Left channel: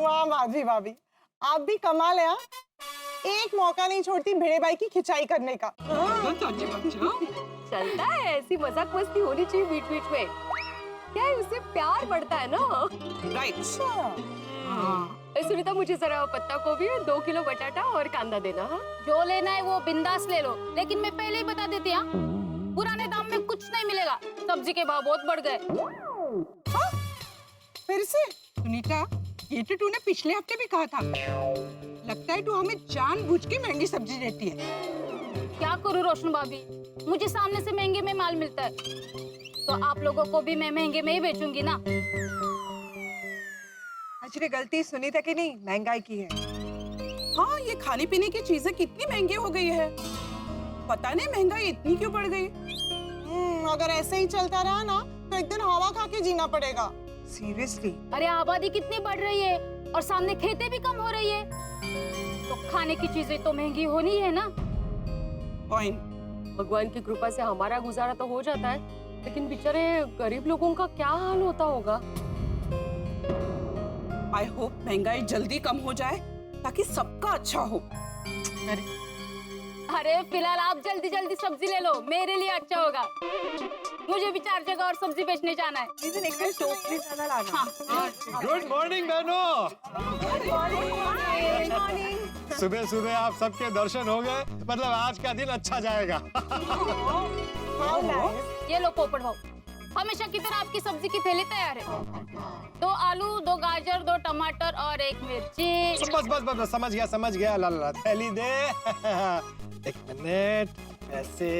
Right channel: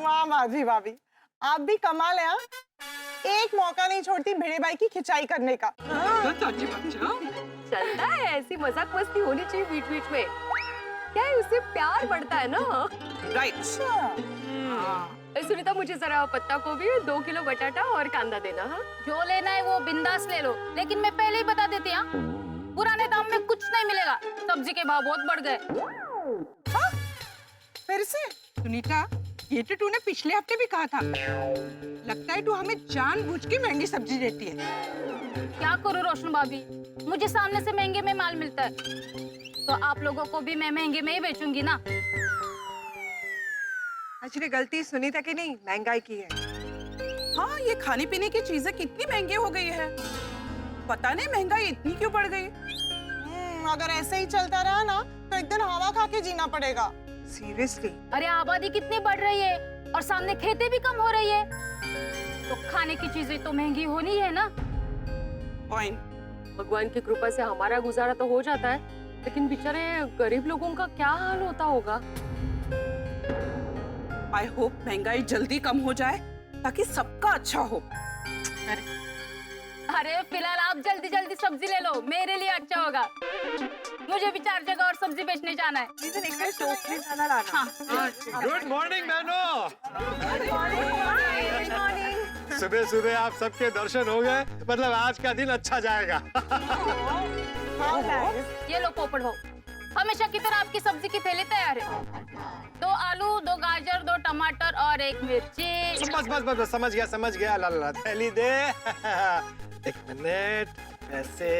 वाह माधवी भाभी, आप भी कमाल है। हाँ? एक मौका नहीं छोड़ती भिड़े बाई की खिंचाई करने का। चलता है, ऐसी मजाक मस्ती होनी चाहिए बीच बीच में। क्या है, उससे प्यार बढ़ता है ना। राइट। सुनीता, मुझे जरा पत्ता गोभी, 2 किलो बटाटा और कांदा देना। हाँ, जो लेना है वो बिंदास ले लो, लेकिन मैं पहले ही बता देती हूँ, पुराने दाम में कुछ नहीं मिलेगा। सब्जी के भाव बहुत बढ़ गए। हाँ? फिर से? सुनीता, ये तो तूने पिछले हफ्ते भी कहा था। लगता है तू हमें जानबूझ के महंगी सब्जी देती है। क्या करूँ रोशन भाभी, मुझे सामने से महंगे में माल मिलता है, तो आप लोगों को भी मैं महंगे में ही बेचूंगी ना। एक्चुअली गलती सुनीता की नहीं, महंगाई की है। हाँ, ये खाने पीने की चीजें कितनी महंगी हो गई है। पता नहीं महंगाई इतनी क्यों बढ़ गई। अगर ऐसे ही चलता रहा ना तो एक दिन हवा खा के जीना पड़ेगा। सीरियसली? अरे आबादी कितनी बढ़ रही है और सामने खेतें भी कम हो रही है, तो खाने की चीजें तो महंगी होनी है ना। पॉइंट। भगवान की कृपा से हमारा गुजारा तो हो जाता है, लेकिन बेचारे गरीब लोगों का क्या हाल होता होगा। आई होप महंगाई जल्दी कम हो जाए ताकि सबका अच्छा हो। अरे फिलहाल आप जल्दी जल्दी सब्जी ले लो, मेरे लिए अच्छा होगा। मुझे भी 4 जगह और सब्जी बेचने जाना है। हाँ। गुड मॉर्निंग बहनों। सुबह सुबह आप सबके दर्शन हो गए, मतलब आज का दिन अच्छा जाएगा। ये लो पोपट भाऊ, हमेशा की तरह आपकी सब्जी की थैली तैयार है। 2 आलू, 2 गाजर, 2 टमाटर और 1 मिर्ची। बस बस बस समझ गया। ला ला थैली दे। एक मिनट, ऐसे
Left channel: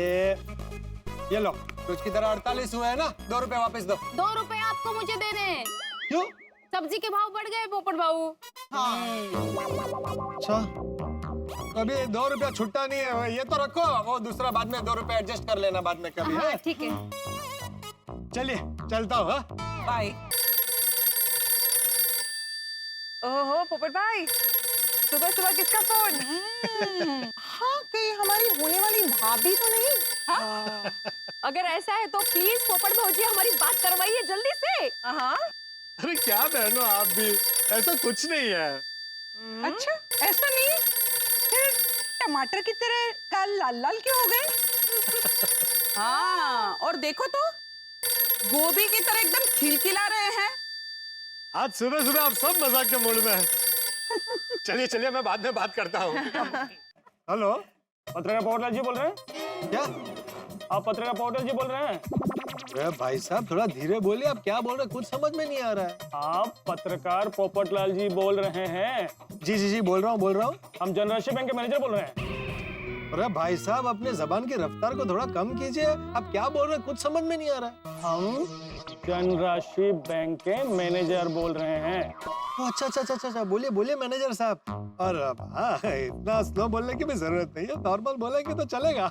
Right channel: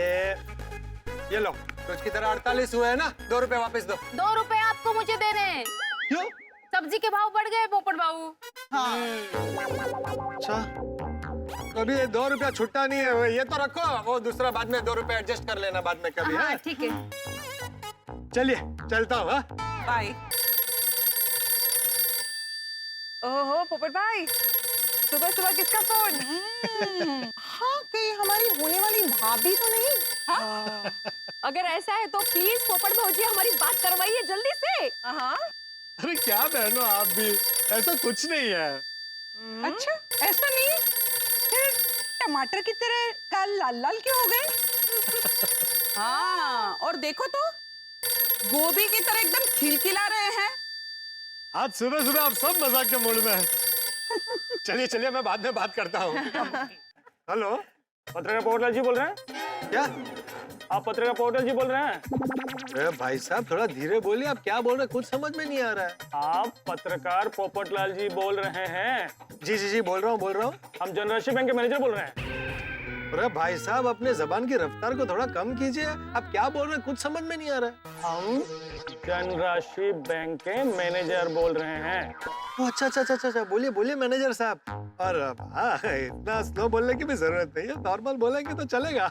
ये लो। रोज की तरह 48 हुए है ना, 2 रुपए वापस दो। 2 रुपए आपको मुझे देने हैं। क्यों? सब्जी के भाव बढ़ गए पोपट भाऊ। अच्छा, तो अभी 2 रुपया छुट्टा नहीं है, ये तो रखो, वो दूसरा बाद में 2 रुपए एडजस्ट कर लेना बाद में कभी। हाँ, ठीक है। चलिए चलता हूँ। बाय। ओहो पोपट भाई, सुबह सुबह किसका फोन? हाँ, कहीं हमारी होने वाली भाभी तो नहीं? हाँ? अगर ऐसा है तो प्लीज पोपट भौजी हमारी बात करवाइए जल्दी से। हाँ। अरे क्या बहनों आप भी, ऐसा कुछ नहीं है। अच्छा, ऐसा नहीं? फिर टमाटर की तरह काल लाल लाल क्यों हो गए? हाँ, और देखो तो गोभी की तरह एकदम खिलखिला रहे हैं। आज सुबह सुबह आप सब मजाक के मूड में हैं। चलिए चलिए, मैं बाद में बात करता हूँ। हेलो, पत्रकार पोर्टल जी बोल रहे हैं? क्या आप पत्रकार पोर्टल जी बोल रहे हैं? अरे भाई साहब थोड़ा धीरे बोलिए, आप क्या बोल रहे हैं कुछ समझ में नहीं आ रहा है। आप पत्रकार पोपटलाल जी बोल रहे हैं? जी बोल रहा हूँ। हम जनराशि बैंक के मैनेजर बोल रहे हैं। अरे भाई साहब अपने जबान की रफ्तार को थोड़ा कम कीजिए, आप क्या बोल रहे हैं कुछ समझ में नहीं आ रहा है। हम जनराशि बैंक के मैनेजर बोल रहे हैं। अच्छा, बोलिए मैनेजर साहब। और इतना स्लो बोलने की भी जरूरत नहीं है, नॉर्मल बोलेंगे तो चलेगा।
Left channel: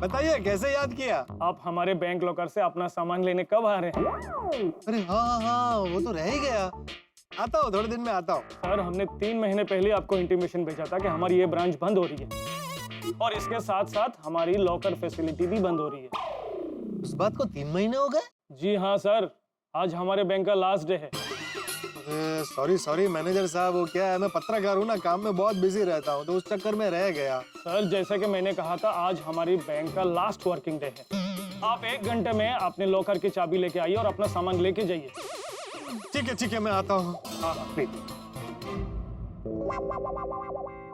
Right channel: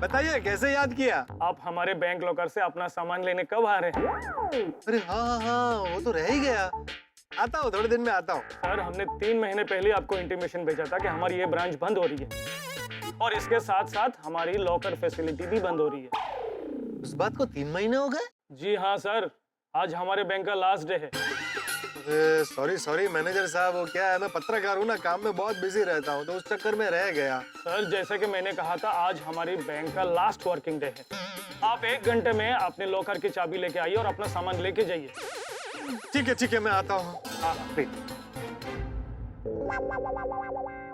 बताइए कैसे याद किया? आप हमारे बैंक लॉकर से अपना सामान लेने कब आ रहे हैं? अरे हाँ, वो तो रह ही गया। आता हूँ, थोड़े दिन में आता हूँ। सर, हमने 3 महीने पहले आपको इंटीमेशन भेजा था कि हमारी ये ब्रांच बंद हो रही है, और इसके साथ साथ हमारी लॉकर फैसिलिटी भी बंद हो रही है। उस बात को 3 महीने हो गए? जी हाँ सर, आज हमारे बैंक का लास्ट डे है। सॉरी मैनेजर साहब, वो क्या है मैं पत्रकार हूँ ना, काम में बहुत बिजी रहता हूँ, तो उस चक्कर में रह गया। सर, जैसा कि मैंने कहा था, आज हमारी बैंक का लास्ट वर्किंग डे है। आप 1 घंटे में अपने लॉकर की चाबी लेके आइए और अपना सामान लेके जाइए। ठीक है मैं आता हूँ। हाँ, प्लीज।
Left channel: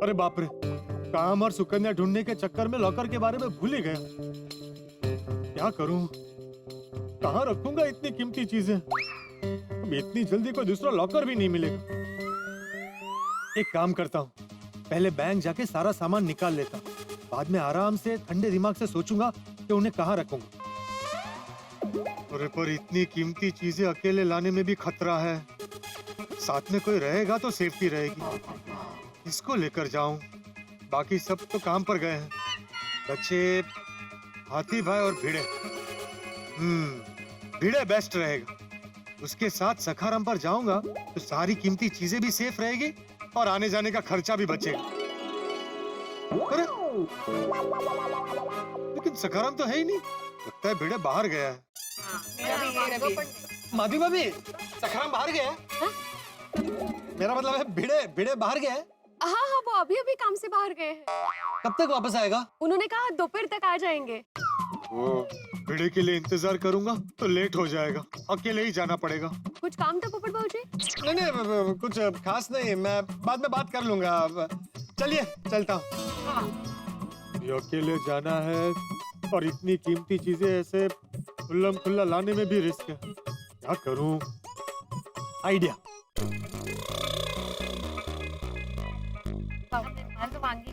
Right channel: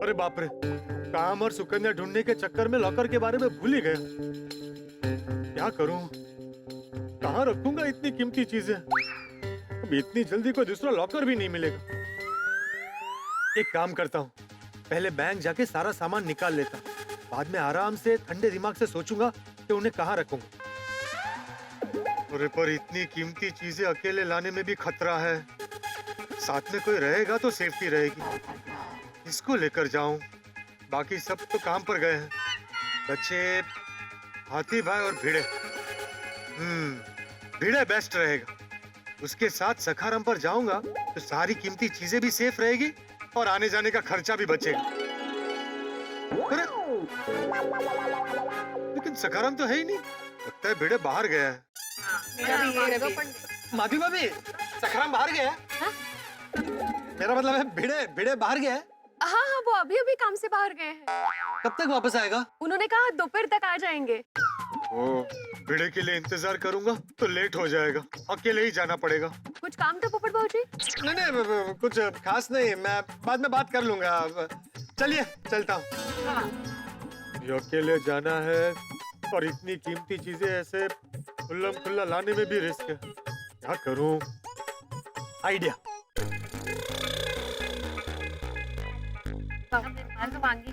अरे बाप रे, काम और सुकन्या ढूंढने के चक्कर में लॉकर के बारे में भूल ही गया। क्या करूं, कहाँ रखूंगा इतनी कीमती चीजें? अब इतनी जल्दी कोई दूसरा लॉकर भी नहीं मिलेगा। एक काम करता हूँ, पहले बैंक जाके सारा सामान निकाल लेता हूँ, बाद में आराम से ठंडे दिमाग से सोचूंगा कि उन्हें कहाँ रखूंगा। अरे पर इतनी कीमती चीजें अकेले लाने में भी खतरा है, साथ में कोई रहेगा तो सेफ्टी रहेगी। इसको लेकर जाऊं, बाकी सब तो काम पर गए हैं, बच्चे हाथी भाई और भिड़े। भिड़े बेस्ट रहेगा। उसके साथ सखाराम पर जाऊंगा तो सारी कीमती चीजें भी सेफ रहेगी और आने जाने का खर्चा भी बचेगा। अरे लेकिन सखाराम तो है ही नहीं, लगता है भिड़े बाहर गया है। माधवी भाभी, सखाराम बाहर गया है? मेरा मतलब है भिड़े भिड़े बाहर गया है। हाँ हाँ, वो अभी अभी काम से बाहर गए हैं। कब तक वापस आएगा? उन्होंने कहा दोपहर तक आ जाएंगे। वो भिड़े के लिए इंतजार करूंगा तो लेट हो जाएगा, अकेले ही जाना पड़ेगा। कुछ काम था पोपट भाऊ जी? नहीं नहीं, कुछ खास नहीं, मैं बाद में बात कर लूंगा। चलिए चलता हूँ। ये अकेले जाना है और इतनी कीमती चीजें ऐसे खुल्लम खुल्ला लाने में भी रिस्क है। क्या करूं? आइडिया।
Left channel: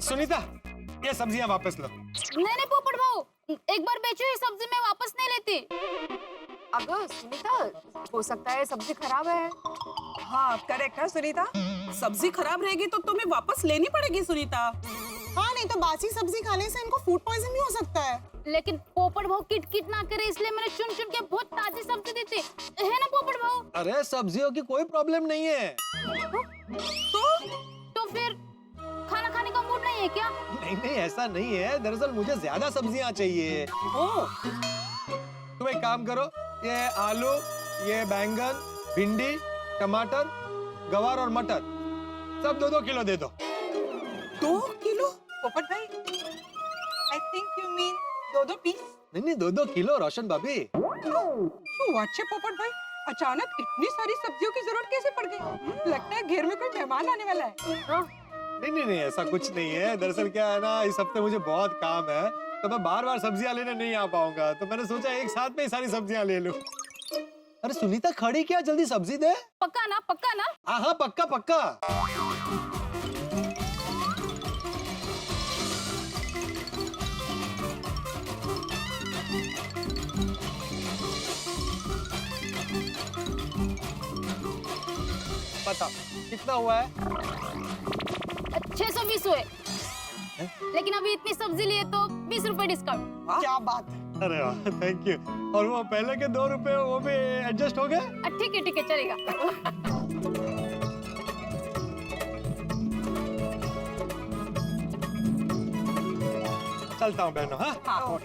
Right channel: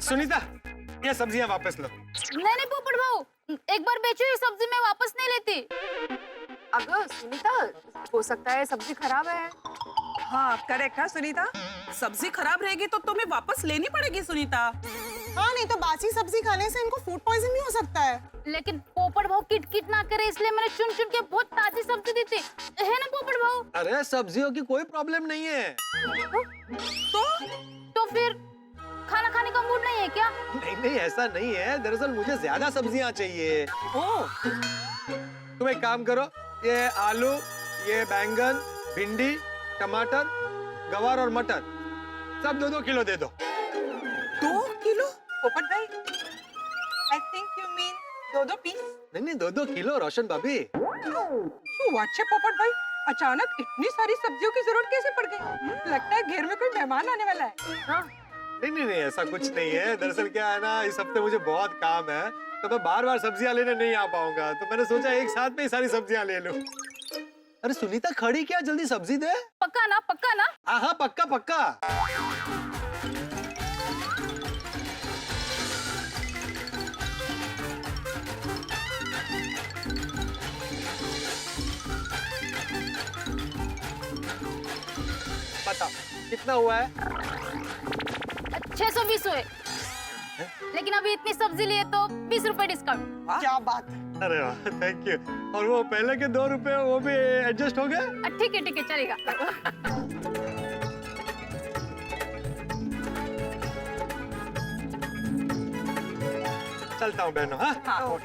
सुनीता, ये सब्जियां वापस लो। नहीं पोपट भाऊ, एक बार बेचो ये सब्जी मैं वापस नहीं लेती। अगर सुनीता, हो सकता है सब्जी खराब है। हाँ करेक्ट है सुनीता। सब्जी खराब रहेगी तो तुम्हें वापस लेनी पड़ेगी सुनीता। हाँ, नहीं तो बासी सब्जी खाने से इनको फूड पॉइजन भी हो सकता है। लेकिन पोपट भाऊ किट ना करे इसलिए मैंने चुन चुन के बहुत ताजी सब्जी दी थी, है ना पोपट भाऊ? अरे सब्जियों की कोई प्रॉब्लम नहीं है। तो फिर खाना खाने का मूड नहीं है क्या? नहीं नहीं, ऐसा नहीं है। दरअसल मुझे ज्यादा सब्जियां चाहिए। तुम एक काम करो, ये आलू, ये बैंगन, भिंडी, टमाटर, गवार और मटर सब 2-2 किलो दे दो। 2 किलो? पोपट भाई, I think you mean 2-2 piece. नहीं नहीं, 2-2 किलो रोशन भाभी। वाचे पोपट भाई, अचानक इतनी सारी सब्जियों की जरूरत कैसे पड़ गई? लगता है घर में कोई मेहमान आने वाला है। नहीं नहीं नहीं, ऐसा कुछ नहीं है। दरअसल क्या है ना, इस हफ्ते मुझे बहुत काम है तो मैं बार बार सब्जियां लेने नहीं आ पाऊंगा, तो मैंने सोचा एक साथ में ही सारी सब्जियां ले लूं। अरे सुनीता, खड़ी क्या, जल्दी सब्जी दे। पक्का ना? पक्का ना? हाँ पक्का पक्का। बताओ कितना हुआ है? 620 हुए। लेकिन अभी इतनी सब्जी लिए तो 20 रुपए डिस्काउंट। क्या बात है। अरे वाह, थैंक यू। और वो पहले के 2 रुपए वो भी एडजस्ट हो गए? ठीक है चलेगा। चलता हूँ बहनों। हाँ,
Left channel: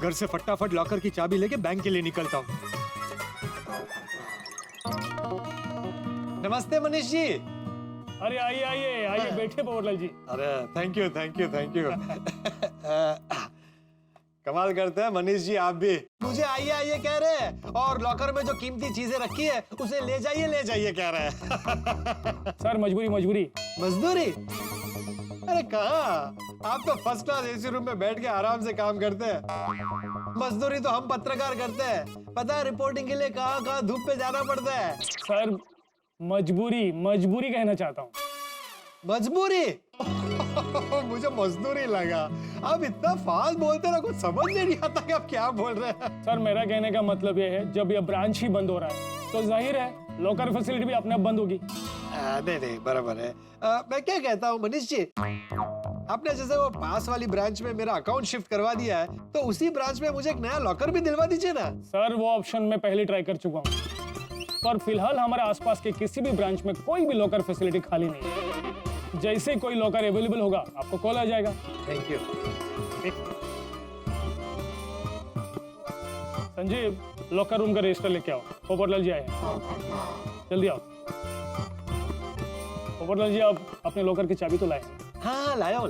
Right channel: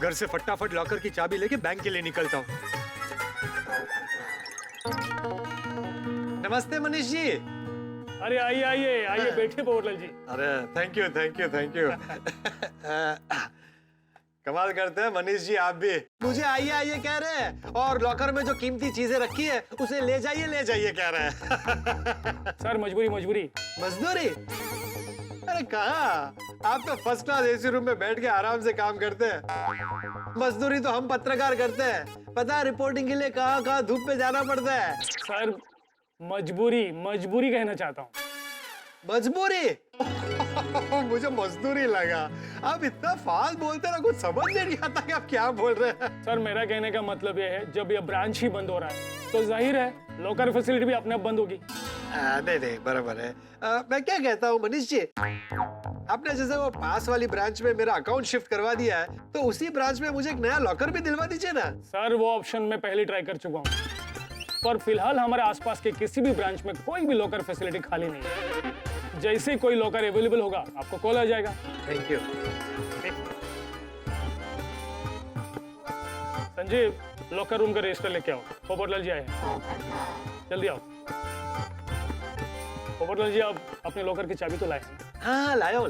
घर से फटाफट लॉकर की चाबी लेके बैंक के लिए निकलता हूँ। नमस्ते मनीष जी। अरे आइए आइए आइए, बैठे पोपटलाल जी। अरे thank you thank you thank you. कमाल करते हैं मनीष जी आप भी। मुझे आइए आइए कह रहे हैं और लॉकर में जो कीमती चीजें रखी है उसे ले जाइए कह रहे हैं। सर मजबूरी। मजदूरी? अरे कहाँ, आप तो फर्स्ट क्लास एसी रूम में बैठ के आराम से काम करते हैं। मजदूरी तो हम पत्रकार करते हैं। पता है रिपोर्टिंग के लिए कहाँ धूप पे जाना पड़ता है। सर मजबूरी कहना चाहता हूँ। मजबूरी? मुझे मजदूरी लगा। आप इतना फास्ट बोलते ना, कुछ समझ नहीं आता कि आप क्या बोल रहे हैं। सर मेरा कहने का मतलब ये है, जब ये ब्रांच ही बंद हो रहा है तो जाहिर है लॉकर फैसिलिटी भी अपने आप बंद होगी। नहीं बराबर है। मैं क्या कहता हूँ मनीष जी, आपने जैसे वो पास वाली ब्रांच में मेरा अकाउंट शिफ्ट करवा दिया है, तो उसी ब्रांच में मुझे एक नया लॉकर भी दिलवा दीजिए ना। सर वो ऑप्शन मैं पहले ट्राई कर चुका हूँ, पर फिलहाल हमारे आसपास के किसी भी ब्रांच में कोई भी लॉकर फैसिलिटी खाली नहीं है। जैसे कोई लॉकर अवेलेबल होगा आपको कॉल आ जाएगा। Thank you. Sanjeev, locker room का रजिस्टर लेके आओ। पोपटलाल जी आए हैं, जल्दी आओ। पोपटलाल जी, आप अपने लॉकर की चाबी तो लाए हैं? हाँ लाया हूँ।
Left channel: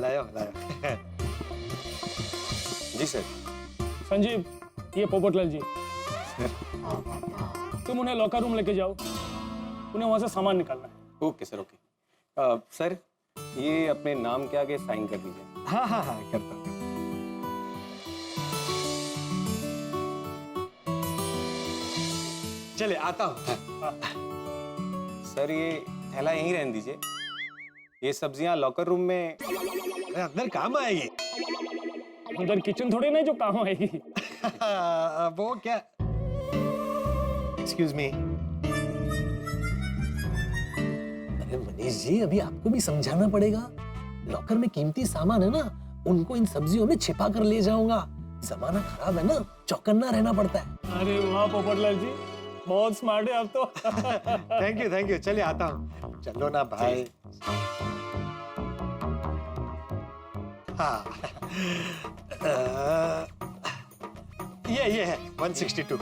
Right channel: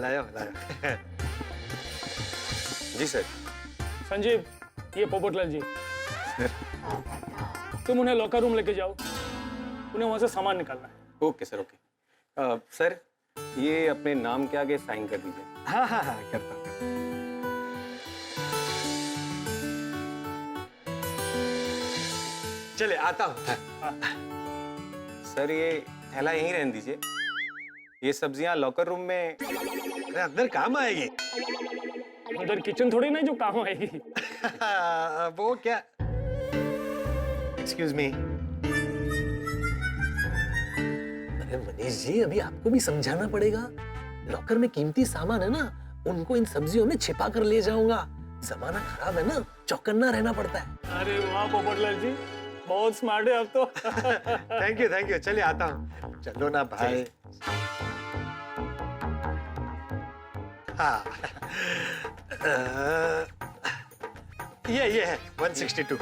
जी सर। संजीव, ये पोपटलाल जी, तुम उन्हें लॉकर रूम लेके जाओ, उन्हें वहां से सामान निकालना है। Okay sir, okay. सर ये अपने नाम के आगे साइन कर दीजिए। हाँ करता हूँ। चले आता हूँ। सर ये थैला यहीं रहने दीजिए, ये सब्जियां लॉकर रूम में। अरे अंदर काम आएगी। अंदर किचन थोड़ी ना जो काम आएगी। वो क्या, एक्सक्यूज मी। अरे मनीष जी, अभी आपको भी समझाना पड़ेगा। लॉकर में कीमती सामान है ना, उनको इन सब्जियों में छिपा कर ले जाऊंगा। जमाना खराब है ना, चौकन्ना रहना पड़ता है। अरे वाह पोपटलाल जी, बहुत स्मार्ट है आप तो। Thank you. चलिए आता हूँ। चलो ना भाई। हाँ ये है 162।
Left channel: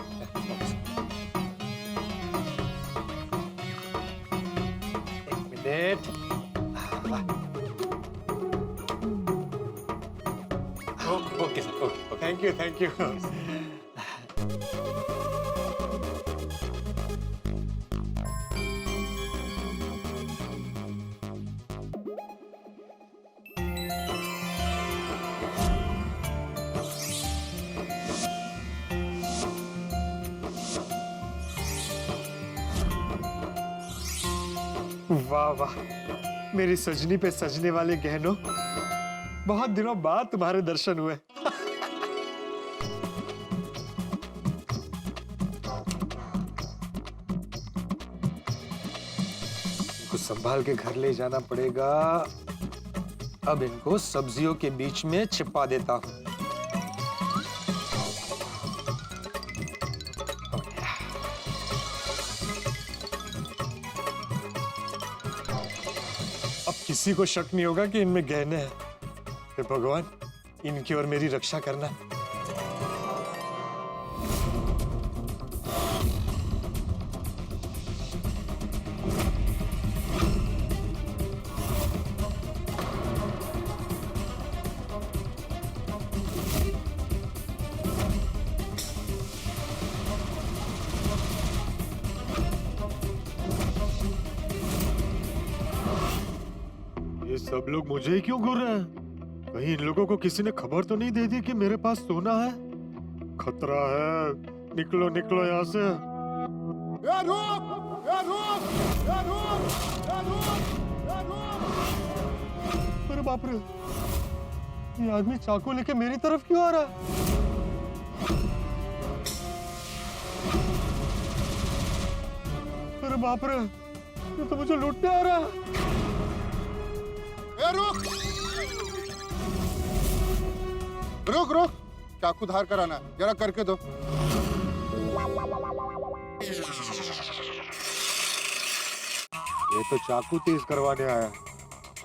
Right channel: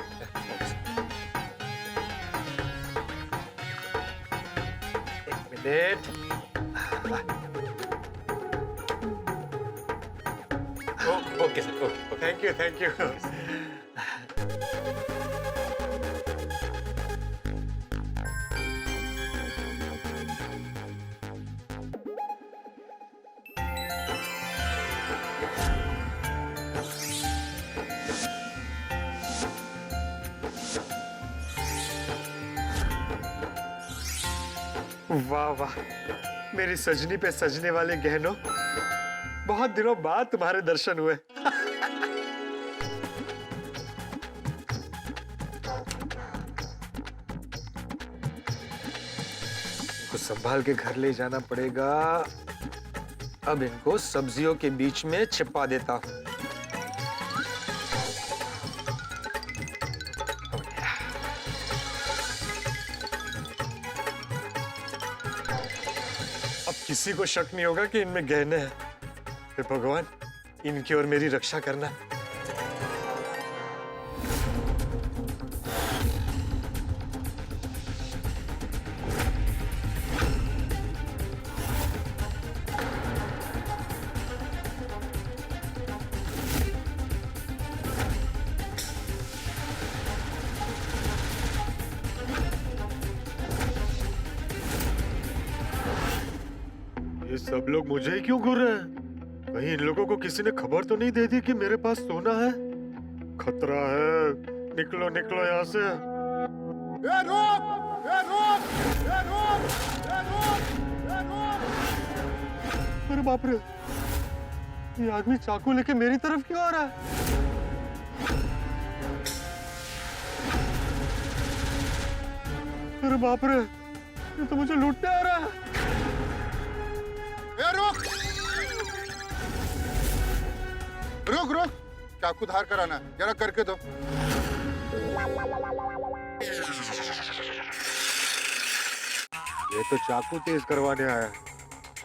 सेठ। Okay sir, okay. Thank you, thank you. वाह वाह, मेरी सजनी पे सजने वाले गहनों, बहुत दिनों बाद तुम्हारे दर्शन हुए। इनको संभाल के घर ले जाना पड़ेगा। अब इनको सब्जियों के बीच में छिपा देता हूं। अब किसी को शक नहीं होगा कि इनमें गहने हैं। हे भगवान, इनकी और मेरी रक्षा करना। ये सब लोग मुझे ही क्यों घूर रहे हैं? कहीं इन लोगों को किसी ने खबर तो नहीं दे दी कि मेरे पास सोना है? खतरा है, निकलो निकलो यहाँ से। ए रुक! ए रुक! ए रुक! ए रुक! ए रुक! अरे बाप रे, ये आदमी चाकू लेके मेरी तरफ क्यों आ रहा है? अरे बाप रे, ये तो मुझे लूटने आ रहा है। रुक रुक रुक, चाकू धार कर आना, जरा करके दो। ये तो चाकू तेज करवाने आया,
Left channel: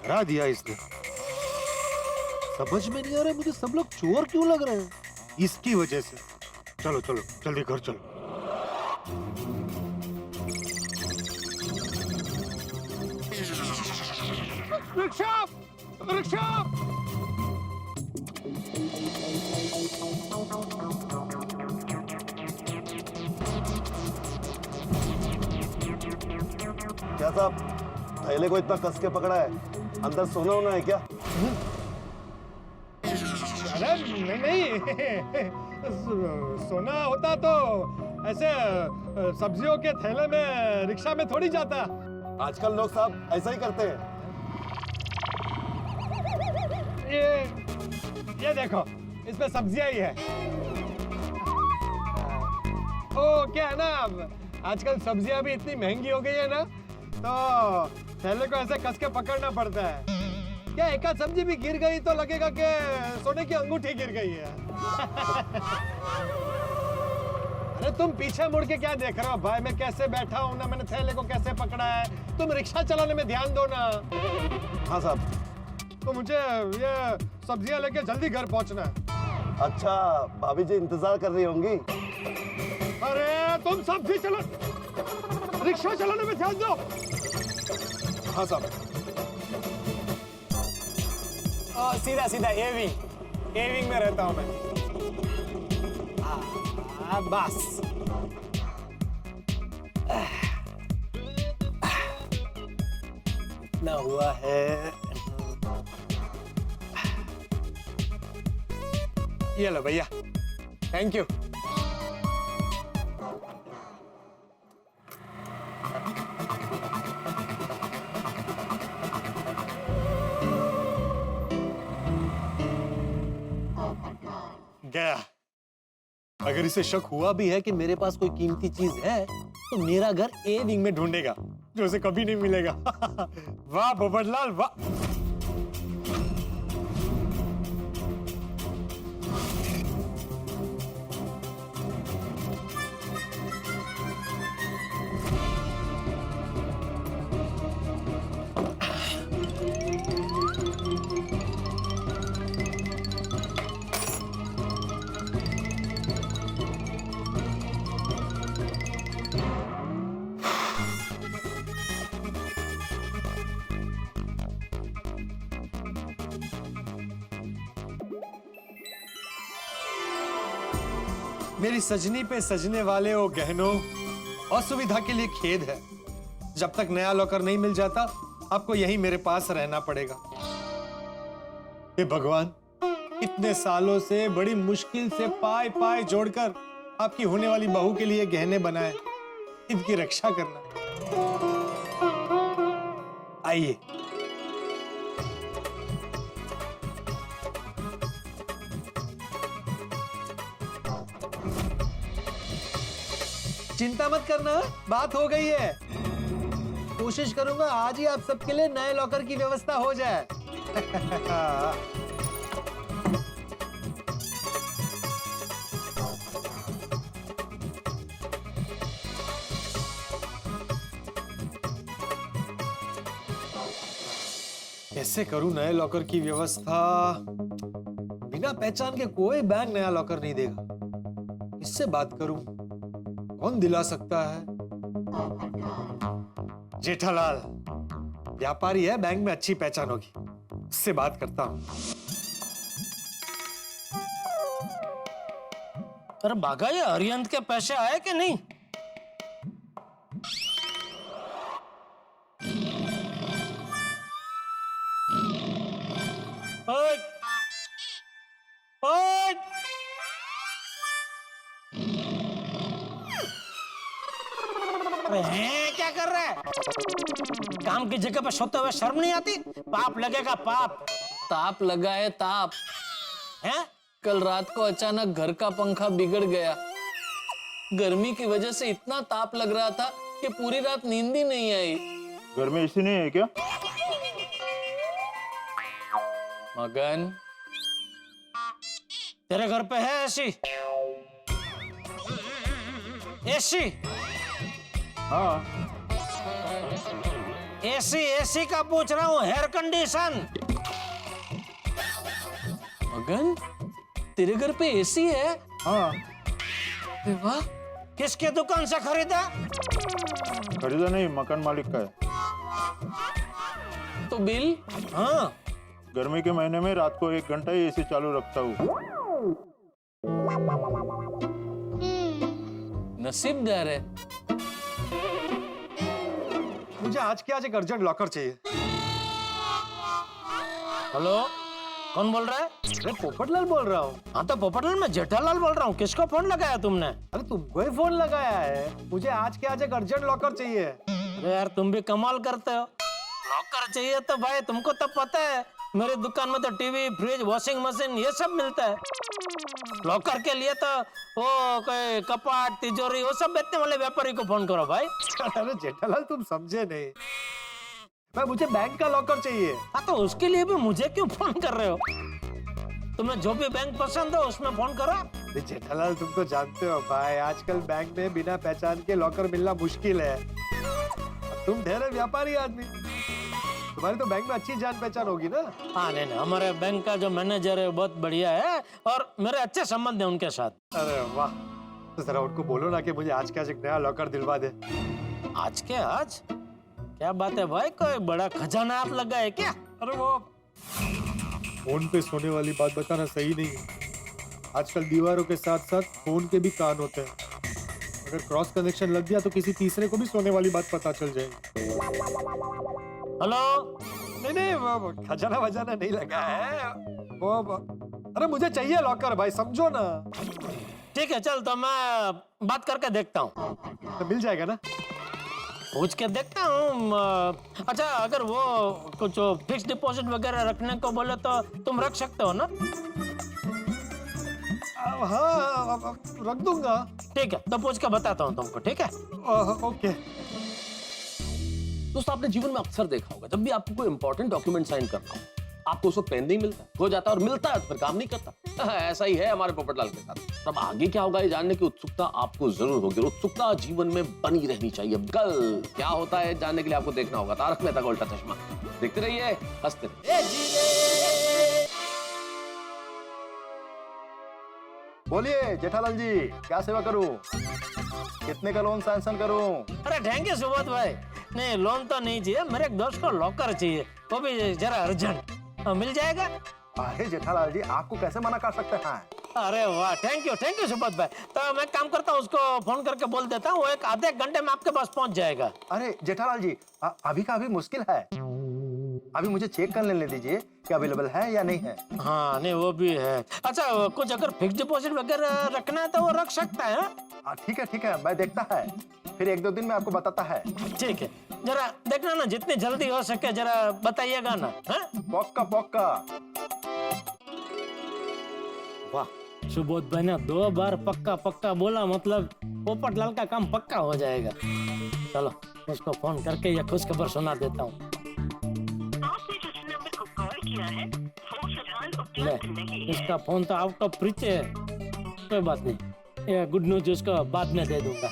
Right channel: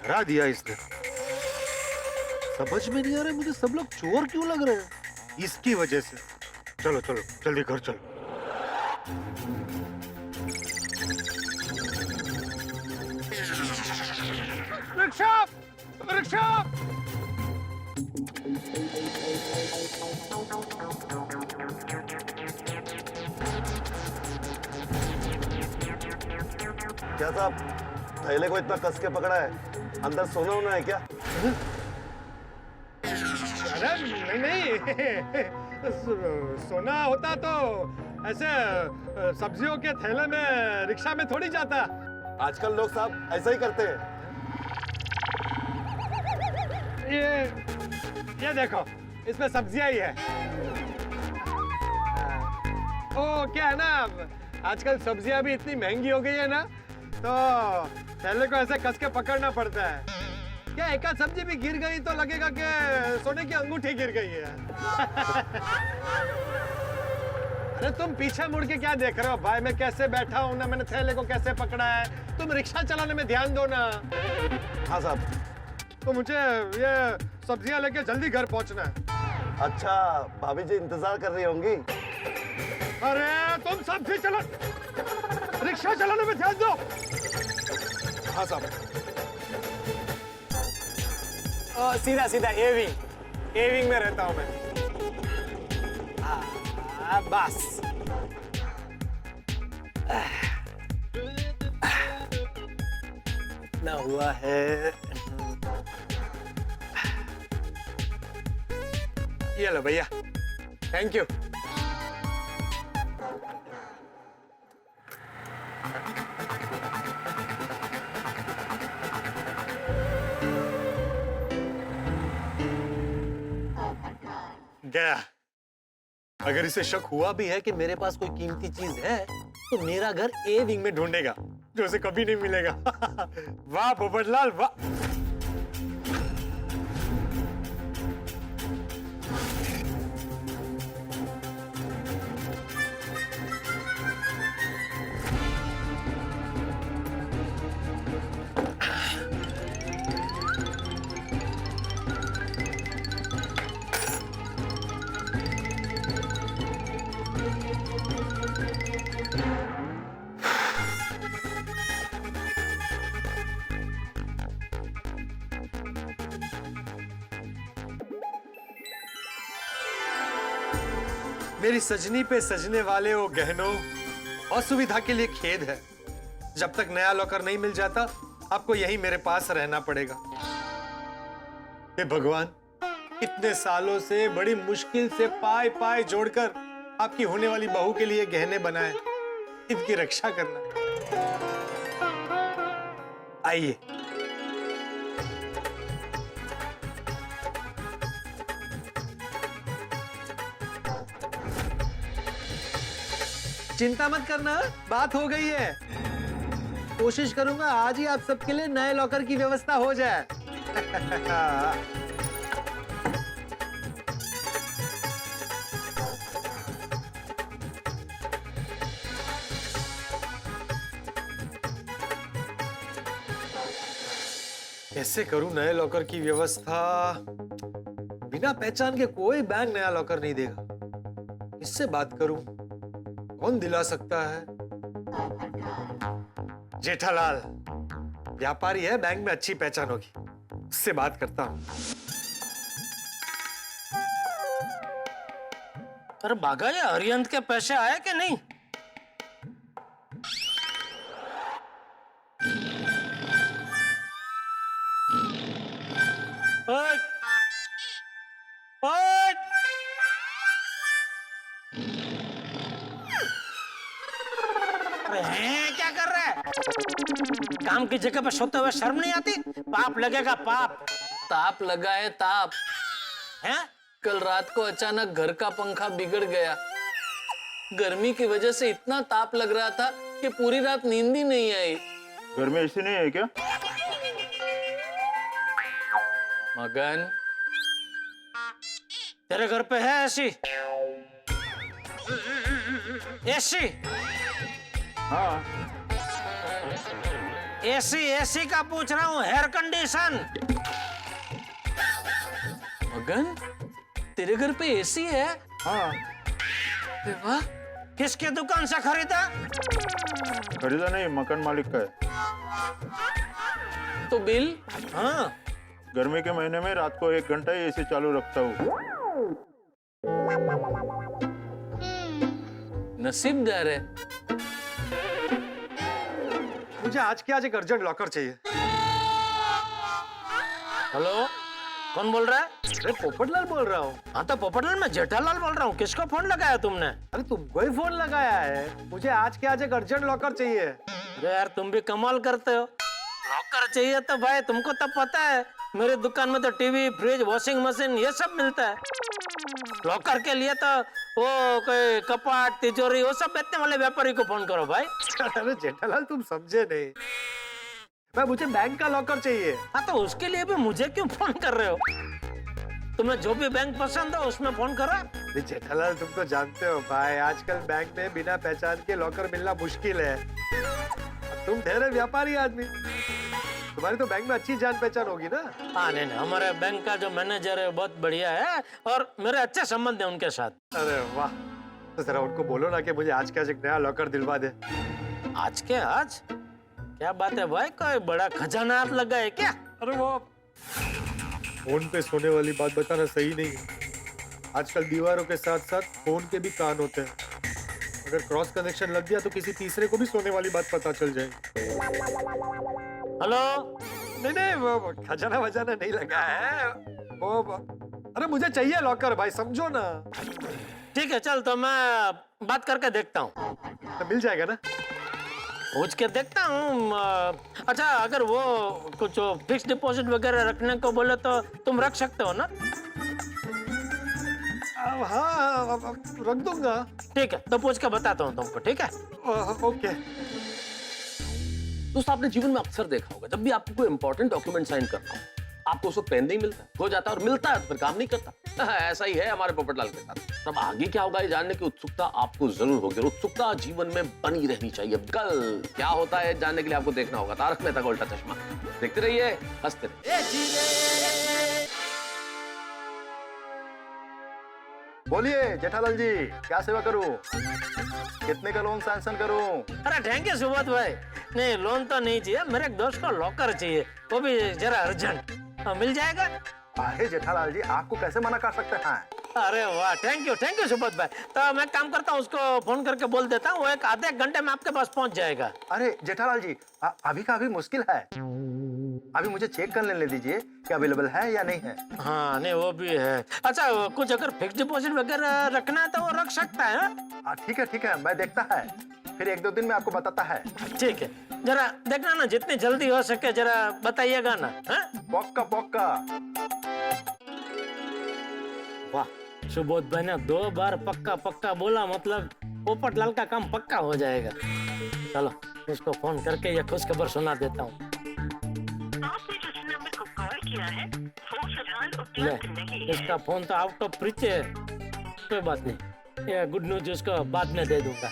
हरा दिया इसने। समझ में नहीं आ रहा मुझे, सब लोग चोर क्यों लग रहे हैं? इसकी वजह से। चलो चलो जल्दी घर चलो। रिक्शा! रिक्शा! क्या साहब, थैले को इतना कस के पकड़ा है, अंदर सोना होना है क्या? अरे नहीं सोना होता तो ऐसे सब्जियों के थैले में रिक्शा में थोड़ी जाता। आजकल लोग साहब ऐसा ही करते हैं। ये देखो, इसमें सब्जियां ही है। ओ क्या है ना, आजकल सब्जियां भी इतनी महंगी हो गई है ना, तो थैले को ऐसे कस के पकड़ना पड़ता है। क्या एक आध सब्जी भी गिर गई तो लगेगा कि सोने की अंगूठी गिर गई है। अरे तुम पीछे मुड़ के क्या देख रहे हो भाई? मैं कैसे बैठा हूं ना, मैंने थैले को कैसे पकड़ा है। तुम रिक्शा चलाने में ध्यान दो ना। हाँ साहब। तो मुझे ये सब्जियां लेके जल्दी घर पहुंचना है। अच्छा, भाभी जी इंतजार कर रही होंगी। अरे तुम सब्जी चला, रिक्शा चलाने में ध्यान दो। हाँ साहब। सीधा सीधा ए विंग में रहता हूं मैं। बस ना हुआ है। ये लो भैया, थैंक यू। गया। अगर इसे शक हुआ भी है कि मेरे पास कोई कीमती चीज है, तो मेरा घर ए विंग में ढूंढेगा, जो उसे कभी नहीं मिलेगा। वाह पोपटलाल वाह। मेरी सजनी पे सजने वाले वो गहनों असुविधा के लिए खेद है। जब तक नया लॉकर नहीं मिल जाता आपको यहीं मेरे पास रहना पड़ेगा। हे भगवान, इतने सालों से बड़ी मुश्किल से पाए पाए जोड़कर आपकी होने वाली बहू के लिए गहने बनाए, इनकी रक्षा करना। आइए। चिंता मत करना, बात हो गई है। कोशिश करूंगा आज ही आप सबके लिए नए लॉकर की व्यवस्था हो जाए। कैसे करूं नए लॉकर की व्यवस्था? बिना पहचान के कोई बैंक नया लॉकर नहीं देगा। किससे बात करूं? कौन दिला सकता है? जेठालाल व्यापारी है, बैंक में अच्छी पहचान होगी, उससे बात करता हूं। अरे भागा, ये हरियंत के पैसे आए कि नहीं? ओए! ओए! अरे हैं, क्या कर रहा है? काम की जगह पे सोते हुए शर्म नहीं आती? पाप लगेगा, पाप। ताप लगा है, ताप हैं? कल रात को अचानक घर का पंखा बिगड़ गया। गर्मी की वजह से इतना ताप लग रहा था कि पूरी रात नींद ही नहीं आई। घर में एसी नहीं है क्या? मगन, तेरे घर पे है एसी? एसी? हाँ। एसी एसी का पूछ रहा हूँ, हेयर कंडीशन। मगन, तेरे घर पे एसी है? हाँ। अरे वाह। किसके दुकान से खरीदा? खरीदा नहीं, मकान मालिक का है। तो बिल? हाँ। गर्मी के महीने में रात को 1 घंटा ही एसी चालू रखता हूँ। नसीबदार है। मुझे आज के आज एक अर्जेंट लॉकर चाहिए। हेलो, कौन बोल रहा है? अरे पोपटलाल बोल रहा हूँ। हाँ तो पोपटलाल, मैं जेठालाल बोल रहा हूँ। किसको फोन लगाया तुमने? अरे तुमको ही फोन लगाया है। मुझे आज के आज एक अर्जेंट लॉकर चाहिए। अरे यार, तुम भी कमाल करते हो। लॉकर चाहिए तो भाई तुमको तो पता है मेरे दुकान में तो टीवी, फ्रिज, वॉशिंग मशीन ये सब मिलता है। लॉकर के लिए तो वो कोई कपाट, तिजोरी वो सब बेचने वाले व्यापारी को फोन करो भाई। अरे जेठालाल, तुम समझे नहीं। मैं मुझे बैंक का लॉकर चाहिए। हाँ तो उसके लिए भी मुझे क्यों फोन कर रहे हो? तुम्हें जो भी बैंक पसंद हो उसमें फोन करो। जेठालाल, तुम तो जानते हो भाई, आजकल बैंक में बिना पहचान के लॉकर मिलना मुश्किल है। तुम ठहरे व्यापारी आदमी, तुम्हारी तो बैंक में अच्छी जान पहचान होगी ना? हाँ नहीं, हमारे बैंक का जो मैनेजर है बहुत बढ़िया है और मेरे अच्छे संबंध है उनके साथ। अरे वाह, तो जरा उनको बोलो ना कि मुझे आज के आज एक नया लॉकर दिलवा दे। आज के आज? क्या बात है भाई, कोई बड़ा खजाना आप लगा है क्या? अरे वो फोन पे सोने वाली बात बताना सही नहीं है। आजकल दीवारों के साथ साथ फोन के भी कान होते हैं। अगर क्रॉस कनेक्शन लग गया तो किसी तीसरे को भी सोने वाली बात पता चल जाएगी। हेलो? नहीं, वो खजाना वजाना नहीं लगा है वो। अरे मुझे चाहिए लॉकर भाई, समझो ना। ठीक है, चल तो मैं बात करके देखता हूँ। तो मिल जाएगा ना? पूछ के देखता हूँ। अच्छा, अगर वो कुछ फिक्स डिपॉजिट वगैरह रखने को बोले तो तुम रख सकते हो ना? हाँ, रख दूंगा। ठीक है, तो पूछ के बताता हूँ तुमको। ठीक है, ओके। दोस्त, आपने जीवन में अक्सर देखा होगा, जब भी आपको कोई इंपॉर्टेंट डॉक्यूमेंट साइन करना हो, आपको उसको पेन नहीं मिलता, हो जाता है, और मिलता है तो फिर काम नहीं करता। ऐसा ही है हमारे पोपटलाल के साथ। तब आगे क्या होगा ये जानने की उत्सुकता आपको जरूर होगी। उत्सुकता जीवन में बनी रहनी चाहिए। कल क्या होता है जानने के लिए आपको देखना होगा तारक मेहता का उल्टा चश्मा। देखते रहिए, हंसते रहिए। बोलिए जेठालाल जी, क्या सेवा करूं? कितने का लोन सैंक्शन करूं? अरे थैंक यू सुबोध भाई। नहीं, लोन तो नहीं चाहिए, मेरे एक दोस्त को लॉकर चाहिए, वो भी जरा अर्जेंट। मिल जाएगा? अरे जेठालाल जी, आपको कैसे मना कर सकते हैं? अरे वाह, थैंक यू सुबोध भाई। तो मैं काम करता हूँ, उसको फोन करके बोल देता हूँ, वो एक आधे एक घंटे में आपके पास पहुंच जाएगा। अरे जेठालाल जी, अभी का अभी मुश्किल है। अभी मुझे चेक कर लेने दीजिए कि अवेलेबल है या नहीं है। हाँ नहीं वो भी है। अच्छा कुछ अगर फिक्स डिपॉजिट वगैरह रखना है तो वो रख सकता है। ठीक है, मैं देखता है, फिर 1-2 दिन में आपको बताता है। ठीक है, जरा देखना ना, जितनी जल्दी हो सके जरा बताइएगा ना। पक्का। वाह, सुबोध भाई ने 2 बार पक्का बोला, मतलब पोपटलाल का काम पक्का हो जाएगा। चलो उसको फोन करके ये खुशखबर सुना देता हूँ। ले, इसका फोन तो आउट ऑफ रिच है, कोई बात नहीं, ये गुड न्यूज उसको बाद में दे दूंगा।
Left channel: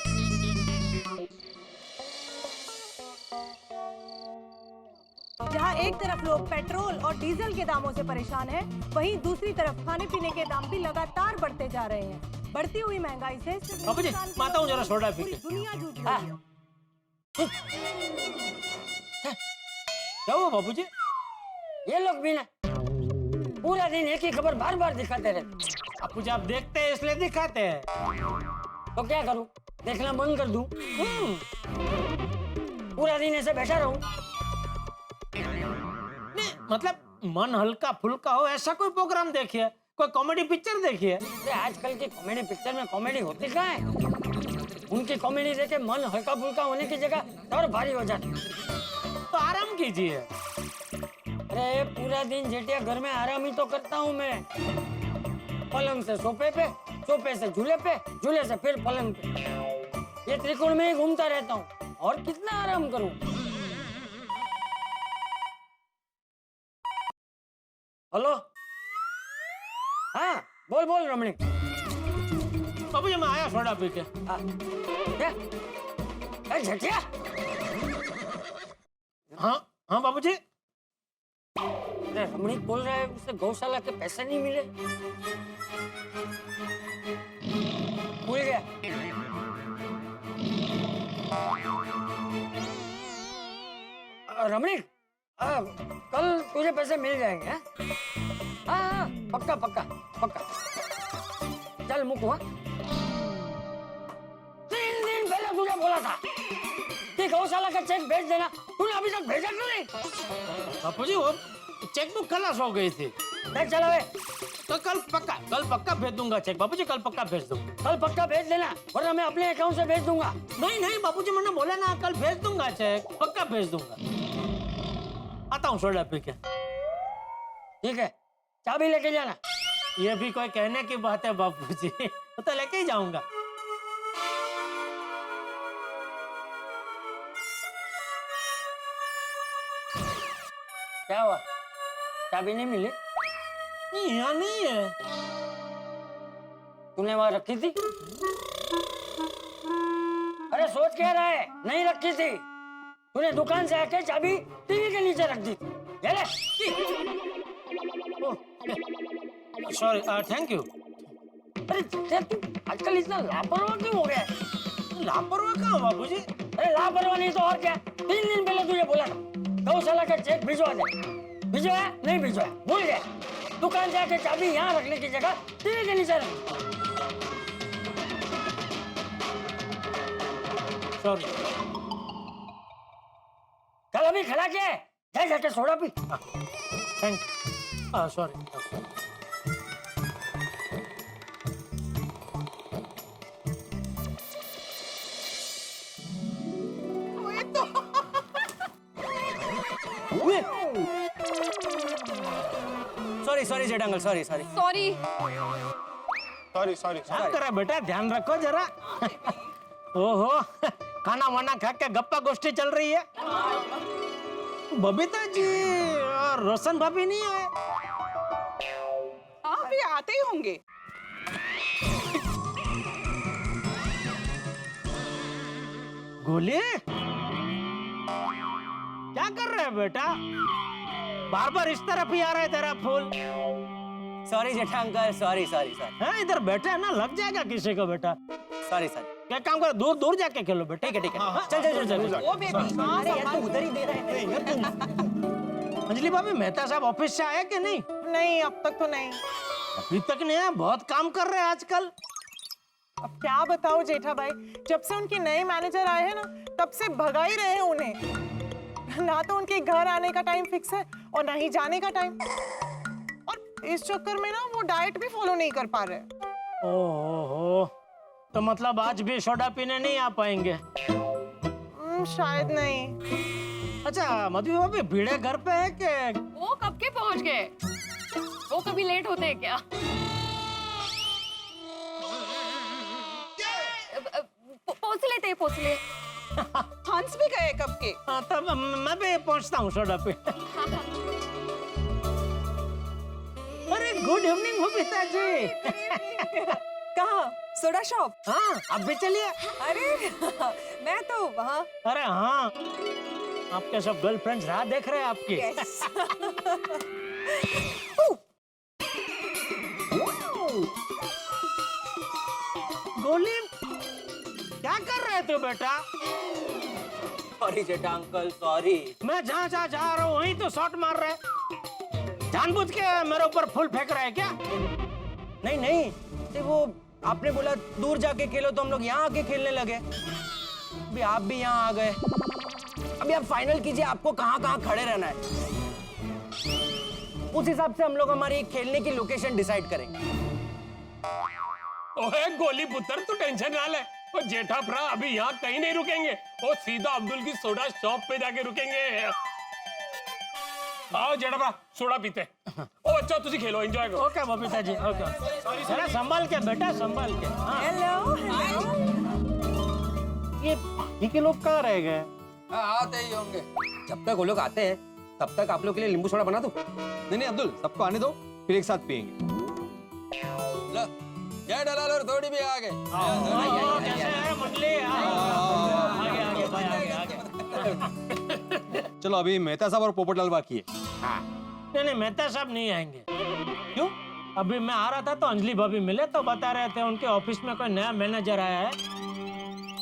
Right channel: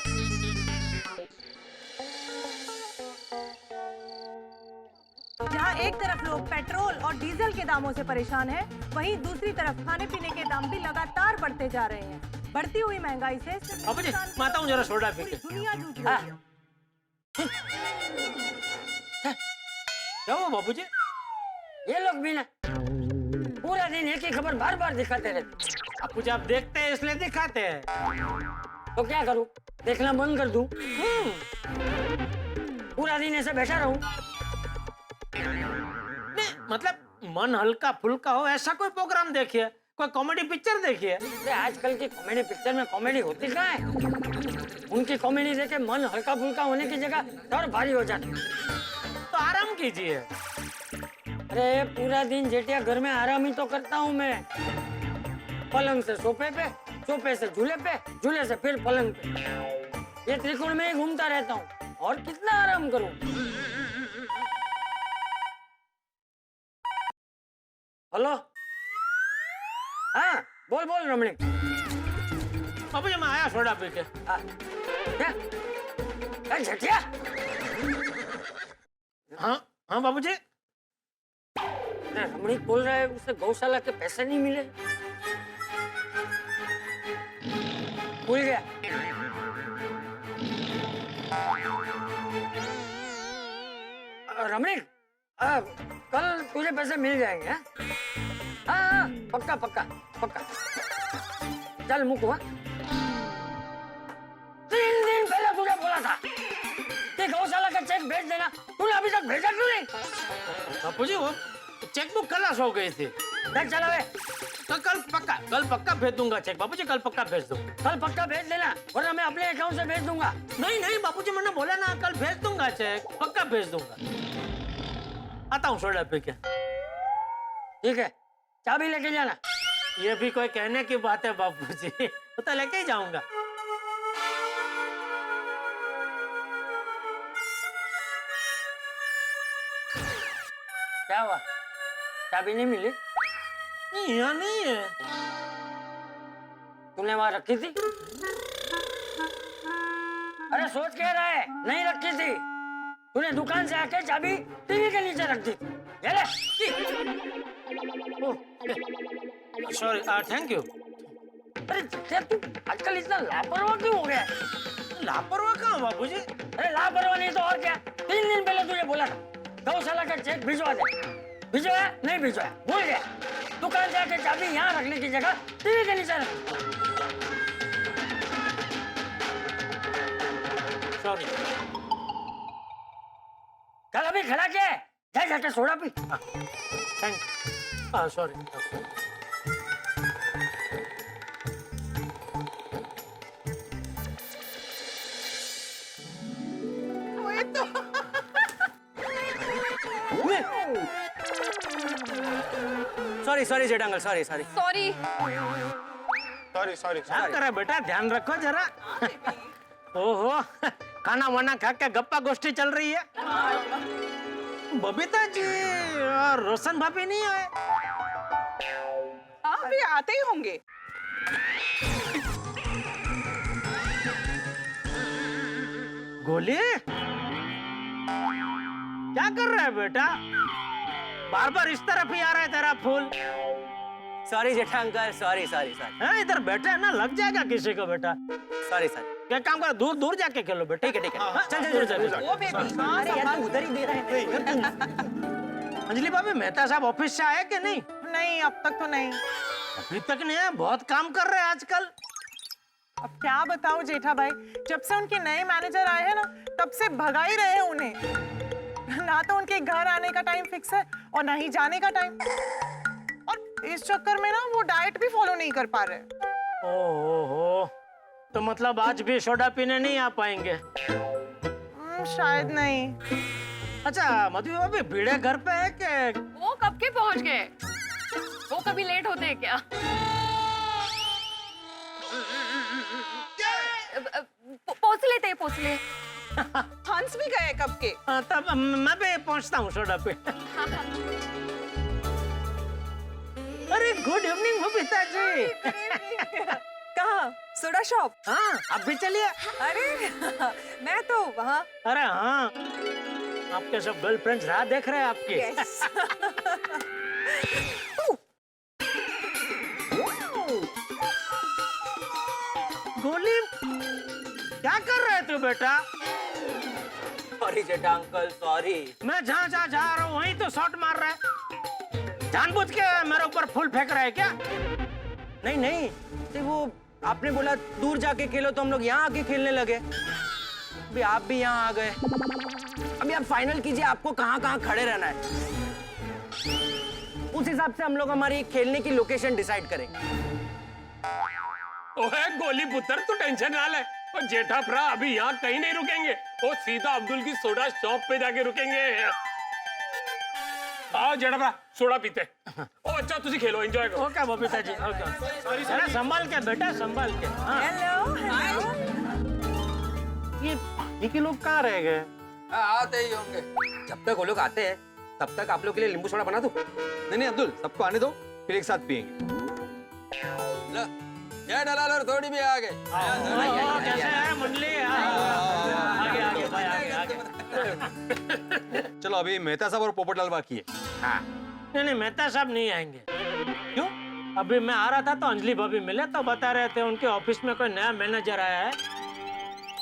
जहां एक तरफ लोग पेट्रोल और डीजल के दामों से परेशान हैं, वहीं दूसरी तरफ खाने पीने के दाम भी लगातार बढ़ते जा रहे हैं। बढ़ती हुई महंगाई से बाबूजी, मैं आता हूं जरा सोडा पी के। दुनिया जूझ रही है। क्या हुआ बाबूजी? ये लोग भी ना पूरा दिन एक ही खबर बार बार दिखाते रहते। बाबूजी आप देखते हैं इसलिए दिखाते हैं। तो क्या करूं, देखना बंद कर दूं? पूरा दिन ऐसे बैठा रहूं? नहीं मतलब मन हल्का फुल्का हो ऐसा कोई प्रोग्राम देखिए, कोई कॉमेडी पिक्चर देखिए। आजकल की कॉमेडी पिक्चर में कॉमेडी होती कहाँ है? उनकी कॉमेडी देखे मन हल्का फुल्का होने की जगह और भारी हो जाता। तो आराम कीजिए। अरे पूरा दिन जेठिया घर में आराम ही तो करता हूँ मैं। पलंग से सोफे पे, सोफे से झूले पे, झूले से फिर पलंग पे, ये त्रिकोण में ही घूमता रहता हूँ, और कितना आराम करूँ? हेलो, हाँ बोल रमणीक। बाबूजी मैं आया सोडा पी के। क्या झटिया? हाँ बाबूजी। रमणीक बोल रहा है उसे गौशाला के पैसे नहीं मिले। भूल गया। रमणीक, कल तुझे पैसे मिल जाएंगे। हाँ पक्का। चल मुकू। 3 दिन पहले तुझे बोला था कि गौशाला का चेक भेज देना, तूने अभी तक भेजा क्यों नहीं? बापूजी वो चेकबुक खलास हो गई थी। देख चला वे। तो कल पक्का भेज दूंगा चेक। बापूजी कल पक्का भेज दूंगा। कल पक्का भेज देना, वरना मैं अपने अकाउंट से भेज दूंगा। नहीं बापूजी मैंने बोला ना कल भेज दूंगा चेक, पक्का भेज दूंगा। आता हूँ सोडा पी के। ठीक है, चाबी लेके जाना। ये भी कोई कहने की बात है बापूजी, तो लेके ही जाऊंगा। क्या हुआ, चाबी नहीं मिली? नहीं यहाँ नहीं है। तूने वहां रखी थी? अरे सोच क्या रहा है, नहीं रखी थी। तूने दुकान से आके चाबी टीवी के नीचे रख दी थी। ये ले। Sorry, thank you. अरे तू आजकल इतना लापरवाह क्यों हो गया? लापरवाह कहाँ बाबूजी? अरे लापरवाह नहीं तो और क्या? 3 दिन पहले तुझे बोला था गौशाला का चेक भिजवा दे। भिजवाया? नहीं भिजवाया, भूल गया। दुकान जाके चाबी यहाँ रखने की जगह टीवी के नीचे रख। सॉरी। कल अभी खड़ा क्या है? जाके सोडा पी। Thank you. Sorry. Sorry Jetha uncle, sorry. क्या करे बेटा, ध्यान रखो जरा। ओहो, खाना वाना खा के गप्पा गोष्ठी चल रही है। बबीता जी और रोशन भाभी नहीं आए? हाँ अभी आते ही होंगे। गोली क्या कर रहा है बेटा? बार बार इस तरफ ही आ रहा है तेरा फूल। Sorry Jetha uncle, sorry. हाँ इधर बैठा है ना, लग जाएगा किसी को बेटा। सॉरी। क्या काम कर, दूर जाके खेलो बेटा। ठीक है। चल। ओ बेबी, हाँ संभाल। उधर ही दे रहे हैं। अंजलि भाभी, मेहता साहब ऑफिस से आए कि नहीं? नहीं अब तक तो नहीं। अभी तक नहीं है, बहुत काम कर रहे हैं आजकल। अब क्या बताओ जेठा भाई, जब से उनके नए मैनेजर आए हैं ना, तब से भगा ही रहे हैं उन्हें। ना तो उनके घर आने का टाइम फिक्स है और ना ही जाने का टाइम, और इस चक्कर में ना वो डाइट भी फॉलो नहीं कर पा रहे। ओहो, तो मतलब आज भी सोडा पीने नहीं आ पाएंगे? शायद नहीं। अच्छा मधु भाभी, भिड़े घर पे है कि? वो कब के पहुंच गए? वो कभी लेट होते हैं क्या? पहुंच ले। हंस भी गए कब के। हाँ, तब मैं भी पहुंचता हूँ सोडा पे। अरे गुड इवनिंग बबीता जी। कहाँ? Soda shop? हाँ, अब भी चलिए। अरे मैं तो वहाँ। अरे हाँ, आपके सब गर्लफ्रेंड्स राह देख रहे हैं आपकी। गोली, क्या कर रहे तू बेटा? सॉरी जेठा अंकल, सॉरी। मैं जहाँ जा रहा हूँ वहीं तो शॉट मार रहा है। जानबूझ के मेरे ऊपर फूल फेंक रहा है क्या? नहीं, तो वो आपने बोला दूर जाके खेलो तो हम लोग यहाँ आके खेलने लगे। अभी आप भी यहाँ आ गए। अभी आप फाइनल कीजिए, आपको कहाँ खड़े रहना है। उस हिसाब से हम लोग हमारी खेलने की लोकेशन डिसाइड करेंगे। ओए गोली पुत्र, तू टेंशन ना ले। और जेठा भरा अभी यहाँ कहीं नहीं रुकेंगे, वो सीधा अब्दुल की सोडा शॉप पे जाके रुकेंगे। आओ जेठा भरा, सोडा पीते। ओ अच्छा, तुसी खेलो, एंजॉय करो। Okay Babita ji, okay. जरा संभाल के बेटा, संभाल के। हाँ। हेलो। ये के लोग कहाँ रह गए? आते ही होंगे। जब तक वो लोग आते हैं तब तक आप लोग के लिए नींबू सोडा बना दूं? नहीं अब्दुल, सबको आने दो, फिर एक साथ पियेंगे। जय दलाल और थोड़ी भी आ गए। कैसे है मंडली? आगे भाई, आगे। चलो अभी मेहता साहब और पोपटलाल बाकी है। हाँ। नहीं, मेहता साहब नहीं आएंगे। क्यों? अभी मैं आ रहा था तो अंजलि भाभी मिले तो बता रहे थे उनके ऑफिस में कोई नया मैनेजर आया है,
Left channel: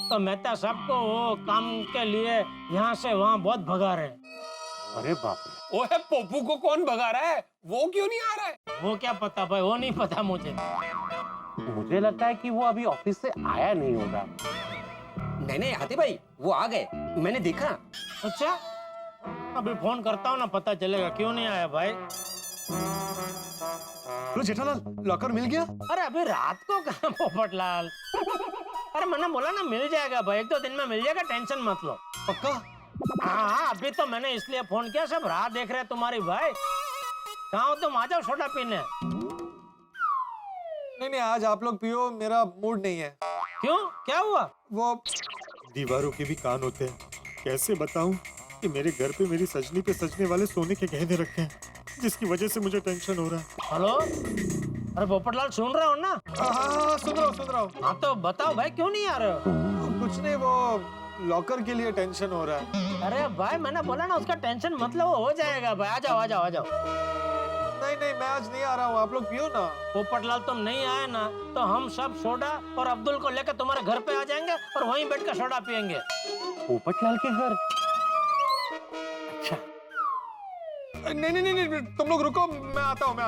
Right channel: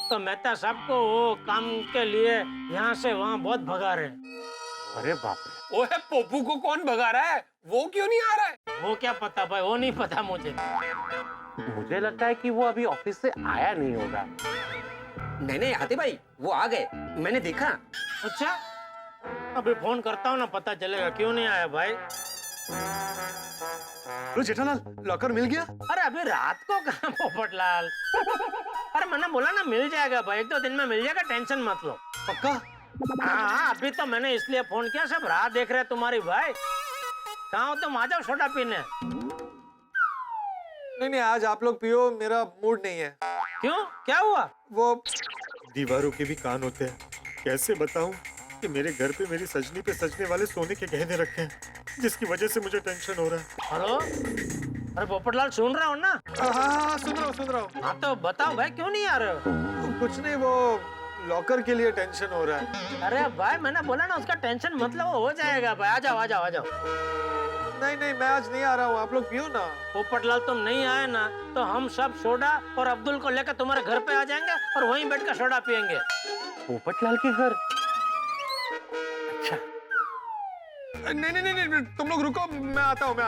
तो मेहता साहब को वो काम के लिए यहाँ से वहाँ बहुत भगा रहे हैं। अरे बाप रे। ओए पोपू को कौन भगा रहा है? वो क्यों नहीं आ रहा है? वो क्या पता भाई, वो नहीं पता मुझे। मुझे लगता है कि वो अभी ऑफिस से आया नहीं होगा। नहीं आते भाई, वो आ गए, मैंने देखा। अच्छा, अभी फोन करता हूँ ना, पता चलेगा क्यों नहीं आया भाई। तो जेठालाल, लॉकर मिल गया? अरे अभी रात को कहाँ पोपटलाल? अरे मैंने बोला ना मिल जाएगा भाई, 1-2 दिन में मिल जाएगा, टेंशन मत लो। पक्का? हाँ, अभी तो मैंने इसलिए फोन किया, सब राह देख रहे तुम्हारी भाई। कहाँ हो तुम? आ जाओ सोडा पीने। नहीं, आज आप लोग पियो, मेरा मूड नहीं है। क्यों, क्या हुआ? वो दीवारों के भी कान होते हैं। कैसे बताऊं कि मेरे घर पे मेरी सजनी पे सजने वाले सोने के गहने रखे हैं, जिसकी वजह से मुझे टेंशन हो रहा है। हेलो, अरे पोपटलाल सुन रहे हो ना? हाँ, सुन रहा हूँ। हाँ तो बताओ भाई, क्यों नहीं आ रहे हो? कुछ नहीं, वो लॉकर के लिए टेंशन हो रहा है। अरे भाई मैंने बोला ना, उसका टेंशन मतलब हो जाएगा भाई। आ जाओ। नहीं, मैं आज नहीं आ रहा हूँ, आप लोग पियो ना। पोपटलाल तुम नहीं आए ना तो हम सब सोडा और अब्दुल को लेकर तुम्हारे घर पे आ जाएंगे और वहीं बैठकर सोडा पियेंगे। पोपटलाल के घर? अच्छा। नहीं, तुम लोग रुको, मैं आता हूँ।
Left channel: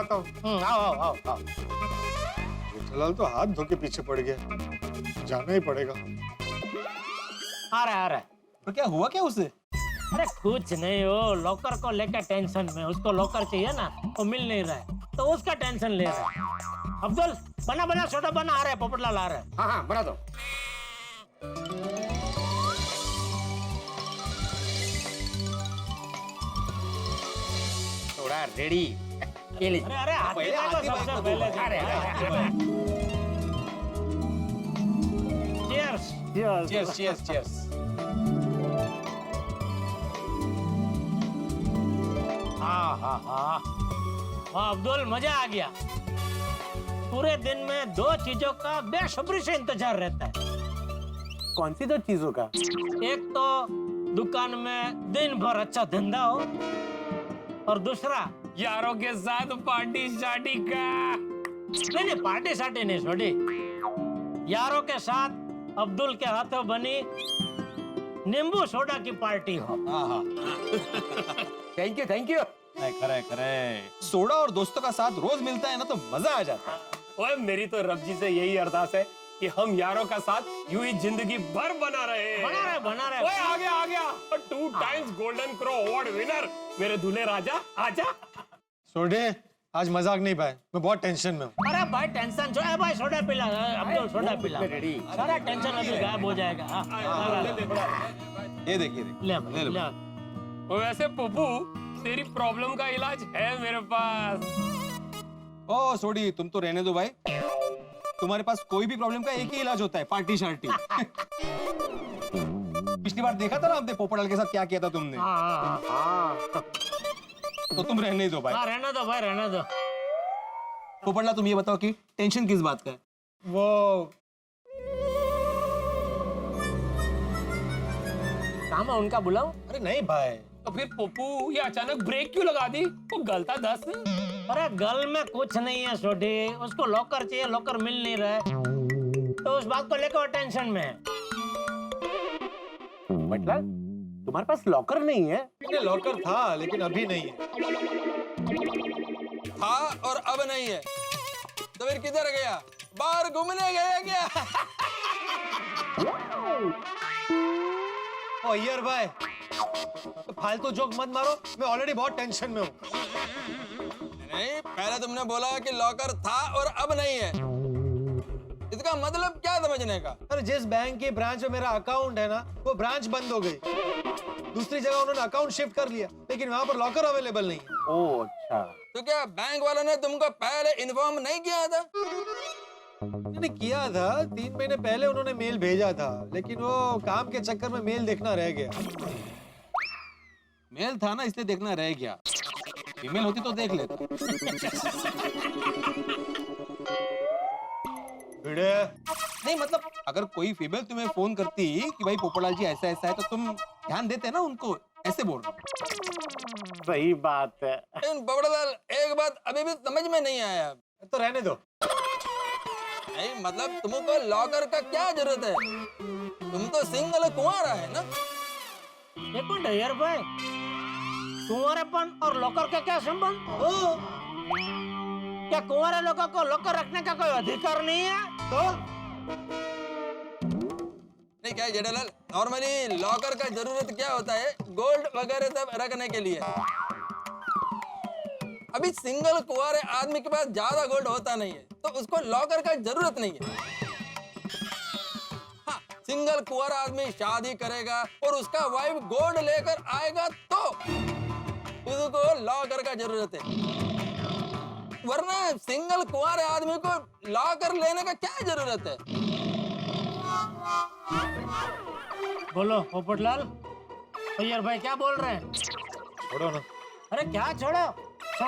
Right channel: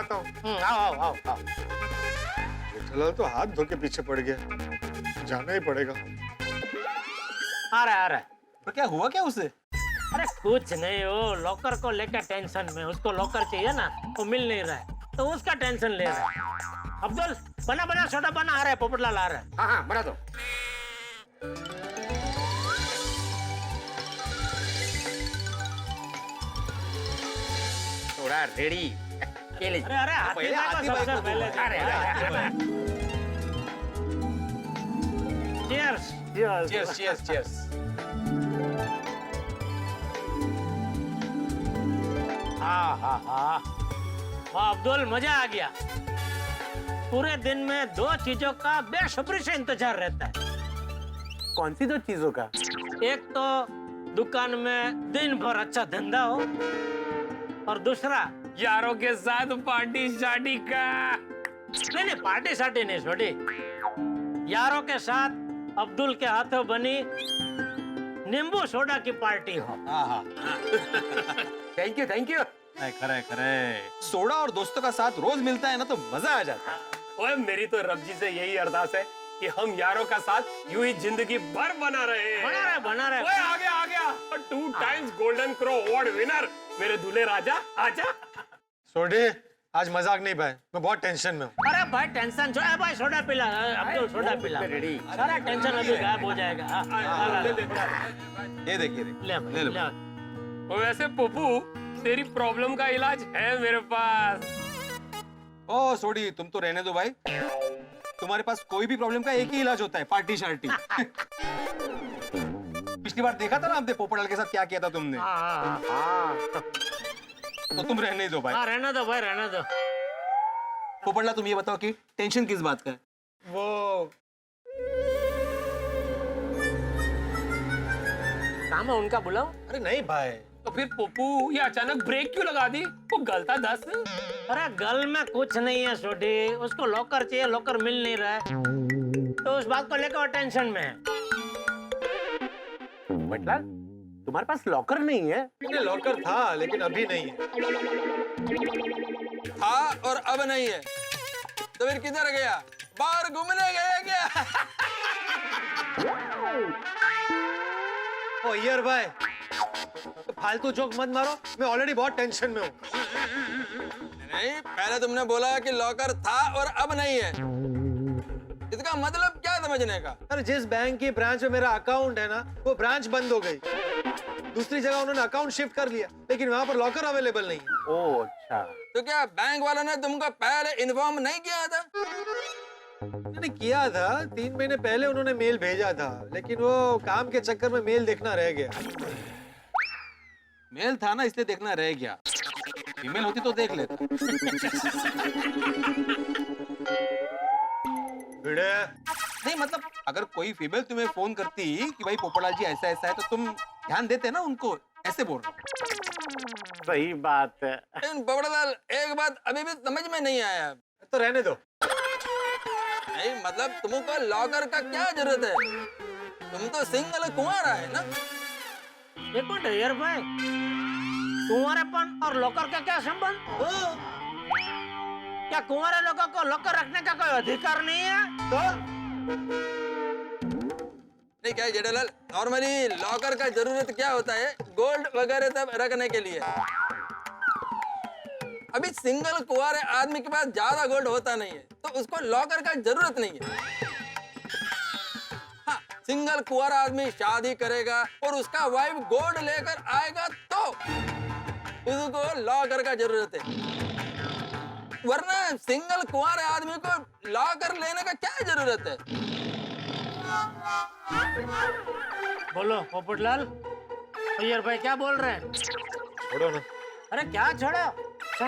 आओ। जेठालाल तो हाथ धो के पीछे पड़ गया, जाना ही पड़ेगा। आ रहा है। तो क्या हुआ क्या उसे? अरे कुछ नहीं, वो लॉकर को लेकर टेंशन में, उसको लॉकर चाहिए ना, वो मिल नहीं रहा है तो उसका टेंशन ले रहा है। अब्दुल बना सोडा बना, आ रहा है पोपटलाल आ रहा है। हाँ, बना दो। Soda ready. ये लीजिए। अरे हाथी भाई को सबसे पहले। Cheers. हाँ, अब्दुल मजा आ गया। पूरे दिन में 2 चीजों का बेसब्री से इंतजार रहता है। कौन सी 2 चीजों का? एक तो दुकान में दिन भर अच्छा धंधा हो, और दूसरा यारों के साथ पार्टी शार्टी का। नहीं, पार्टी सार्टी नहीं छोड़ी, यारों के साथ अब्दुल के हाथों बनी नींबू सोडा की पार्टी हो। Thank you. Khare Khare soda और दोस्तों का साथ रोज मिलता है ना तो मजा आ जाता है। ओए मेरी तो रब जी से यही अरदास है कि हम यारों का साथ यूं ही जिंदगी भर बना रहे। बना रहे। ओए आ गया 2 times golden crow award winner मेरे दूल्हे राजा, आजा। सोडे आज मजाक नहीं भाई, मैं बहुत टेंशन में हूँ। अरे भाई टेंशन छोड़, भाई सोडा पिला, अब्दुल सोडा पिला, सारा टेंशन अभी गायब हो जाएगा। ये देखिए ले ले। वैसे पप्पू तेरी प्रॉब्लम का इलाज है मेरे पास। ओ सोडी तुम तो रहने दो भाई, तुम्हारे पास कोई भी प्रॉब्लम का एक ही इलाज होता है, पार्टी शार्टी। पिछली बार देखा था ना आपने पोपटलाल के साथ क्या किया था तुमने। तो तुम रहने ही दो भाई। रहने दो भाई, रहने दो। पोपटलाल तुम ये बताओ कि टेंशन किस बात का है? वो काम है उनका, बुलाओ। अरे नहीं भाई। तो फिर पप्पू ये अचानक ब्रेक क्यों लगा दी? वो गलता 10। अरे गल में कुछ नहीं है छोटी, उसको लॉकर चाहिए, लॉकर मिल नहीं रहा है, तो उस बात को लेकर टेंशन में है। बटलाल तुम्हारे पास लॉकर नहीं है? लॉकर था लेकिन अभी नहीं है। था और अब नहीं है तो फिर किधर गया? बाहर घूमने गया क्या? ओ यार भाई, तो फालतू जोक मत मारो, मैं ऑलरेडी बहुत टेंशन में हूँ। नहीं, पहले तुमने बोला कि लॉकर था और अब नहीं है, इसका मतलब क्या समझने का? अरे जिस बैंक की ब्रांच में मेरा अकाउंट है ना, वो ब्रांच बंद हो गई। दूसरी जगह उन्होंने अकाउंट शिफ्ट कर लिया, लेकिन वहाँ पर लॉकर अवेलेबल नहीं है। ओह अच्छा। तो क्या बैंक वालों ने तुमको पहले इन्फॉर्म नहीं किया था? मैंने किया था, 3 महीने पहले उन्होंने मेल भेजा था, लेकिन वो काम के चक्कर में मेल देखना रह गया। मेल था ना इसलिए देखना रह गया, ईमेल होती तो देख लेता। नहीं मतलब अगर कोई फीमेल तुम्हें फोन करती कि भाई पोपटलाल जी ऐसा ऐसा है तो तुम ध्यान देते ना उनको, ऐसे बोल रहा हूँ। सही बात है। पोपटलाल एक बात अभी भी समझ में नहीं आया। तो रहने दो। नहीं मतलब तुमको लॉकर का क्या जरूरत है? तुम तो सिंगल कुंवारा है ना। एक मिनट यार भाई, कुंवारेपन और लॉकर का क्या संबंध? क्या कुंवारे लोगों को लॉकर रखने का कोई अधिकार नहीं है? तो नहीं क्या जेठालाल, नॉर्मली लॉकर का जरूरत क्या होता है? गोल्ड वगैरह सब रखने के लिए। अभी सिंगल कुंवारे आदमी के पास ज्यादा गोल्ड होता नहीं है, तो उसको लॉकर का जरूरत नहीं है। हाँ, सिंगल कुंवारा आदमी शादी करेगा और उसका वाइफ गोल्ड लेकर आएगा तो उसको लॉकर का जरूरत है, वरना सिंगल कुंवारे आदमी को लॉकर लेने का क्या जरूरत है? बोलो पोपटलाल, अय्यर भाई क्या बोल रहे हैं? छोड़ो ना। अरे क्या छोड़ो,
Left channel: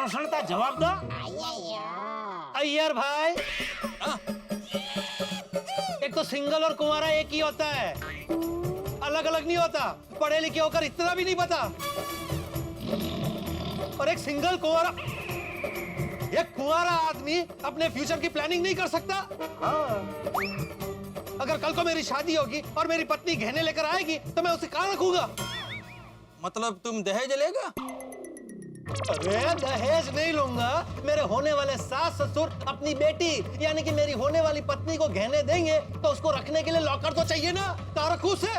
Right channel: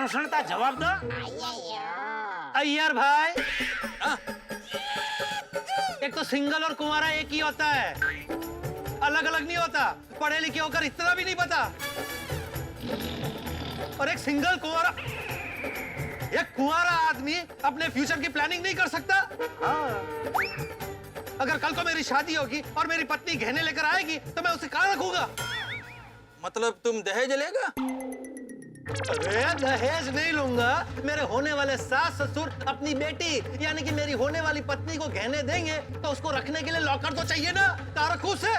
सुनता जवाब दो। अय्यर भाई, एक तो सिंगल और कुंवारा एक ही होता है, अलग अलग नहीं होता। पढ़े लिखे होकर इतना भी नहीं पता। और एक सिंगल कुंवारा, एक कुंवारा आदमी अपने फ्यूचर की प्लानिंग नहीं कर सकता। अगर कल को मेरी शादी होगी और मेरी पत्नी गहने लेकर आएगी तो मैं उसे कहाँ रखूंगा? मतलब तुम दहेज लेगा? अरे दहेज नहीं लूंगा, मेरे होने वाले सास ससुर अपनी बेटी यानी कि मेरी होने वाली पत्नी को गहने देंगे तो उसको रखने के लिए लॉकर तो चाहिए ना। कहाँ रखूं उसे?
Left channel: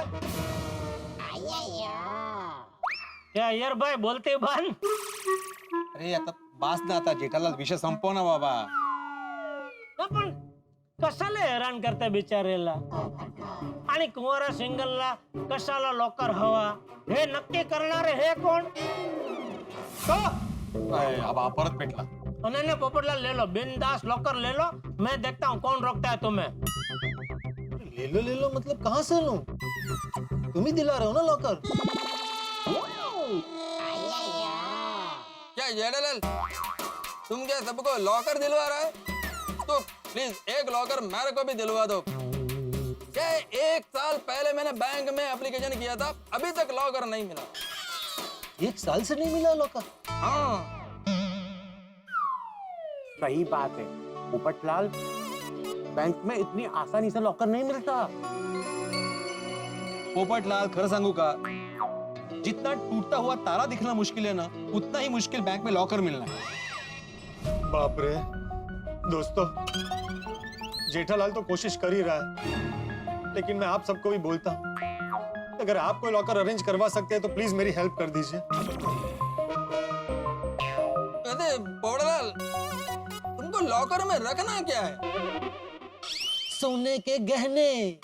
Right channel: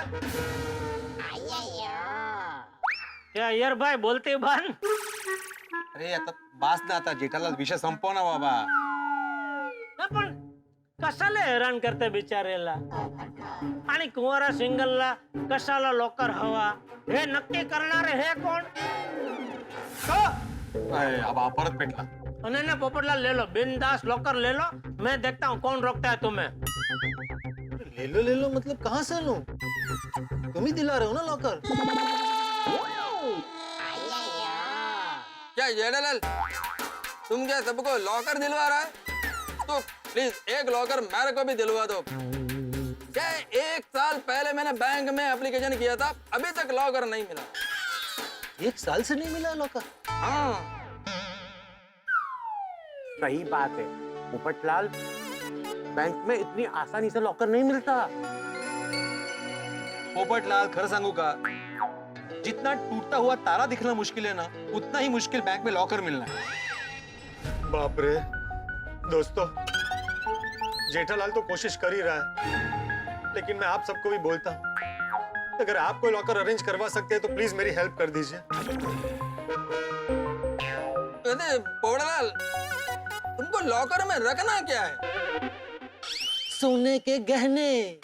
क्या अय्यर भाई बोलते बन? अरे आता बास ना आता जेठालाल, विषय संपव ना बाबा. पण कशाला हैरान करते बिचारेला? आणि कुंवारा सिंगलला कशाला लॉकर हवा हे नक्की करणारे हे कोण? अब आप परत भेटला. नहीं पोपटलाल ले लो, बिंदास लॉकर ले लो, मैं देखता हूँ कौन रोकता है तुम्हें. ले लो मतलब कहाँ से लूं? तुम ही दिला रहे हो ना लॉकर. क्या जेठालाल, तुम क्या सबको लॉकर दिलवा रहा है? तो प्लीज एक लॉकर मेरे को भी दिलवा दो. क्या 1 साल पहले मैंने बैंक में एप्लीकेशन किया था, अभी तक लॉकर नहीं मिला. 1 साल से नहीं मिला लॉकर? हाँ सही बात है पोपटलाल, बैंक में इतनी आसानी से लॉकर नहीं मिलता. पोपटलाल खरं सांगू का, जितना टूटता हुआ तारा दिखना मुश्किल है ना, उतना ही मुश्किल बैंक में लॉकर मिलना है। बाप रे दोस्तों, जेठालाल तो कोशिश कर ही रहा है, लेकिन मैं आप सबको भी बोलता हूँ, अगर आप कोई लॉकर अरेंज करवा सकते हैं तो प्लीज मेरी हेल्प कर दीजिए। अरे पोपटलाल, तुमको लॉकर में रखना क्या है? सोने के गहने।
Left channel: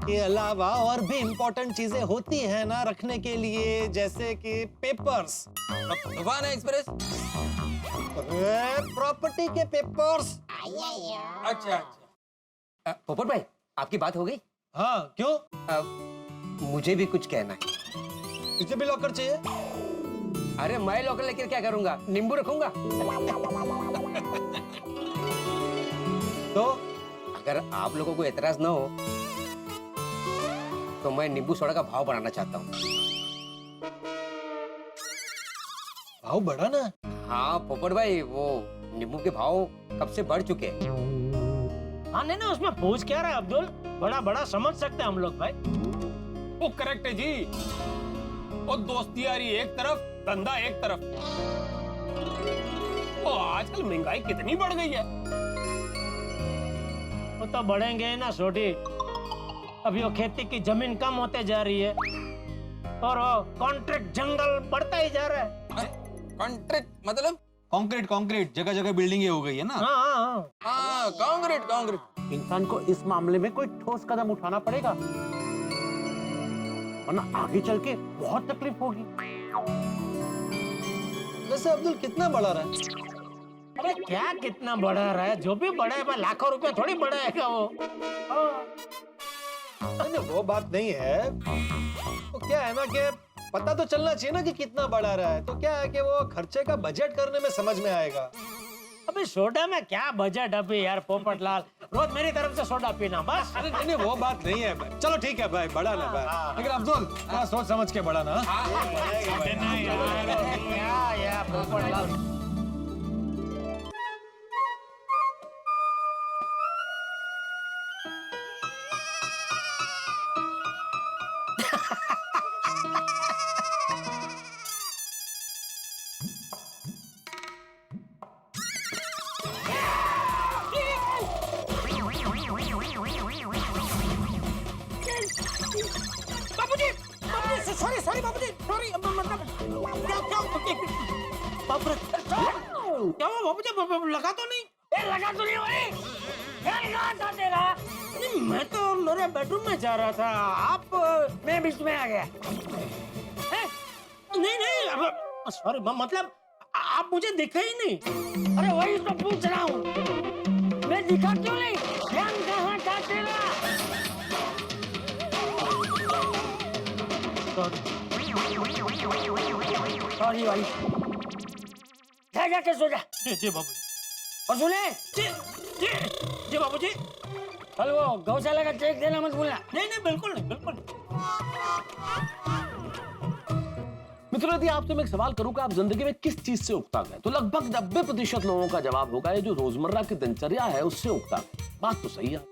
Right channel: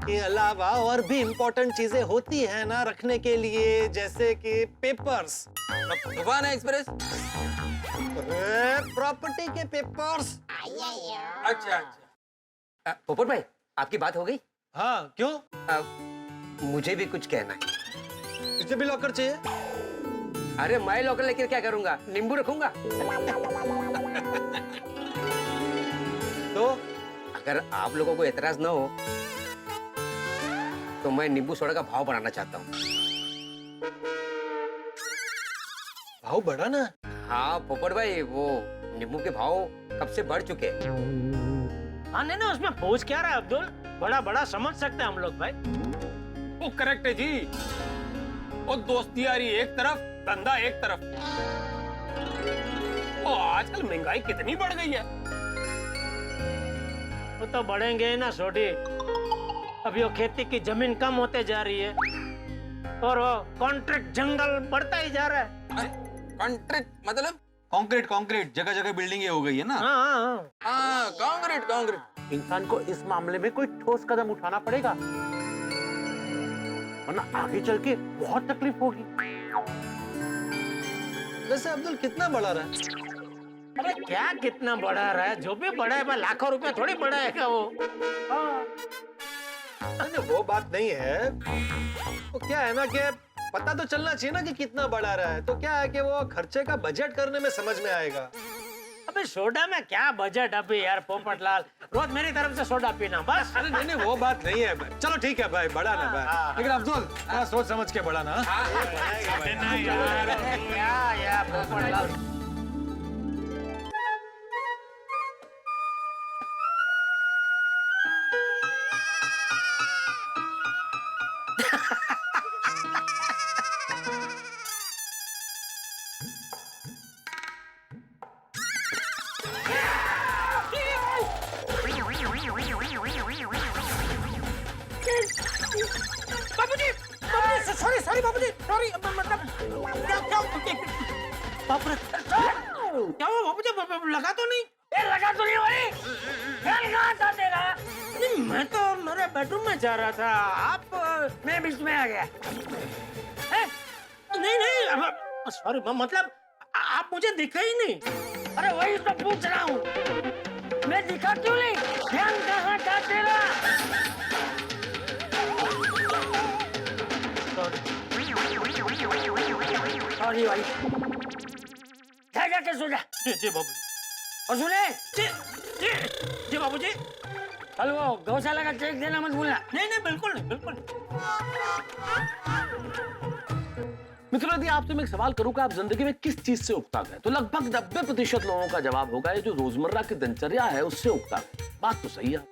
के अलावा और भी इम्पोर्टेंट चीजें होती है ना रखने के लिए, जैसे कि पेपर्स, तूफान एक्सप्रेस, प्रॉपर्टी के पेपर्स। अच्छा अच्छा। पोपट भाई, आपकी बात हो गई? हाँ, क्यों? मुझे भी कुछ कहना है। तुझे भी लॉकर चाहिए? अरे मैं लॉकर लेकर क्या करूंगा, नींबू रखूंगा। तो अगर आप लोगों को एतराज ना हो तो मैं नींबू सोडा का भाव बढ़ाना चाहता हूँ। भाव बढ़ाना? हाँ पोपट भाई, वो नींबू के भाव कब से बढ़ चुके हैं। हाँ नहीं ना, उसमें पूछ क्या रहा है अब्दुल, बड़ा बड़ा समझ सकते हैं हम लोग भाई। वो करेक्ट है जी। वो दोस्ती यारी एक तरफ, धंधा एक तरफ। वो आजकल महंगाई कितनी बढ़ गई है। वो तो बढ़ेंगे ना छोटी, अभी वो खेती की जमीन कम होते जा रही है और वो कॉन्ट्रैक्ट जंगल बढ़ता ही जा रहा है। कॉन्ट्रैक्ट मतलब? कंक्रीट, कंक्रीट जगह जगह बिल्डिंगें हो गई है ना। हाँ, कंक्रीट कंक्रीट। इंसान को इस मामले में कोई ठोस कदम उठाना पड़ेगा, वरना आगे चल के बहुत तकलीफ होगी। वैसे अब्दुल कितना बढ़ा रहा है? अरे क्या कितना बढ़ा रहा है, जो भी बढ़ा है भाई, लाखों रुपया थोड़ी बढ़ाएगा वो। नहीं, वो बात नहीं है। तो क्या है ना कि पता तो चलना चाहिए ना कि कितना बढ़ा रहा है, तो क्या है कि वो खर्चे का बजट करने में समझ में आएगा। अबे सोडा में क्या बजट अभी यार पोपटलाल, रोज मेरी तरफ से सोडा पीना बस। अरे नहीं, वो बात नहीं है। चलो ठीक है भाई, बढ़ाना भाई, लेकिन अब्दुल थोड़ा सोच समझ के बढ़ाना। क्या यार पोपटलाल। सॉरी बाबूजी, सॉरी, मतलब क्या बाप रे, क्या हुआ बाबूजी, लगा तो नहीं? लगा तो नहीं भाई, कहाँ था तेरा? नहीं, मैं तो मेरे बेडरूम में जा रहा था, आप मैं बीच में आ गया। नहीं, सॉरी, मतलब आप मुझे दिखे ही नहीं। अरे वही तो पूछ रहा हूँ, मैं दिखा क्यों नहीं? ध्यान कहाँ था तेरा? सॉरी भाई, जाके सो जा। जी बाबूजी। और सुने, जी बाबूजी। कल वो गौशाला का चेक देना मत भूलना। नहीं, बिल्कुल नहीं, बिल्कुल नहीं। मित्रों, यदि आपसे मैं एक सवाल करूं कि आप जिंदगी में किस चीज से उकता गए, तो लगभग 90% लोगों का जवाब होगा ये जो रोजमर्रा की दिनचर्या है उससे उकता गए। बात तो सही है।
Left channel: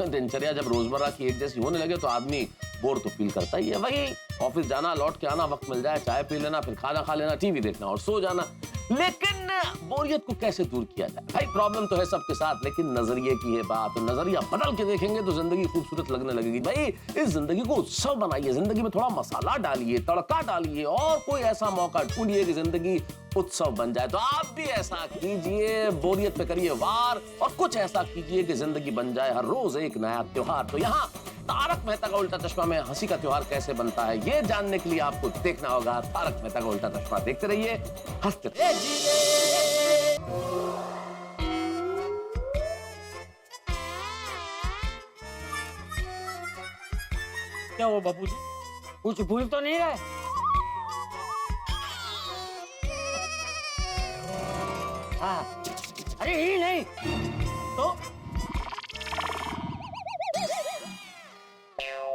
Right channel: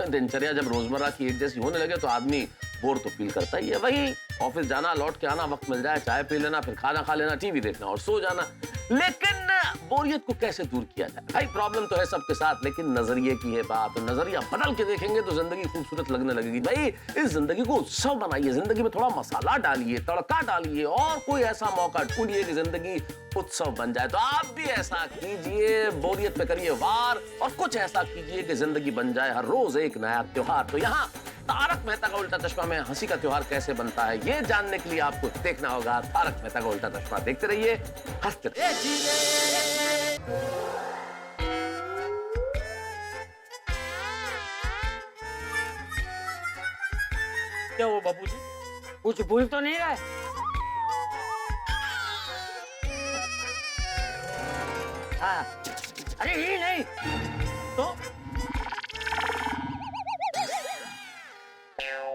दिनचर्या जब रोजमर्रा की एक जैसी होने लगे तो आदमी बोर तो फील करता ही है। वही ऑफिस जाना, लौट के आना, वक्त मिल जाए चाय पी लेना, फिर खाना खा लेना, टीवी देखना और सो जाना। लेकिन बोरियत को कैसे दूर किया जाए? भाई प्रॉब्लम तो है सबके साथ, लेकिन नजरिए की है बात। नजरिया बदल के देखेंगे तो जिंदगी खूबसूरत लगने लगेगी। भाई इस जिंदगी को उत्सव बनाइए, जिंदगी में थोड़ा मसाला डालिए, तड़का डालिए और कोई ऐसा मौका ढूंढिए कि जिंदगी उत्सव बन जाए। तो आप भी ऐसा कीजिए, बोरियत पे करिए वार और कुछ ऐसा कीजिए कि जिंदगी बन जाए हर रोज एक नया त्योहार। तो यहाँ तारक मेहता का उल्टा चश्मा में हंसी का त्योहार कैसे बनता है ये जानने के लिए आपको देखना होगा तारक मेहता का उल्टा चश्मा। देखते रहिए, हंसते रहिए। क्या हुआ बाबूजी, कुछ भूल तो नहीं रहा? हाँ, अरे ही नहीं तो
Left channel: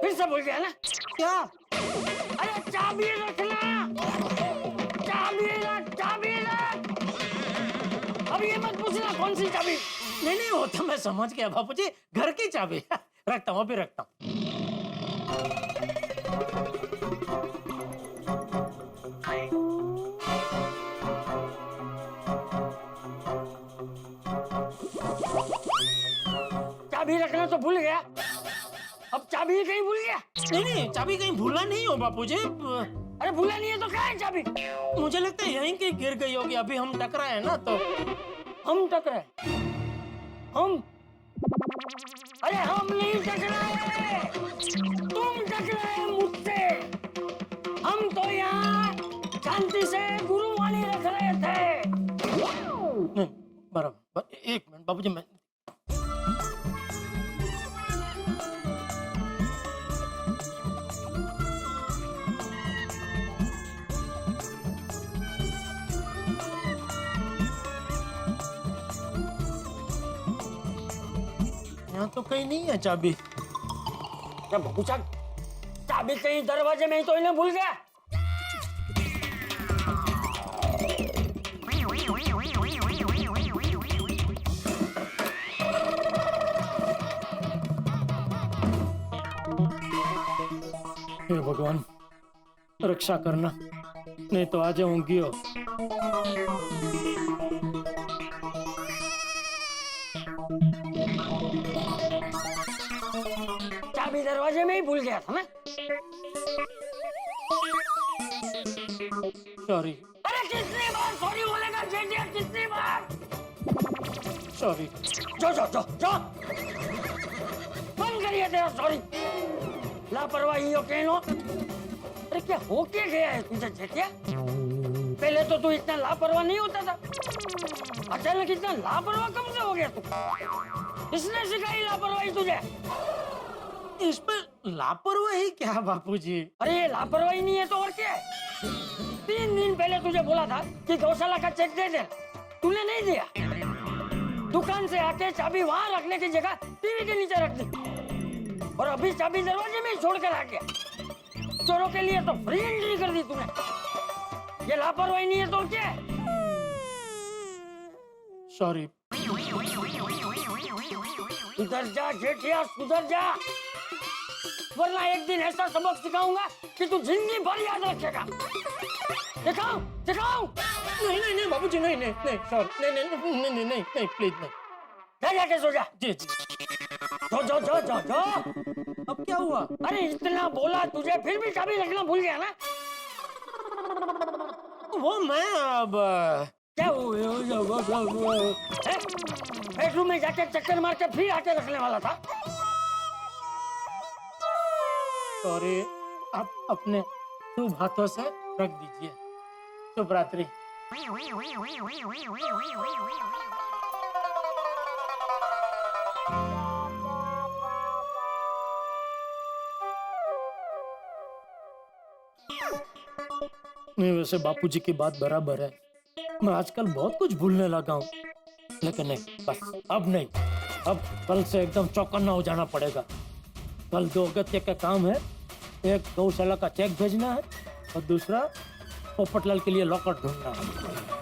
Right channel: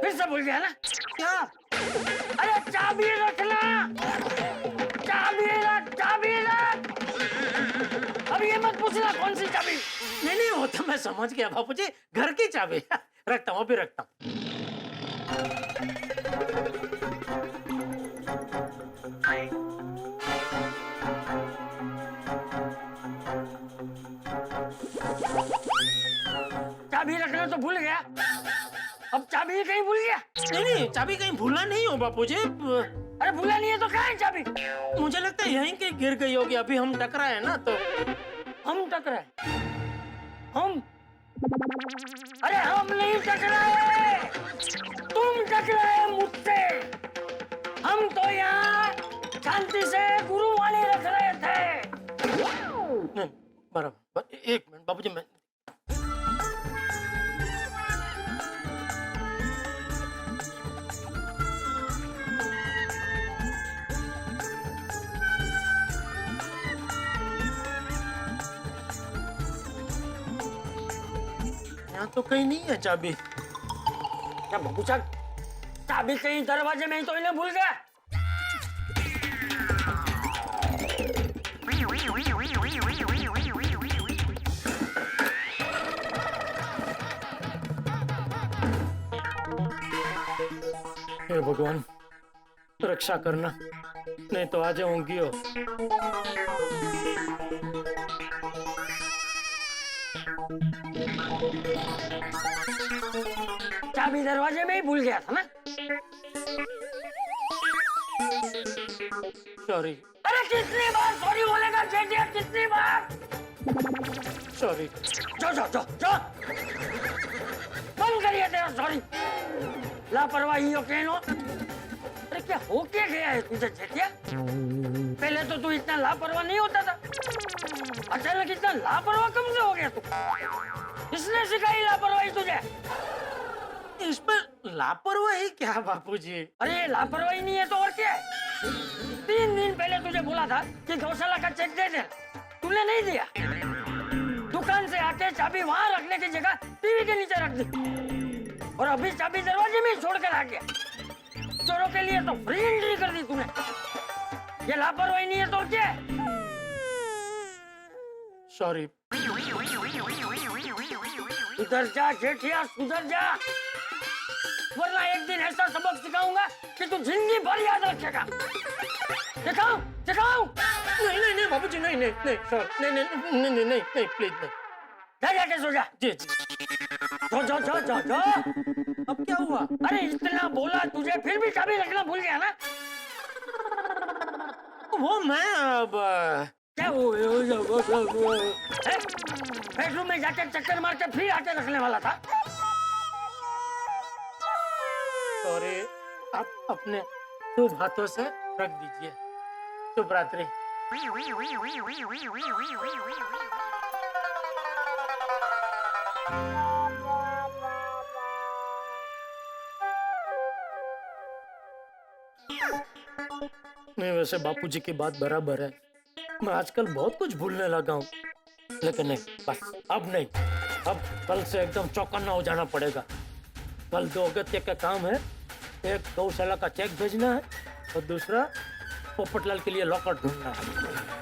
फिर से भूल गया ना? क्या? अरे चाबी रखना, चाबी रख। अब ये मत पूछना कौन सी चाबी। नहीं नहीं, वो तो मैं समझ गया बापूजी, घर की चाबी। रखता हूँ, अभी रखता हूँ। चाबी रखना तो भूल गया, अब चाबी कहीं भूल गया। नहीं नहीं, चाबी कहीं भूला नहीं हो बापूजी। अरे भूला नहीं है तो कहाँ है चाबी? मुझे लगता है यहीं कहीं गिर गई होगी, अभी हम टकराए हैं ना तो। हम टकराए? हम? अरे हम नहीं टकराए, तुम टकराए मुझसे। हम तो यहाँ शांति से गुरुवाणी रख रहे थे। नहीं, बराबर, एक मिनट बापूजी, मैं यहाँ तो कहीं नहीं है चाबी। क्या बाबूचा, चाबी कहीं दरवाजे में ही तो इन्हें भूल गया। हे भगवान, रक्षा करना, नहीं तो आ जाऊंगी। चाबी दरवाजे में ही भूल गया था ना। सॉरी। अरे कितनी बार सॉरी बोलेगा जेठिया, कितनी बार? सॉरी। जो जो जो जो बंद करिए तेरा सॉरी। लापरवाही हो कहनो। अरे क्या हो क्या गया है तुझे जेठिया? पहले तो तू इतना लापरवाह नहीं होता था, अचानक इतना लापरवाह कब से हो गया तू? किसने सिखाई लापरवाही तुझे? इसमें लापरवाही क्या बापूजी? अरे ये लापरवाही नहीं है तो और क्या है? 3 दिन पहले तुझे बोला था कि गौशाला का चेक दे दे, तूने नहीं दिया। दुकान से आके चाबी वहां रखने की जगह टीवी के नीचे रख दी, और अभी चाबी दरवाजे में छोड़कर आ गया। चोरों के लिए तो फ्री एंट्री कर दी तूने। ये लापरवाही नहीं है तो क्या है? सॉरी। सुधर जा जेठिया, सुधर जा, वरना एक दिन ऐसा सबक सिखाऊंगा कि तू जिंदगी भर याद रखेगा। सिखाऊं सिखाऊं? नहीं नहीं नहीं बाबूजी, नहीं नहीं नहीं, सॉरी, नहीं नहीं नहीं नहीं नहीं नहीं, प्लीज नहीं। जा जाके सो जा। जी जी। जो जो जो जो जो। अब क्या हुआ? अरे इतना बोला तुझे, फिर भी चाबी रखना भूल गया ना? वो मैं अब क्या बेडरूम में जाके चक्कर मार के फिर आके रखने वाला था। सॉरी, आप अपने शुभ हाथों से रख दीजिए। शुभ रात्रि। नहीं, वैसे बापूजी की बात बराबर है, मैं आजकल बहुत कुछ भूलने लगा हूँ, लेकिन नहीं, बस अब नहीं, अब कल से एकदम चौकन्ना हो जाना पड़ेगा। कल 2 अगत्य का काम है, एक गौशाला का चेक भेजना है और दूसरा पोपटलाल के लिए लॉकर ढूंढना है।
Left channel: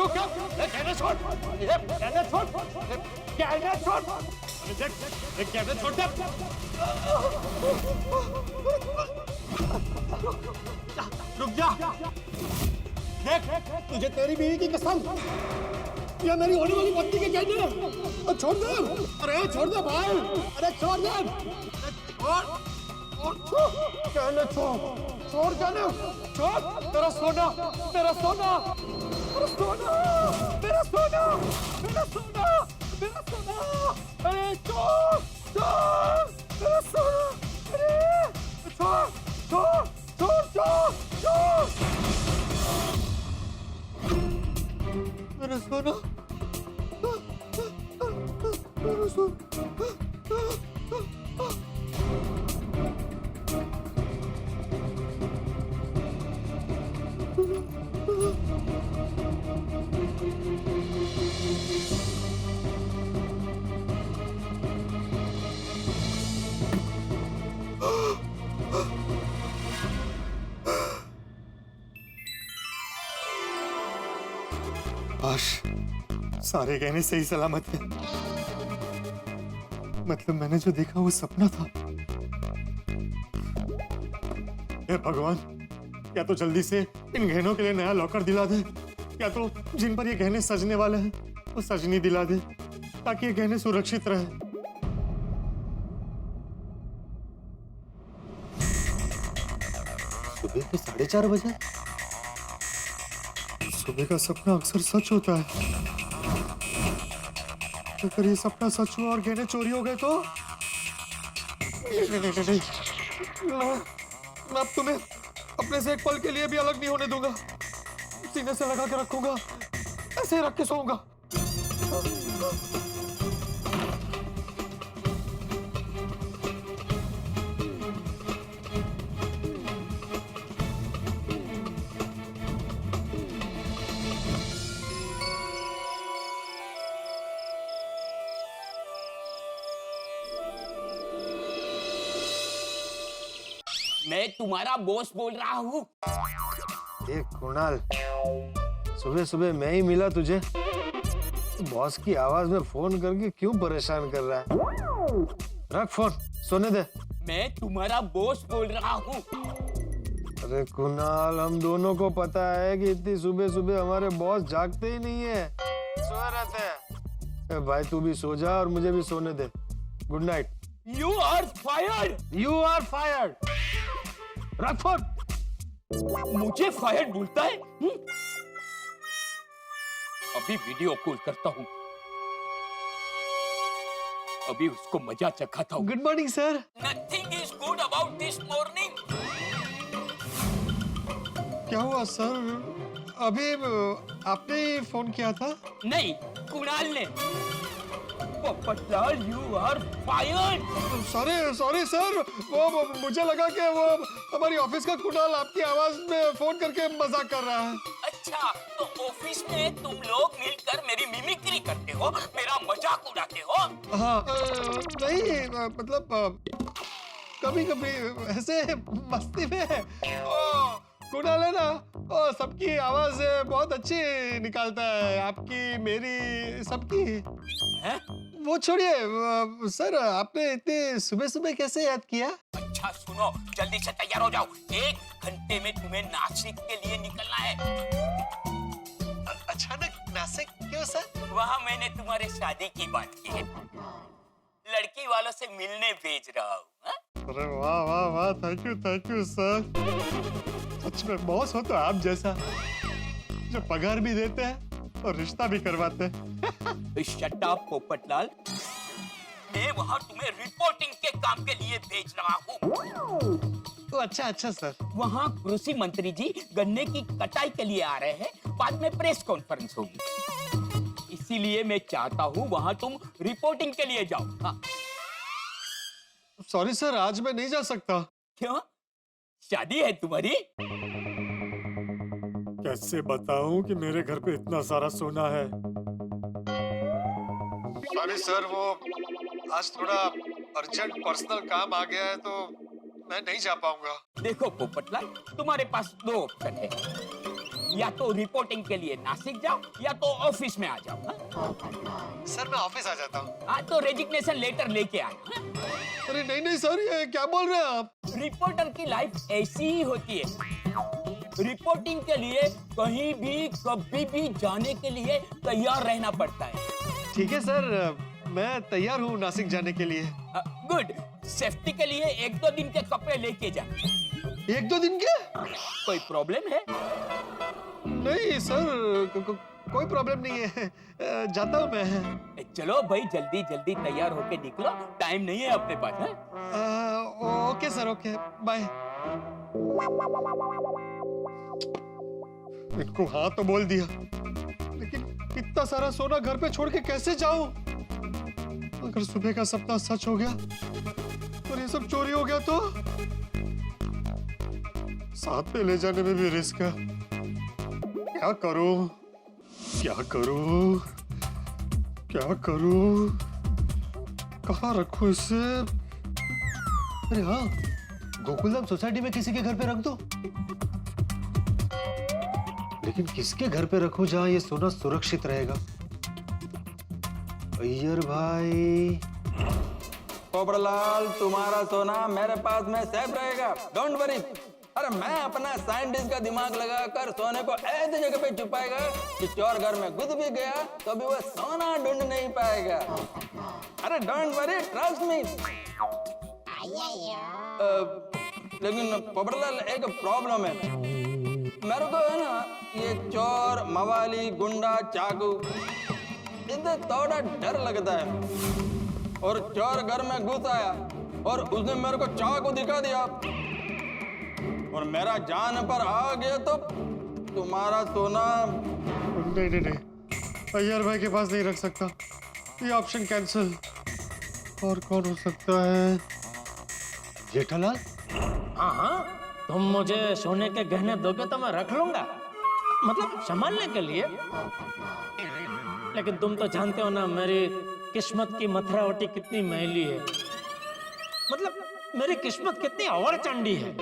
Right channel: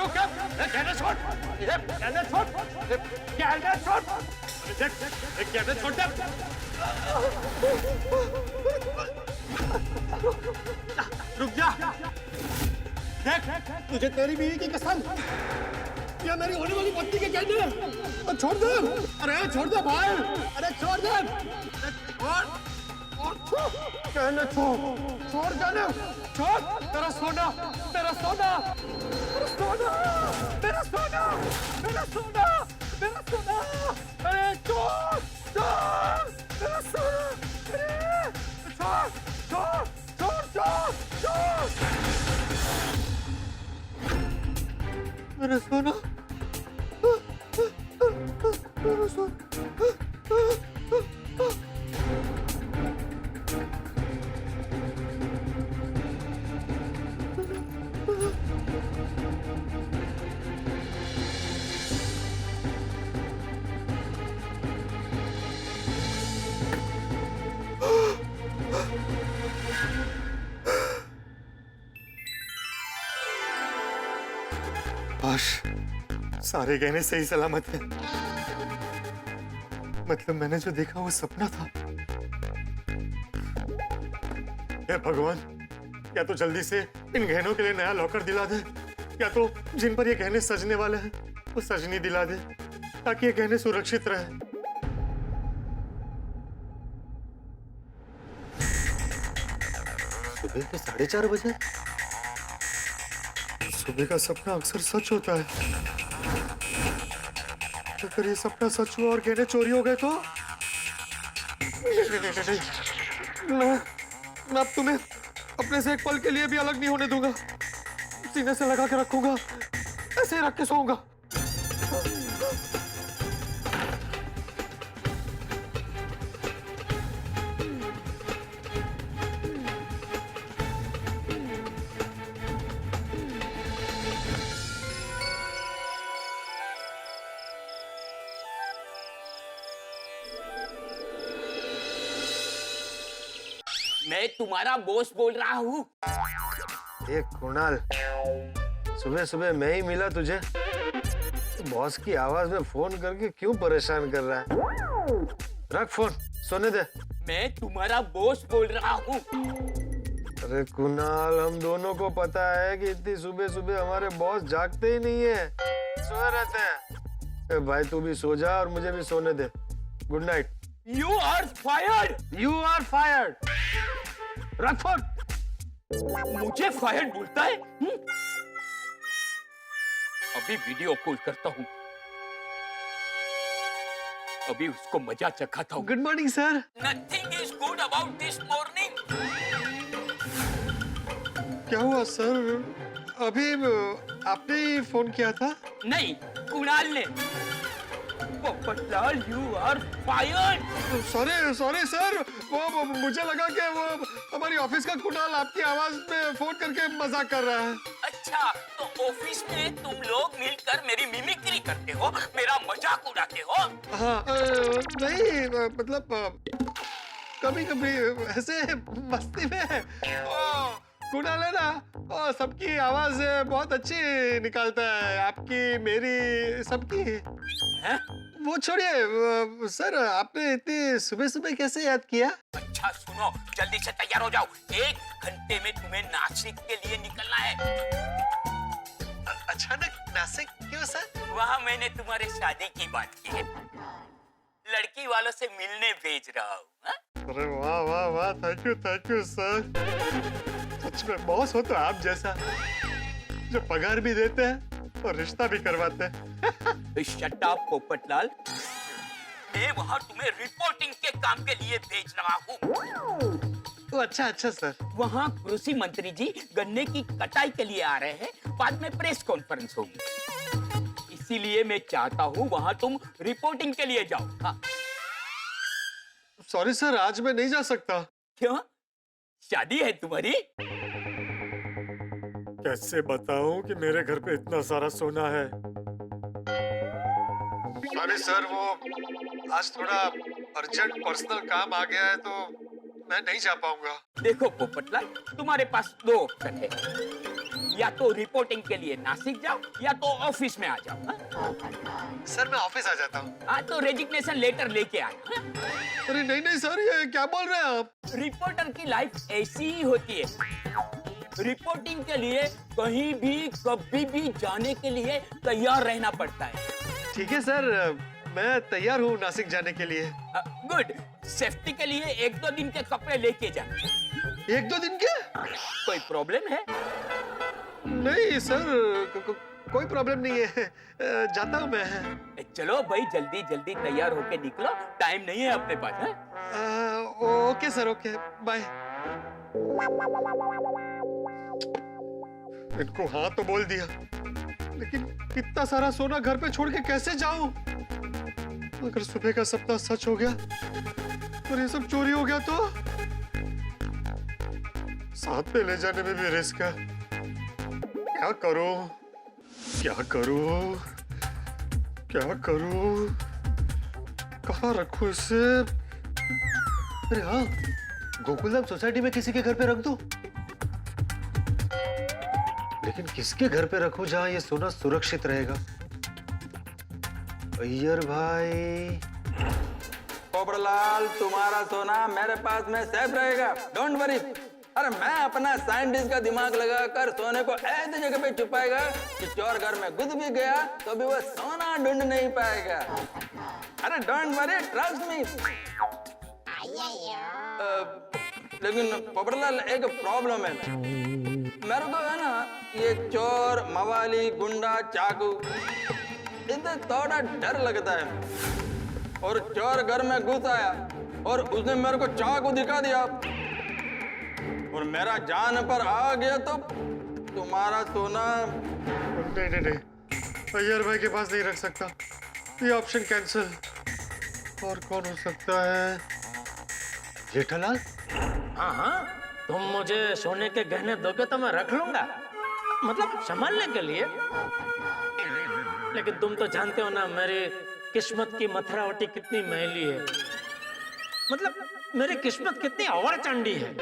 रुक क्या? कहना छोड़, कहना छोड़, कहना छोड़, कहना छोड़ दे। रुक जा, देख तुझे तेरी बीवी की कसम, या मेरी होने वाली पत्नी के कहने, छोड़ दे, अरे छोड़ दे भाई, अरे छोड़ दे, कहने छोड़, छोड़ कहने, छोड़, तेरा सोना, तेरा सोना, तेरा सोना, तेरा सोना, तेरा सोना, तेरा सोना, अरे छोड़, छोड़, तेरा सोना, अरे छोड़, छोड़, छोड़, छोड़, छोड़, मेरा सोना, मेरा सोना। काश सारे गहने सही सलामत हैं। मतलब मैंने जो देखा वो सपना था। हे भगवान, या तो जल्दी से इन गहनों के लिए नया लॉकर दिला दे, या तो जिन पर ये गहने सजने वाले हैं वो सजनी दिला दे, ताकि ये गहने सुरक्षित रहे। सुबह के 4:30 बजे? सुबह का सपना अक्सर सच होता है। अगर ये सपना सच हुआ और गहने चोरी हो गए तो? नहीं, मैं अब तुम्हें अपने से एक पल के लिए भी अलग नहीं होने दूंगा। सीने से लगा के रखूंगा, ऐसे ही रख के सोऊंगा। मैं तुम्हारा बॉस बोल रहा हूँ। ये कुणाल, सुबह सुबह मैं ही मिला तुझे। बॉस की आवाज में फोन करके क्यों परेशान कर रहा है? रख फोन, सोने दे। मैं तुम्हारा बॉस बोल रहा हूँ। अरे कुणाल, हम दोनों को पता है कि इतनी सुबह सुबह हमारे बॉस जागते ही नहीं है, सोए रहते हैं। भाई तू भी सो जा और मुझे भी सोने दे। Good night. You are fired. You are fired. रख फोन। मुझे फायर्ड बोलता है? अभी वीडियो कॉल करता हूँ। अभी उसको मजा चखाता हूँ। Good morning sir. Nothing is good about this morning. क्या हुआ सर? अभी आपने ही फोन किया था? नहीं, कुणाल ने। Popatlal, you are fired. Sorry sir, वो मुझे लगा कि वो हमारी ऑफिस का कुणाल आपकी आवाज में फोन करके मजाक कर रहा है। अच्छा, तो ऑफिस में तुम लोग मिलकर मेरी मिमिक्री करते हो, मेरा मजाक उड़ाते हो? हाँ, नहीं मतलब कभी कभी ऐसे मस्ती में। कुणाल है ना, वो सबकी आवाज बहुत अच्छी निकालता है, आपकी, मेरी, सबकी। हैं? वो छोड़िए सर, आपने इतनी सुबह सुबह कैसे याद किया? अच्छा सुनो, जल्दी से तैयार हो जाओ। 1 घंटे में तुम्हें नासिक के लिए निकलना है। अचानक नासिक क्यों सर? वहाँ मैंने तुम्हारे शादी की बात की है। लड़की वालों से मिलने भेज रहा हूँ। अरे वाह वाह वाह, थैंक यू सर। सच में बॉस हो तो आप जैसा, जो पगार भी देते हैं और रिश्ता भी करवाते हैं। शट अप पोपटलाल, मैं वहाँ तुम्हें रिपोर्टिंग के काम के लिए भेज रहा हूँ। अच्छा सर। वहाँ कृषि मंत्री जी गन्ने की कटाई के लिए आ रहे हैं, बाद में प्रेस कॉन्फ्रेंस होगी, इसीलिए मैं चाहता हूँ वहाँ तुम रिपोर्टिंग के लिए जाओ। हाँ। सॉरी सर, आज मैं नहीं जा सकता। क्यों? शादी है तुम्हारी? कैसे बताऊं कि मेरे घर पे इतना सारा सोना है। सॉरी सर, वो आज थोड़ा अर्जेंट पर्सनल काम आ गया है तो मैं नहीं जा पाऊंगा। देखो पोपटलाल, तुम्हारे पास 2 ऑप्शन है। या तो रिपोर्टिंग के लिए नासिक जाओ या तो ऑफिस में आ जाओ। हाँ? सर मैं ऑफिस आ जाता हूँ। हाँ तो रेजिग्नेशन लेटर लेके आना। हाँ? अरे नहीं नहीं सर, ये क्या बोल रहे हैं आप? रिपोर्टर की लाइफ ऐसी ही होती है। रिपोर्टिंग के लिए कहीं भी कभी भी जाने के लिए तैयार रहना पड़ता है। ठीक है सर, मैं तैयार हूँ नासिक जाने के लिए। गुड। सेफ्टी के लिए 1-2 दिन के कपड़े लेके जा। 1-2 दिन के? कोई प्रॉब्लम है? नहीं सर, कोई प्रॉब्लम नहीं है, जाता हूँ मैं। चलो भाई जल्दी जल्दी तैयार होके निकलो, टाइम नहीं है अपने पास। है? Okay sir, okay bye. इनको हाँ तो बोल दिया, लेकिन इतना सारा सोना घर पे छोड़ के कैसे जाऊं? अगर सुबह का सपना सच हो गया और ये सब चोरी हो गया तो साथ में ले जाने में भी रिस्क है। क्या करूं, क्या करूं, क्या करूं, कहाँ रखूं इसे? अरे हाँ, गोकुलधाम सोसाइटी में किसी के घर पे रख दो। लेकिन किसके घर पे रखूं जहां ये सोना सुरक्षित रहेगा? अय्यर भाई। पोपटलाल, तुम्हारा सोना मेरे पास में सेफ रहेगा, डोंट वरी। अरे मैं अपना साइंटिस्ट का दिमाग लगाकर सोने को ऐसी जगह पे छुपाएगा कि चोर घर में घुस भी गया तो भी वो सोना ढूंढ नहीं पाएगा। अरे डोंट वरी, ट्रस्ट मी। लेकिन पोपटलाल एक प्रॉब्लम है, मेरे को है ना ये चोर, मवाली, गुंडा, चाकू इनसे थोड़ा डर लगता है। और चोर घर में घुस आया और उसने मेरे को चाकू दिखा दिया और मेरा जान पर आ गया तो तुम्हारा सोना। नहीं नहीं नहीं, अय्यर भाई के पास नहीं रख सकता, ये ऑप्शन कैंसिल। और कौन हो सकता है? जेठालाल? हाँ हाँ, तुम मुझे सोने के गहने दोगे तो मैं रख लूंगा, मतलब संभालने के लिए। लेकिन तुम तो जानते हो ना मेरी किस्मत की मथुरावटी कितनी मैली है, मतलब मेरी किस्मत कितनी अवरचंडी है।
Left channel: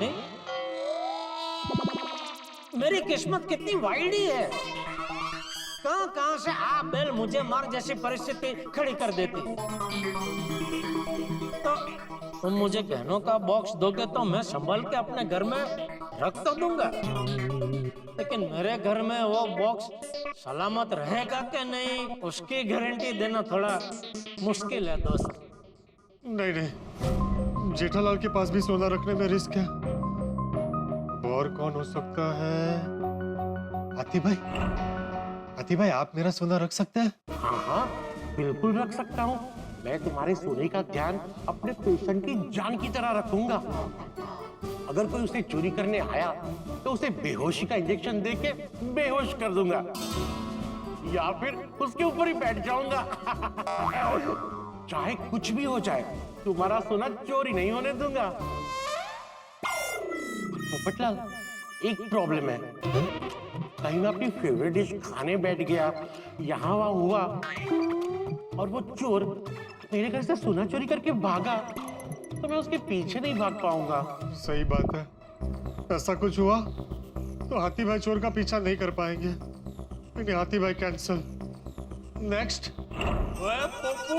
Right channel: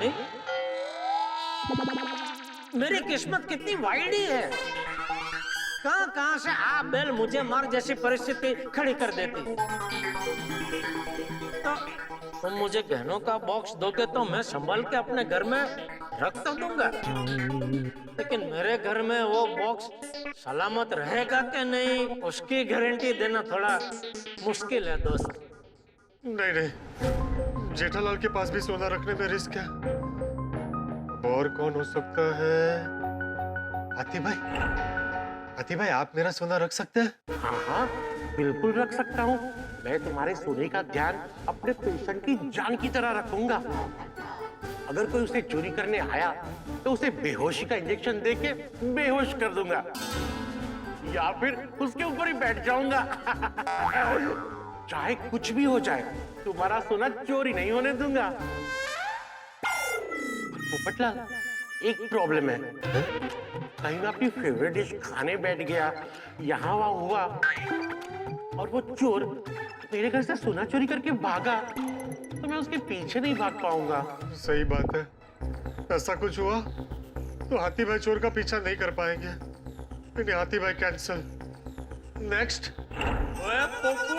नहीं? मेरी किस्मत कितनी वाइडी है, कहां से आप बेल मुझे मार जैसी परिस्थिति खड़ी कर देती। तो तुम मुझे गहनों का बॉक्स दोगे तो मैं संभाल के अपने घर में रख तो दूंगा, लेकिन मेरे घर में वो बॉक्स सलामत रहेगा कि नहीं उसकी गारंटी देना थोड़ा मुश्किल है दोस्त। नहीं नहीं, जेठालाल के पास भी सोना रखने में रिस्क है। और कौन हो सकता है? हाथी भाई, हाथी भाई आप मेरा सोना रख सकते हैं? हाँ हाँ बिल्कुल रख सकता हूँ। मैं तुम्हारे सोने का ध्यान अपने पेशेंट की जान की तरह रखूंगा। अगर कोई उसे चोरी करने आया तो उसे बेहोशी का इंजेक्शन देके बेहोश कर दूंगा, या फिर उसके ऊपर ही बैठ जाऊंगा। चाहे कुछ भी हो जाए, तुम्हारा सोना चोरी नहीं होने दूंगा। पोपटलाल, एक प्रॉब्लम है, कहीं मैं अपनी फेवरेट डिश खाने बैठ गया, यहाँ वहाँ हुआ और वो चोर मेरे घर से सोना चोरी करके भागा, तो मैं उसके पीछे नहीं भाग पाऊंगा। सही बात है, ऐसा कुछ हुआ तो हाथी भाई चोर का पीछा नहीं कर पाएंगे। नहीं, हाथी भाई कैंसिल। नेक्स्ट। ओए पप्पू,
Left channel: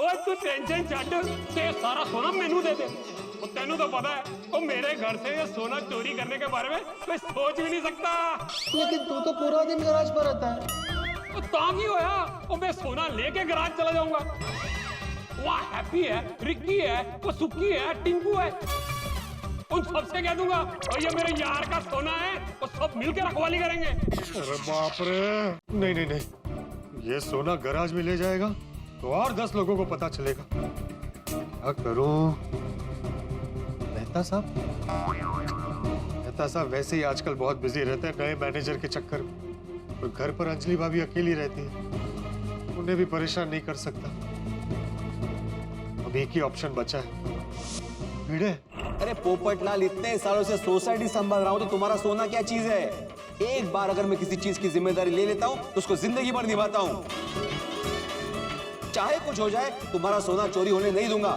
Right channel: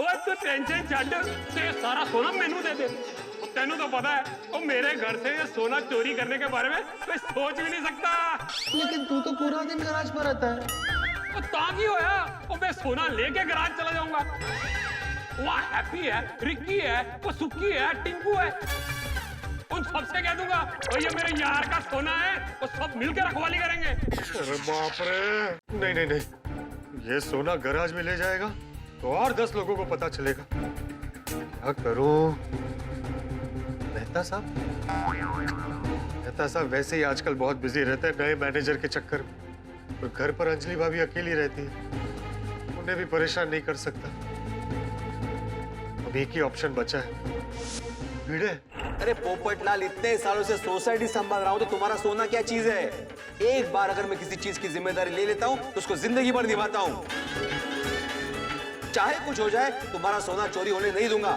ओए तू टेंशन छੱਡ, ते सारा सोना मैनू दे दे। तेनू तो पता है वो मेरे घर से ये सोना चोरी करने के बारे में कोई सोच भी नहीं सकता। लेकिन तू तो पूरा दिन गराज पर रहता है। तो ताकि होया, वो मैं सोना लेके गराज चला जाऊंगा। वहाँ हैप्पी है, रिक्की है, वो सुक्की है, टिंकू है, उन सबसे कह दूंगा और ये मेरे यार का सोना है, वो सब मिलकर रखवाली करेंगे। अरे बाप रे, नहीं नहीं नहीं, ये सोना गराज में ले जाएगा तो और 10 लोगों को पता चलेगा। क्या करूं? मेहता साहब वैसे ही आजकल बहुत बिजी रहते हैं नए मैनेजर के चक्कर में, और घर पर अंजलि भाभी अकेली रहती है, उन्हें भी परेशान नहीं कर सकता। अब एक ही ऑप्शन बचा है, भिड़े। अरे पोपटलाल, इतने सालों से सोसाइटी संभाल रहा हूं तो तुम्हारा सोना क्या चीज है? एक बार अगर मैं किसी चीज की जिम्मेदारी ले लेता हूं तो उसको जिंदगी भर निभाता हूं। चाहे कुछ हो जाए, तुम्हारा सोना चोरी होने नहीं दूंगा।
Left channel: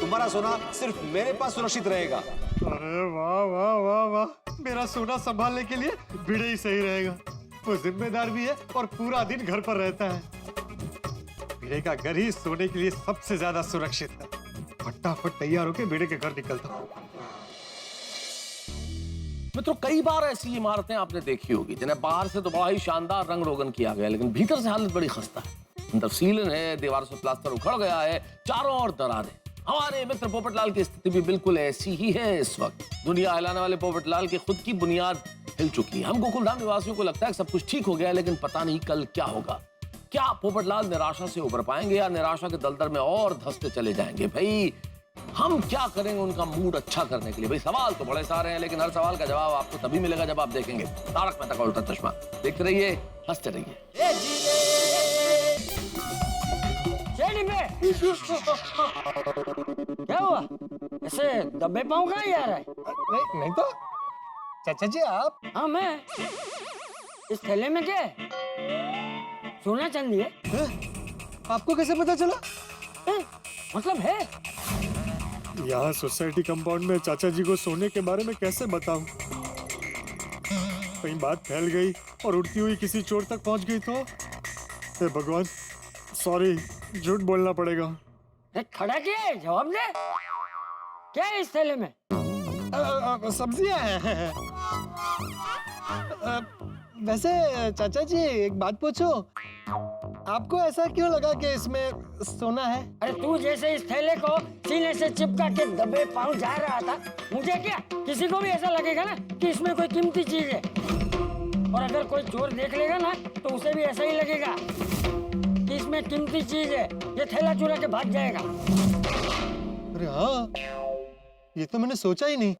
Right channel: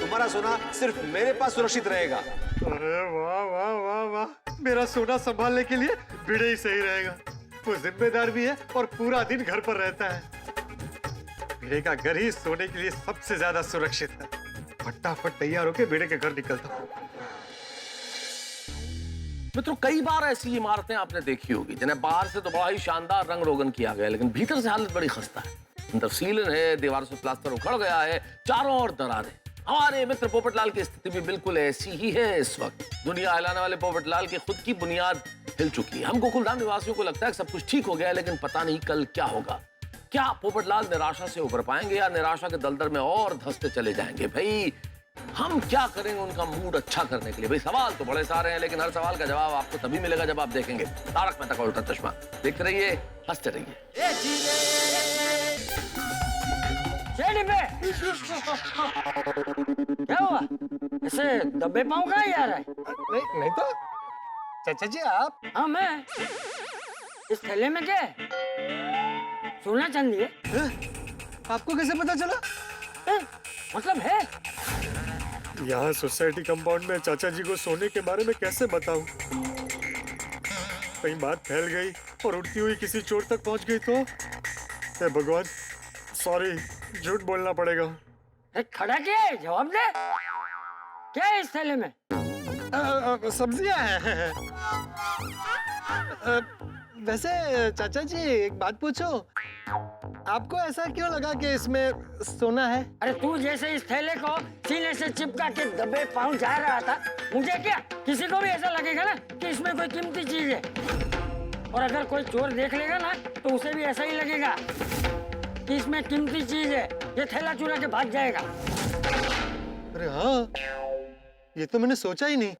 तुम्हारा सोना सिर्फ मेरे पास सुरक्षित रहेगा। अरे वाह वाह वाह वाह, मेरा सोना संभालने के लिए भिड़े ही सही रहेगा। वो जिम्मेदार भी है और पूरा दिन घर पर रहता है। भिड़े का घर ही सोने के लिए सबसे ज्यादा सुरक्षित है। फटाफट तैयार होके भिड़े के घर निकलता हूँ। मित्रों, कई बार ऐसी इमारतें आपने देखी होगी जिन्हें बाहर से तो बड़ा ही शानदार रंग रोगन किया गया, लेकिन भीतर से हालत बड़ी खस्ता है। अंदर सीलन है, दीवारों से प्लास्टर उखड़ गया है, चारों ओर दरारें। हमारे मित्र पोपटलाल की स्थिति भी बिल्कुल ऐसी ही है इस वक्त। दुनिया हिलाने वाले पोपटलाल की खुद की बुनियाद हिल चुकी है। हम गोकुलधाम निवासियों को लगता है कि सब कुछ ठीक हो गया है, लेकिन पता नहीं कल क्या होगा। क्या पोपटलाल निराशा से उबर पाएंगे या निराशा के दलदल में और धंसते चले जाएंगे? भाई हम क्या करेंगे उनका मूड अच्छा करने के लिए? भाई सवाल तो बड़े सारे हैं, लेकिन हर सवाल का जवाब आपको तभी मिलेगा जब आप देखेंगे तारक मेहता का उल्टा चश्मा। देखते रहिए, हंसते रहिए। क्या हुआ? ऐसे दबे पाँव कहाँ जा रहा है? नहीं तो चाचा जी आप। हाँ मैं। इस थैले में क्या है? सोना चांदी है? आपको कैसे पता चला? मतलब है? यहाँ सोसाइटी कंपाउंड में चाचा जी को सोने के बारे में कैसे बताऊं? कहीं बात फैल गई और उड़ती हुई किसी चोर तक पहुंच गई तो? हे भगवान, सॉरी, झूठ बोलना पड़ेगा। खड़ा क्या है? जवाब दे। क्या है इस थैले में? सब्जियां हैं। वैसे चाचा जी एक बात पूछो, आपको ऐसा क्यों लगा कि इसमें सोना है? अरे तू जैसे इस थैले को सीने से चिपका के दबे पाँव जा रहा था, मुझे क्या, किसी को भी ऐसा लगेगा ना कि इसमें कोई कीमती चीज है। और अगर कोई चोर देख लेगा ना तो उसे भी ऐसा ही लगेगा कि इसमें कीमती चीज है, ये थैला चुरा के भाग जाएगा। अरे हाँ, ये तो मैंने सोचा ही नहीं।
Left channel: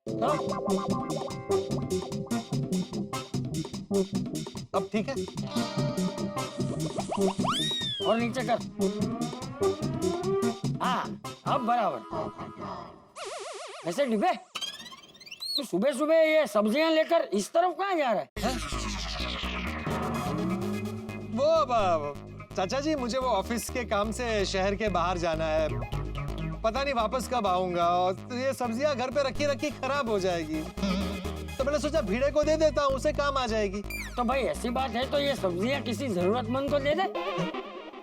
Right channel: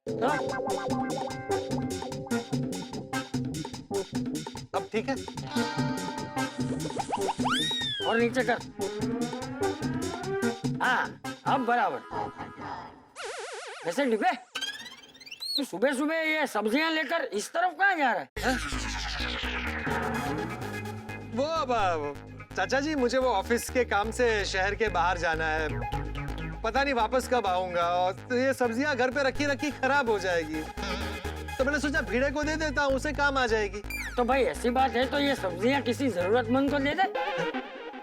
अब ठीक है। और नीचे कर। हाँ, अब बराबर। वैसे डिबे, तू सुबह सुबह ये सब्जियां लेकर इस तरफ कहाँ जा रहा है? वो चाचा जी, मुझे वो ऑफिस के काम से शहर के बाहर जाना है। पता नहीं वापस कब आऊंगा, और ये सब्जियां घर पे रखी रखी खराब हो जाएगी, तो मैंने सोचा भिड़े को दे देता हूँ, उसे काम आ जाएगी। तो भाई ऐसी बात है तो ये सब्जियां किसी जरूरतमंद को दे दे,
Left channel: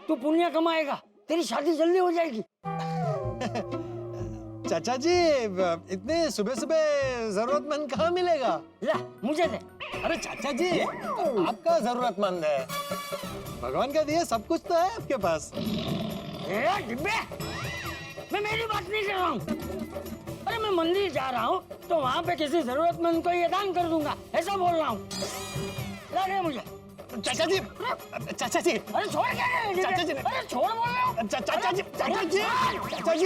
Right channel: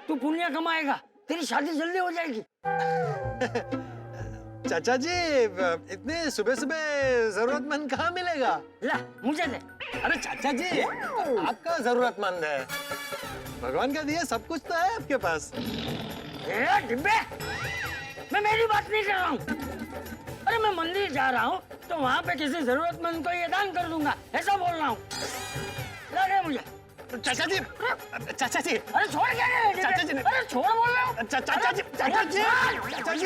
तू पुण्य कमाएगा, तेरी शादी जल्दी हो जाएगी। चाचा जी, इतने सुबह सुबह जरूरतमंद कहाँ मिलेगा? ला मुझे दे। अरे चाचा जी, आपका जरूरतमंद है, भगवान का दिया सब कुछ तो है आपके पास। डिब्बे, मैं मेरी बात नहीं कर रहा हूँ। अरे मैं मंदिर जा रहा हूँ तो वहाँ पे किसी जरूरतमंद को ये दान कर दूंगा, ऐसा बोल रहा हूँ। लगे मुझे। चाचा जी, चाचा जी, अरे छोड़ क्या? चाचा जी, अरे छोड़ बोल रहा हूँ। चाचा जी, चाचा जी, चाचा जी,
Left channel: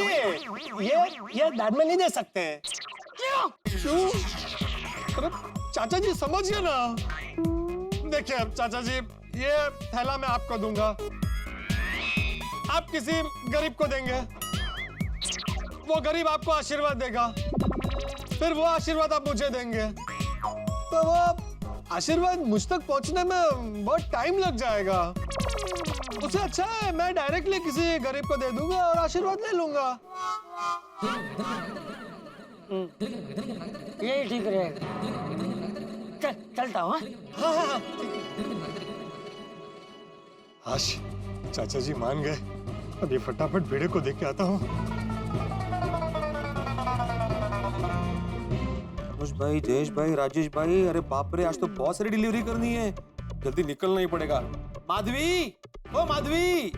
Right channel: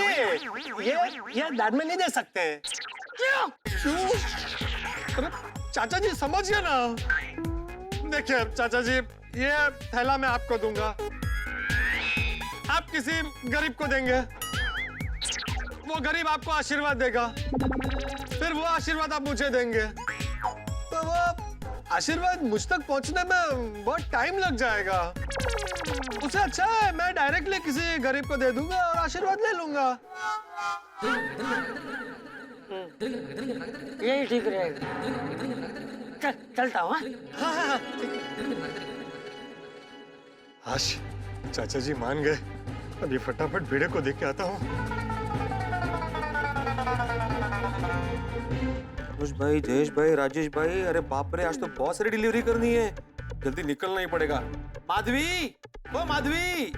ये दान में नहीं दे सकते। क्यों? क्यों? अरे चाचा जी समझिए ना। देखिए चाचा जी, ये थैला मैं आपको दूंगा, आप किसी गरीब को देंगे, वो गरीब आपको आशीर्वाद देगा, फिर वो आशीर्वाद आप मुझे देंगे, तो वो आशीर्वाद मुझ तक पहुंचने में बहुत टाइम लग जाएगा। उससे अच्छा है मैं डायरेक्टली किसी गरीब को दे दूंगा और आशीर्वाद ले लूंगा। यही ठीक रहेगा। चलता हूँ। हाँ। आश, चाचा जी मान गए। अभी फटाफट भिड़े को देख के आता हूँ। अनुज भाई, जयेश भाई, राजेश भाई, अरे बाप रे, आज तो बहुत सारी डिलीवरी करनी है, जल्दी निकलना ही पड़ेगा। माधवी, ओ माधवी,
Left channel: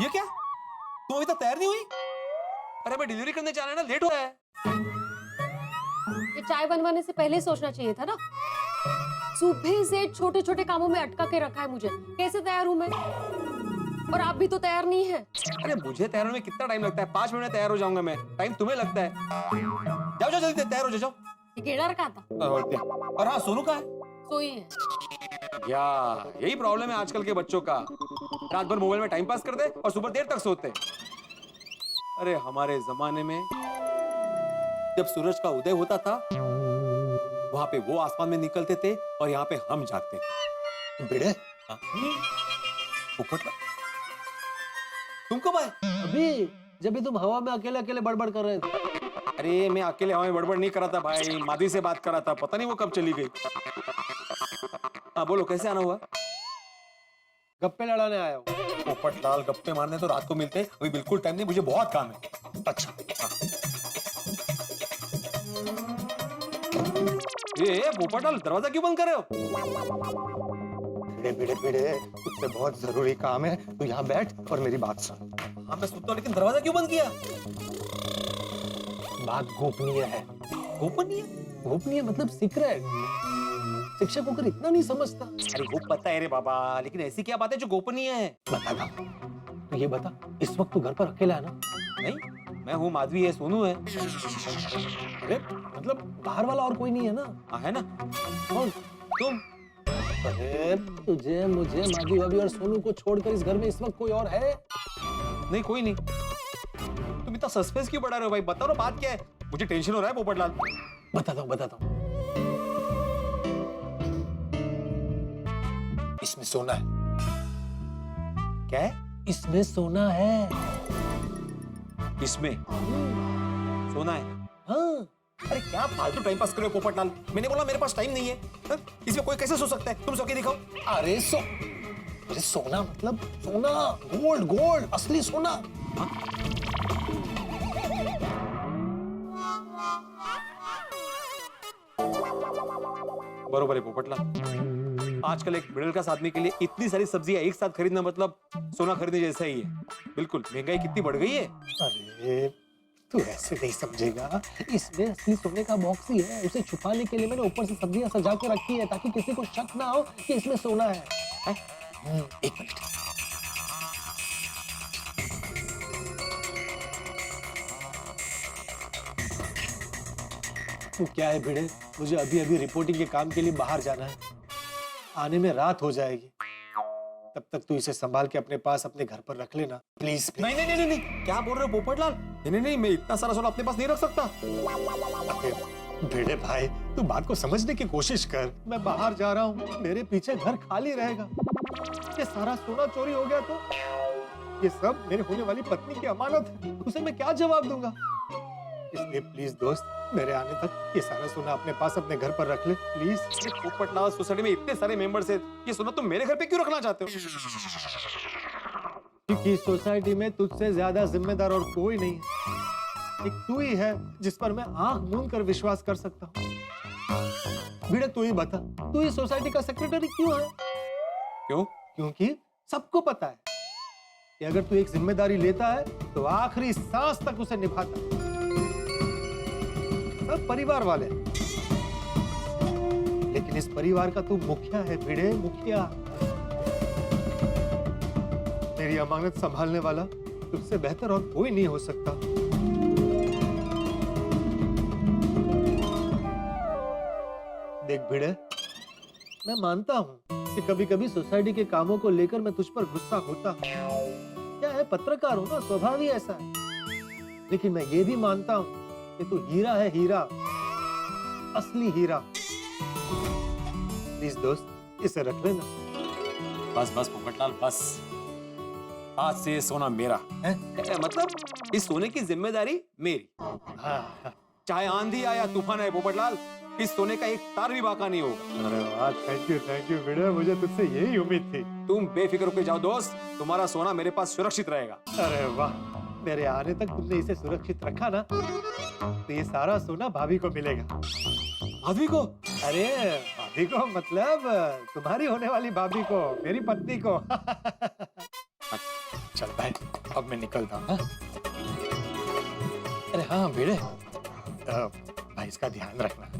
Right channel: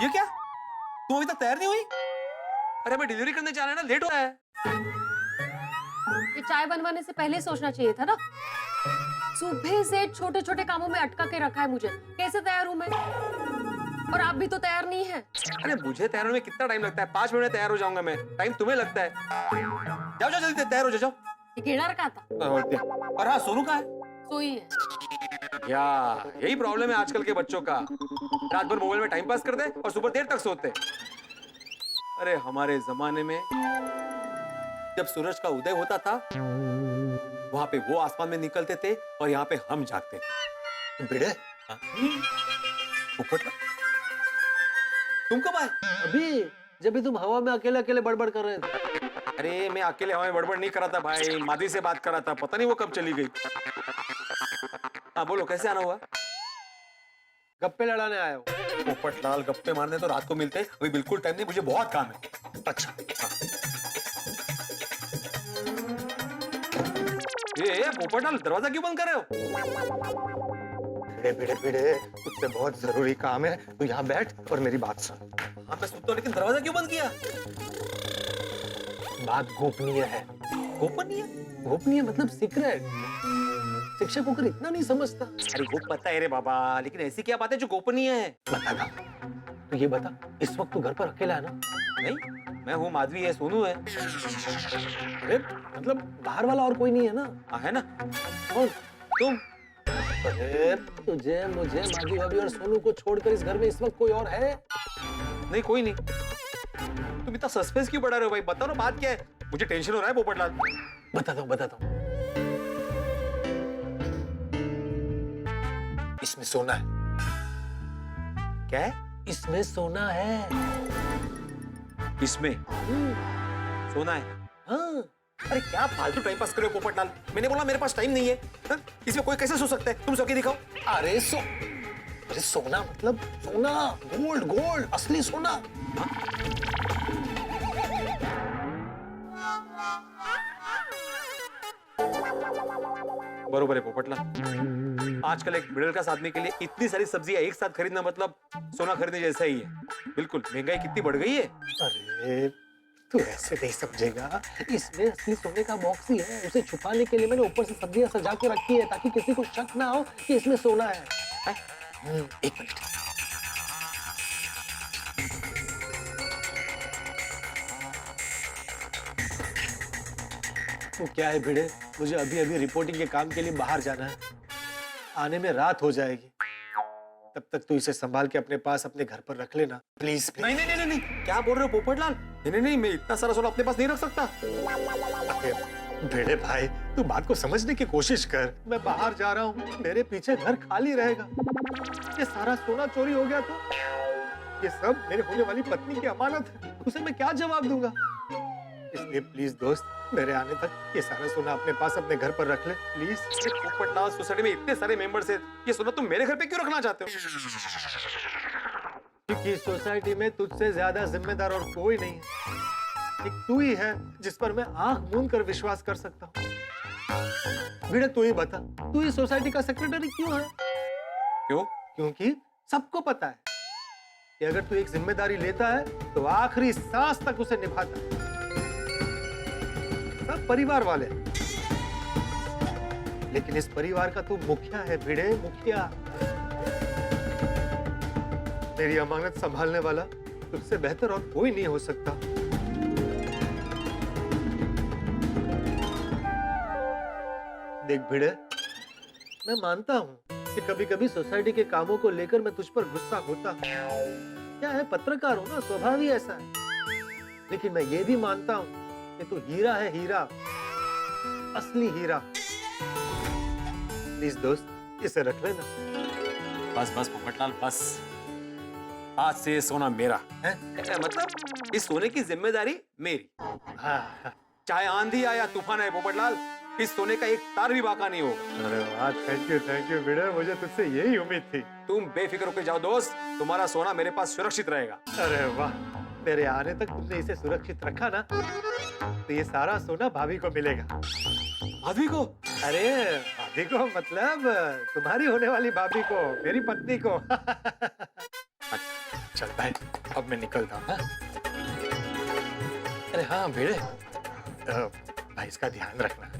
ये क्या, तुम अभी तक तैयार नहीं हुई? अरे मैं डिलीवरी करने जाना है ना, लेट हो रहा है। ये चाय बनवाने से पहले सोचना चाहिए था ना। सुबह से छोटे छोटे कामों में अटका के रखा है मुझे, कैसे तैयार हूँ मैं? और आप भी तो तैयार नहीं है। अरे मुझे तैयार होने में कितना टाइम लगता है? 5 मिनट में तैयार हो जाऊंगा मैं, टाइम तुम्हें लगता है। जाओ जाओ जल्दी तैयार हो जाओ। ये केड़ा रखा था? और हाँ, सोनू कहाँ है? सोई है। या यही प्रॉब्लम है आजकल के बच्चों का, रात भर मोबाइल में टाइम पास करते और सुबह देर तक सोते। अरे हमारे जमाने में जब सूरज का उदय होता था, वहां पे वो आसमान में निकलते थे और यहाँ पे हम जागते थे। भिड़े, पोपटलाल, तुम कब आए? अभी जब भी तुम हवा में अकेले अकेले बड़बड़ कर रहे थे। अरे मैं अकेले हवा में बड़बड़ नहीं कर रहा था भाई, माधवी से बात कर रहा था, पता नहीं वो कब चली गई। हाँ बोलो, कैसे आना हुआ? गप्पे लड़ाने आया हूँ। पोपटलाल, गप्पे मारने तो रात को मिलते हैं, अभी बिल्कुल टाइम नहीं, मुझे बहुत काम है। अच्छा ये पोपटलाल, दरवाजा क्यों बंद कर रहे हो? भिड़े भिड़े भिड़े, तुझसे बहुत जरूरी काम है, तू यहाँ बैठ और मेरी बात सुन। हाँ मैं सुनता हूँ, लेकिन दरवाजा क्यों बंद किया? बात गोपनीय है। गोपनीय? गोपनीय मतलब सीक्रेट। शिक्षक होकर इतना नहीं समझता। अरे वो पता है रे बाबा, लेकिन ऐसी क्या बात है जो गोपनीय है? बताता। तो ये बता, इस वक्त तू घर पर अकेला है ना? नहीं, मैं हूँ, माधवी है, सोनू है। अरे मतलब बाहर वाला और कोई नहीं है ना? हाँ है ना। कौन? तुम। अरे तुझे, मुझे, माधवी भाभी और सोनू को छोड़कर इस घर में इस वक्त कोई और है? नहीं, कोई नहीं। तुम इतना सस्पेंस क्यों बढ़ा रहे हो भाई? बताओ ना, बात क्या है? मुझे टेंशन हो रहा है पोपटलाल। बताता हूँ। इसमें सोना है। क्या है? इसमें सोना है। इसमें सोना है? हाँ। अरे क्या फालतू टाइम पास कर रहे हो पोपटलाल? मैंने बोला मेरे पास टाइम नहीं है। हा? इसमें कोई कैसे सो सकता है? तुम सो के दिखाओ। अरे सोना मतलब सोना, गोल्ड, असली सोना। हाँ? बरोबर है पोपटलाल, आजकल एक मिडिल क्लास आदमी के लिए इतनी सारी सब्जियां एक साथ खरीदना मतलब सोना खरीदने जैसा ही है। बिल्कुल, महंगाई कितनी बढ़ गई है। अरे तू ऐसे नहीं समझेगा, इसमें असली सोने का बॉक्स ही है। उसे छुपाने के लिए मैंने ऊपर से सब्जियां सजा के रखी है ताकि किसी को शक ना हो कि इसमें सोना है। एक मिनट। वो क्या है भिड़े, मुझे अभी अभी रिपोर्टिंग के काम के लिए बाहर जाना है, आने में रात हो जाएगी। तब तक तू इसे संभाल के अपने पास अपने घर पर रख लेना प्लीज। नहीं नहीं नहीं नहीं, क्या बोल रहे हो पोपटलाल? नहीं नहीं, मैं इतना सारा सोना अपने पास नहीं रख सकता। भिड़े भाई, तू बात को समझने की कोशिश कर। मैं बाहर जा रहा हूँ, मेरे पीछे घर खाली रहेगा। ये सारा सोना चोरी हो गया तो ये सब मेरे होने वाली पत्नी की अमानत है, उसे मैं क्या जवाब दूंगा? इसलिए प्लीज दोस्त, मेरे आने तक ये सारा सोना अपने पास अपने घर पर रख ले प्लीज। पोपटलाल, सोसाइटी में इतने सारे मेंबर्स हैं, ये सोना तुम मेरे घर पे क्यों रखना चाहते हो? क्योंकि सोसाइटी में तुझसे ज्यादा जिम्मेदार और कोई नहीं है। एक तू ही है जिस पर मैं आंख मूंद कर विश्वास कर सकता हूँ। भिड़े तू ही बता, तू ही सोसाइटी का सेक्रेटरी क्यों है? क्यों? क्योंकि सबको पता है कि अगर तू एक जिम्मेदारी लेता है तो आखिरी सांस तक उसे निभाता है। सब परिवार वाले, लेकिन इस परिवार का तू मुखिया है भिड़े, मुखिया। मेरी अमानत संभालने वाला तुझसे बेहतर और कोई नहीं हो सकता। देख भिड़े, मैं मानता हूं कि कभी कभी सोसाइटी के कामों को लेकर मैं तुझ पर गुस्सा होता हूं। क्या है, पत्रकार हूं ना, स्वभाव ही ऐसा है। लेकिन मैं ये भी मानता हूं कि तू हीरा है, हीरा, असली हीरा। प्लीज दोस्त, इसे रख लेना। बस बस पोपटलाल, बस। आज से ये सोना मेरा है। मतलब इस सोने की जिम्मेदारी मेरी। चाहे आंधी आए या तूफान आए पोपटलाल, इस सोने का एक तार भी बाका नहीं होगा। अरे वाह, थैंक यू भिड़े, मुझे तुझसे यही उम्मीद थी। तुम बेफिक्र होकर जाओ दोस्त, तुम्हारा सोना मेरे पास सुरक्षित रहेगा। अरे वाह, मेरे आने तक तुमने इसे सुरक्षित रखा ना, तो ये सारा सोना भाभी को मिलेगा। भाभी को? अरे भाभी को मतलब तुम्हारी होने वाली भाभी को, मेरी पत्नी को। चल भाई, अब मैं निकलता हूँ। अरे हाँ भिड़े, भाई इसका ध्यान रखना,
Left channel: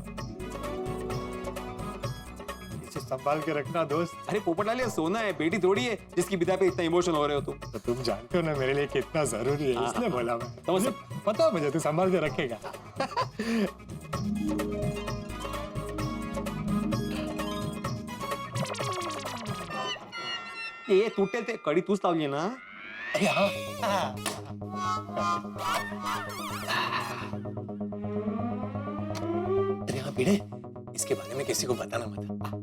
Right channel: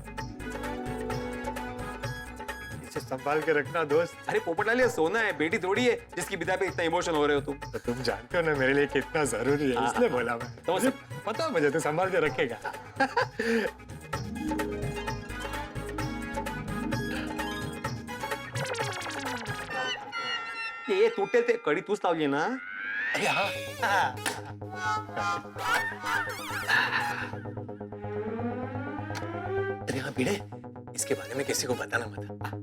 इसे संभाल के रखना दोस्त। अरे पोपटलाल, ये सोना है, बेटी थोड़ी है जिसकी विदा पे इतना इमोशनल हो रहे हो तुम। तो तुम जानते हो ना मेरे लिए कितना जरूरी है, इसलिए बोला मैं। तो मुझे पता, मुझे तू संभाल के रखेगा। ये तुटे ते कडी तूच लावली ना? अरे हाँ। अरे हाँ भिड़े, इसके बारे में किसी को बताना मत।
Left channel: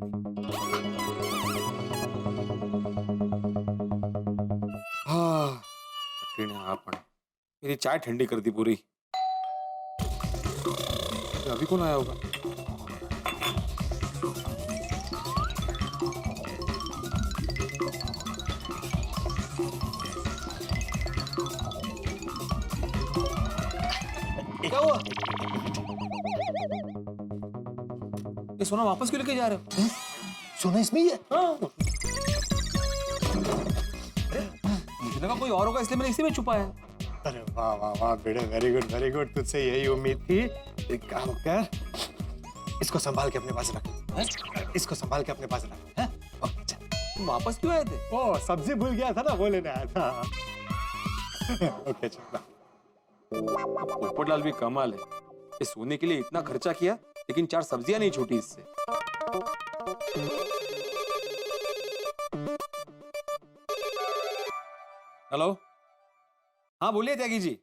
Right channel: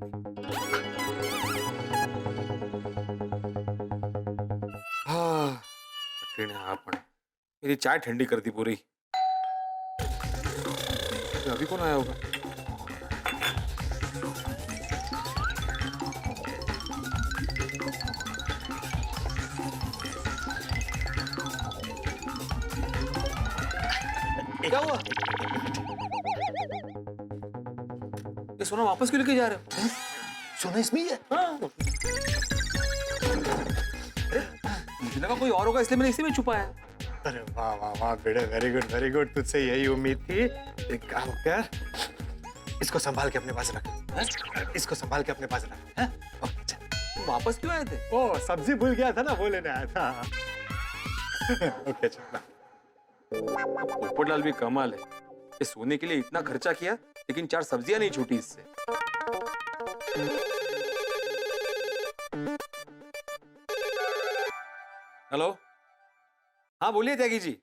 हाँ, कठीण आहे हा पण। मेरी चाय ठंडी कर दी पूरी। अभी कौन आया होगा? क्या हुआ? ये सोना वापस क्यों लेके जा रहे हो? सोना इसमें ही है। हाँ। मुझे लगा कोई और होगा इसलिए मैंने इसी में छुपाया। अरे वाह वाह वाह बेटे, वेरी गुड। तुझसे यही उम्मीद थी। एक काम कर, इसको संभाल के अपने पास रख। इसको संभाल के अपने पास रख। तुम वापस क्यों आए थे? ओ, सब्जी भूल गया था ना, वो लेने आया था। ओके चल। पोपटलाल भी कमाल है, ये सोने के लिए इतना खर्चा किया लेकिन 4 सब्जियां नहीं छूटी इससे। हेलो, हाँ बोलिए त्यागी जी।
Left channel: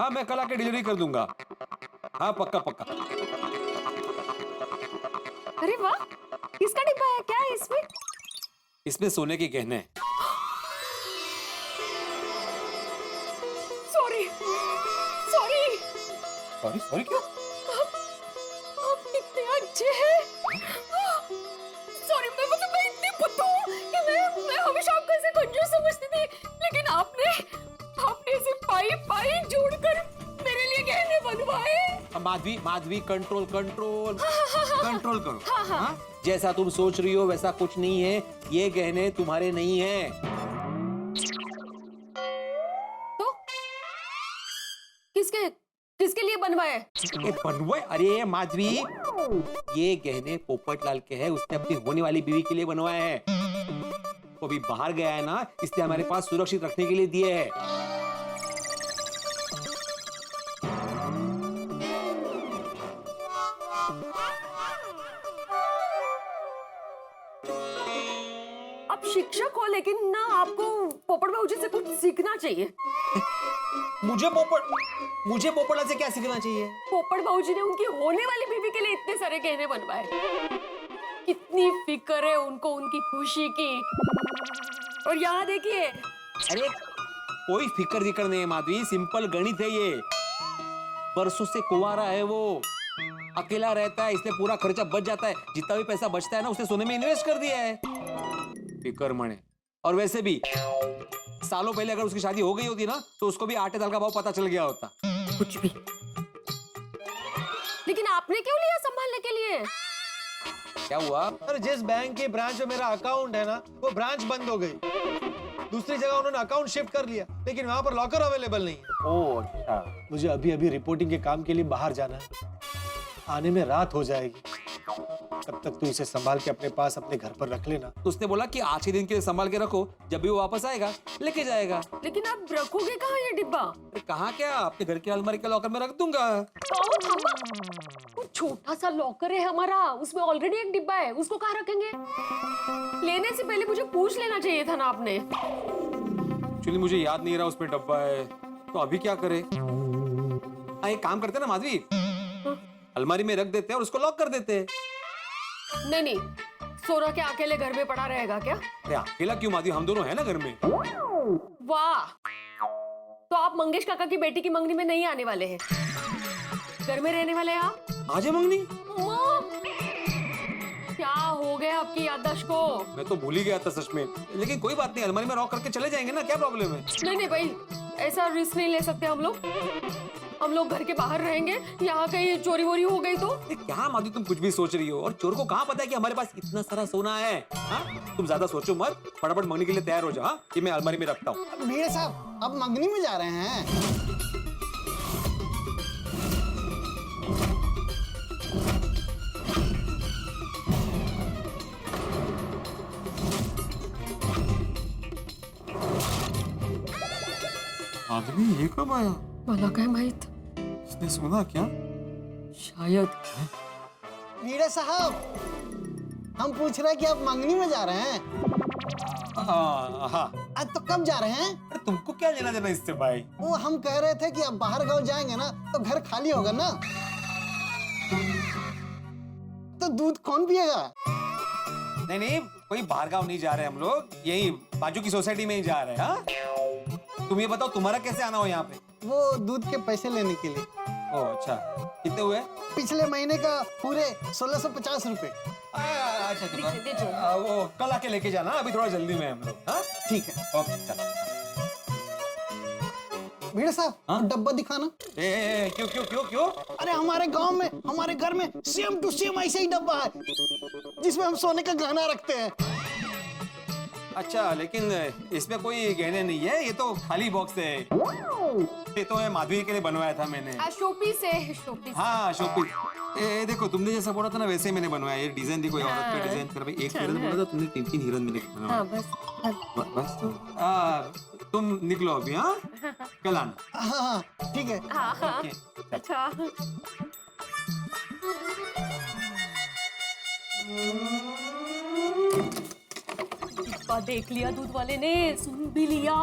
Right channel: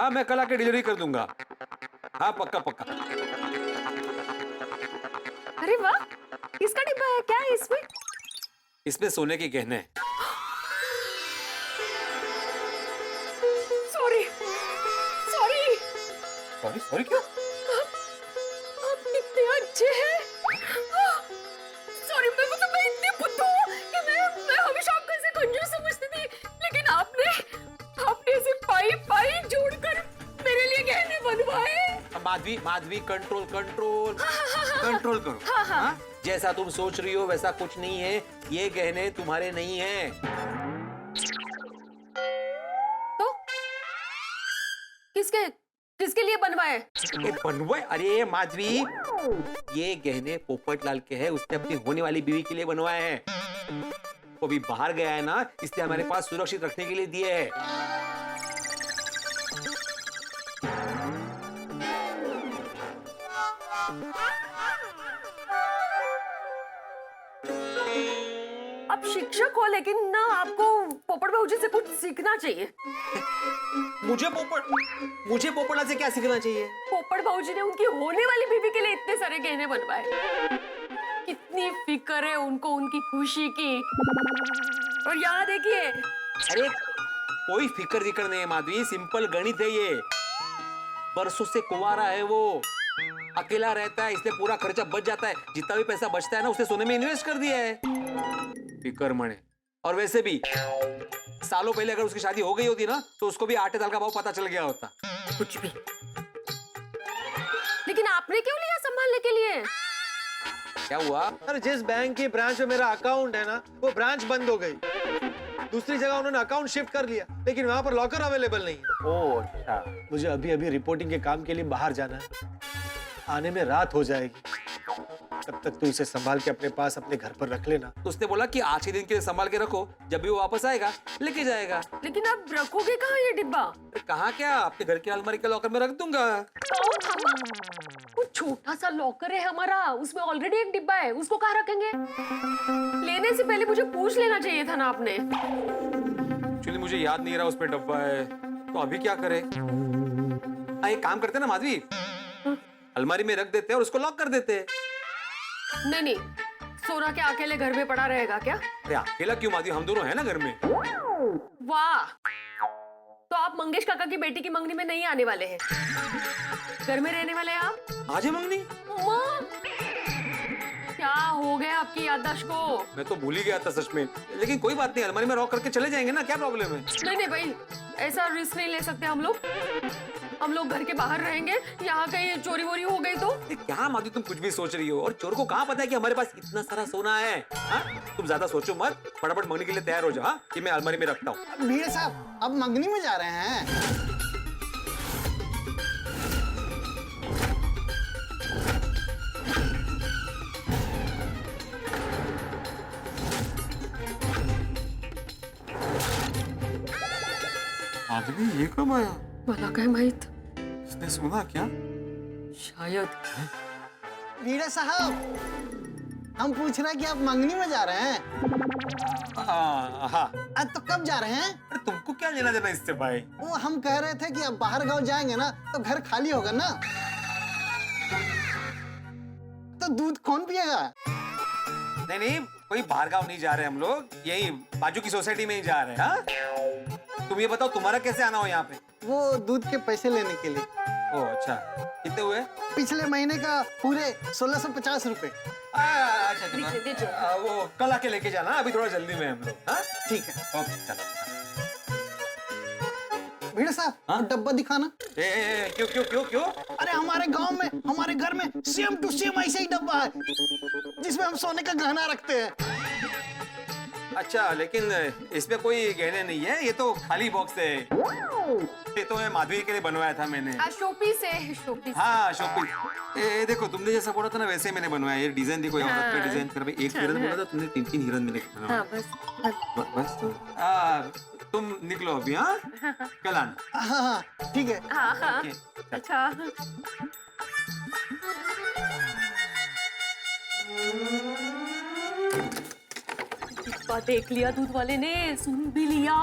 हाँ मैं कल आके डिलीवरी कर दूंगा। हाँ पक्का पक्का। अरे वाह, किसका डिब्बा है? क्या है इसमें? इसमें सोने के गहने हैं। सॉरी क्यों? आप कितने अच्छे हैं। सॉरी, मैं इतनी बुद्धू हूँ कि मैं हमेशा आपको ऐसे कंजूस समझती थी, लेकिन आपने ऐसे पाई जोड़कर मेरे लिए गहने बनवाए। माधवी कंट्रोल करो। हाँ? जैसा तुम सोच रही हो वैसा कुछ नहीं है, ये गहने तुम्हारे नहीं हैं। तो किसके लिए बनवाए? बनवाए? अरे माधवी, ये गहने पोपटलाल के हैं, उसने अपनी होने वाली बीवी के लिए बनवाए हैं। वो अभी बाहर गया है ना, इसलिए हमारे पास सुरक्षित रखने के लिए दिए हैं। आप शिक्षक हो, लेकिन ना आपको पोपट बाबूजी से कुछ सीखना चाहिए। मुझे पोपटलाल से क्या सीखना चाहिए? पोपट बाबूजी ने उनकी होने वाली बीवी के लिए इतने सारे गहने बनवाए। कितनी फिक्र है उनको उनकी खुशी की। और यहाँ देखिए। अरे कोई फिक्र नहीं है माधवी, सिंपल गणित है ये। बरसों से कुंवारा है वो, अकेला रहता है, इसलिए पूरा खर्चा बच जाता है। जितना भी पैसा बचता है ना, उसने सोने में इन्वेस्ट कर दिया है। फिक्र मने। और वैसे भी सालों पहले अगर उसकी शादी हो गई होती ना, तो उसको भी आटे दाल का भाव पता चल गया होता। कुछ भी। लेकिन आपने क्यों लिया संभालने के लिए? क्या हुआ? अरे जिस बैंक की ब्रांच में मेरा अकाउंट है ना, वो ब्रांच बंद हो गई। दूसरी जगह उन्होंने अकाउंट शिफ्ट कर लिया, लेकिन वहां पर लॉकर अवेलेबल नहीं है। ओह अच्छा। मुझे अभी रिपोर्टिंग के काम के लिए बाहर जाना है। आने में रात हो जाएगी। तब तक तू इसे संभाल के अपने पास अपने घर पर रख लेना। तो उसने बोला कि आज के दिन के लिए संभाल के रखो, जब भी वो वापस आएगा लेके जाएगा। लेकिन आप रखोगे कहाँ ये डिब्बा? कहाँ क्या, आपके घर के अलमारी के लॉकर में रख दूंगा। वो छोटा सा लॉकर है हमारा, उसमें ऑलरेडी एक डिब्बा है, उसको कहाँ रखेंगे? लेने से पहले मुझे पूछ लेना चाहिए था ना आपने। एक्चुअली मुझे याद नहीं रहा उसमें डब्बा है, तो अभी क्या करे? एक काम करते ना माधवी, अलमारी में रख देते हैं और उसको लॉक कर देते हैं। नहीं, सोना क्या अकेले घर में पड़ा रहेगा क्या? अरे अकेला क्यों माधवी, हम दोनों हैं ना घर में। वाह, तो आप मंगेश काका की बेटी की मंगनी में नहीं आने वाले हैं, घर में रहने वाले हैं आप? आज है मंगनी? क्या हो गया आपकी याददाश्त को? मैं तो भूल ही गया था सच में, लेकिन कोई बात नहीं, अलमारी में लॉक करके चले जाएंगे ना, क्या प्रॉब्लम है? नहीं भाई, ऐसा रिस्क नहीं ले सकते हम लोग घर के बाहर रहेंगे, यहाँ कहीं चोरी वोरी हो गई तो? क्या माधवी तुम कुछ भी सोच रही हो, और चोर को कहाँ पता है कि हमारे पास इतना सारा सोना है? तुम ज्यादा सोचो मत, फटाफट मंगनी के लिए तैयार हो जाओ। ये मैं अलमारी में रखता हूँ। भीड़ साहब, अब मंगनी में जा रहे हैं। आदमी ये कब आया? मला काय माहित, इसने सुना क्या? शायद। भीड़े साहब, हम पूछ रहे हैं कि आप मंगनी में जा रहे हैं। हाँ। आज तो कब जा रहे हैं? अरे तुमको क्या लेना देना इससे भाई? वो हम कह रहे थे कि अब बाहर गांव जाएंगे ना, तो घर खाली होगा ना, तो दूध कौन पिएगा? नहीं, कोई बाहर गाँव नहीं जा रहे हम लोग, यही बाजू की सोसाइटी में ही जा रहे हैं। तुम ये बताओ, तुम्हारा कैसे आना हो यहाँ पे? वो दूध के पैसे लेने के लिए। ओ अच्छा, कितने हुए? पिछले महीने का पूरे 1650 रुपए। अच्छा, वो कल आके लेके जाना, अभी थोड़ा जल्दी में हम लोग। हाँ ठीक है। ओके चलो। भिड़े साहब डब्बा दिखाना। क्यों क्यों क्यों क्यों? अरे हमारे गांव में, हमारे घर में सेम टू सेम ऐसा ही डब्बा है जिसमें हम सोने का गहना रखते हैं। अच्छा, लेकिन इसमें कोई गहने नहीं है, ये तो खाली बॉक्स है। ये तो है माधवी के लिए बनवाया था मैंने। शोपीस है, शोपीस। हाँ शोपीस। ये देखो, तुमने जैसा बोला था ना वैसे ही मैंने बनवाया। ये डिजाइन देखो, औरत का डिजाइन। फिर भाई एक हिरन बोला था, तुमने 3 हिरन मैंने बनवाया। हाँ बस बस तुम निकलो अभी। हाँ कल आना। हाँ ठीक है। हाँ अच्छा। डिब्बा देख लिया दूध वाले ने, सुन भी लिया।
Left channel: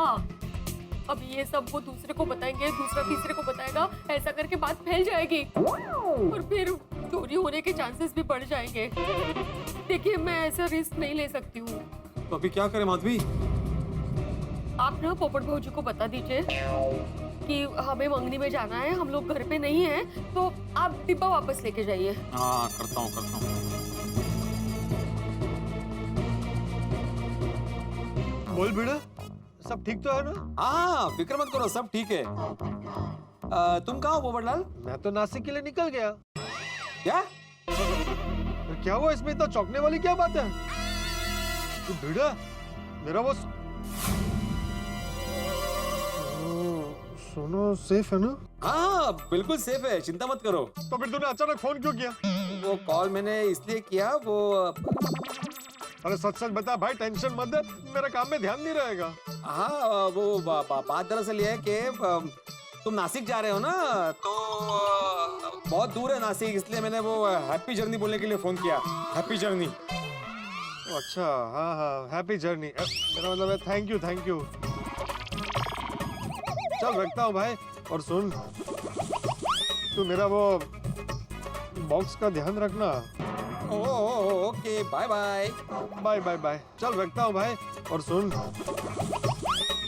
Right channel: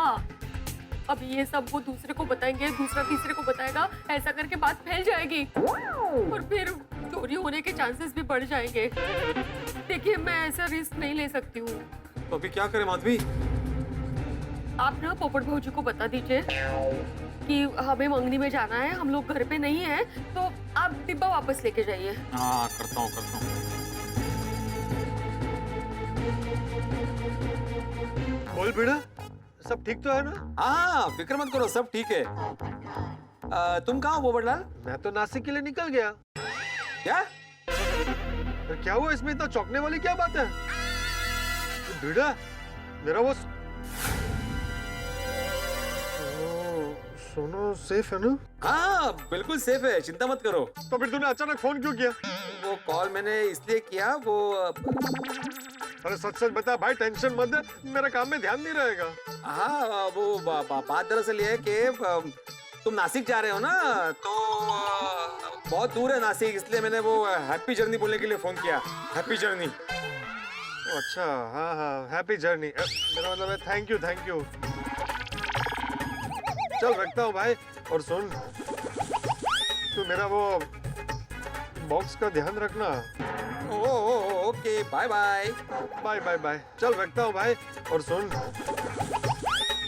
अब ये सब वो दूसरे को बताएंगे, दूसरा तीसरे को बताएगा, ऐसा करके बात फैल जाएगी और फिर चोरी होने के चांसेस भी बढ़ जाएंगे। देखिए मैं ऐसा रिस्क नहीं ले सकती हूँ। तो अभी क्या करें माधवी? आप ना पोपट भाऊ जी को बता दीजिए कि हमें मंगनी में जाना है, हम लोग घर पे नहीं हैं, तो आप डिब्बा वापस लेके जाइए। हाँ करता हूँ। बोल बेटा, सब ठीक तो है ना? हाँ फिक्र मत करो, सब ठीक है। तुम कहाँ हो पोपटलाल? मैं तो नासिक के लिए निकल गया। क्या? फिर क्या हुआ इसमें? इतना चौंकने वाली क्या बात है? बेटा मेरा वो सोनो सेफ है ना? हाँ बिल्कुल सेफ है, चिंता मत करो। तो फिर तूने अचानक फोन क्यों किया? वो कॉल मैंने इसलिए किया, वो अरे सच सच बता भाई, टेंशन मत दे, मेरा काम में ध्यान नहीं रहेगा। हाँ वो बात दरअसल ये है कि तुम नासिक जा रहे हो ना, तो बहुत दूर है नासिक, इसलिए मैंने वो हैप्पी जर्नी बोलने के लिए फोन किया। Happy journey. अच्छा हाँ, हैप्पी जर्नी। मेरा मतलब है थैंक यू। चल रखता हूँ भाई। और सुन, तू मेरा वो बॉक्स का ध्यान रखना। Okay bye bye. चल रखता हूँ भाई। और सुन,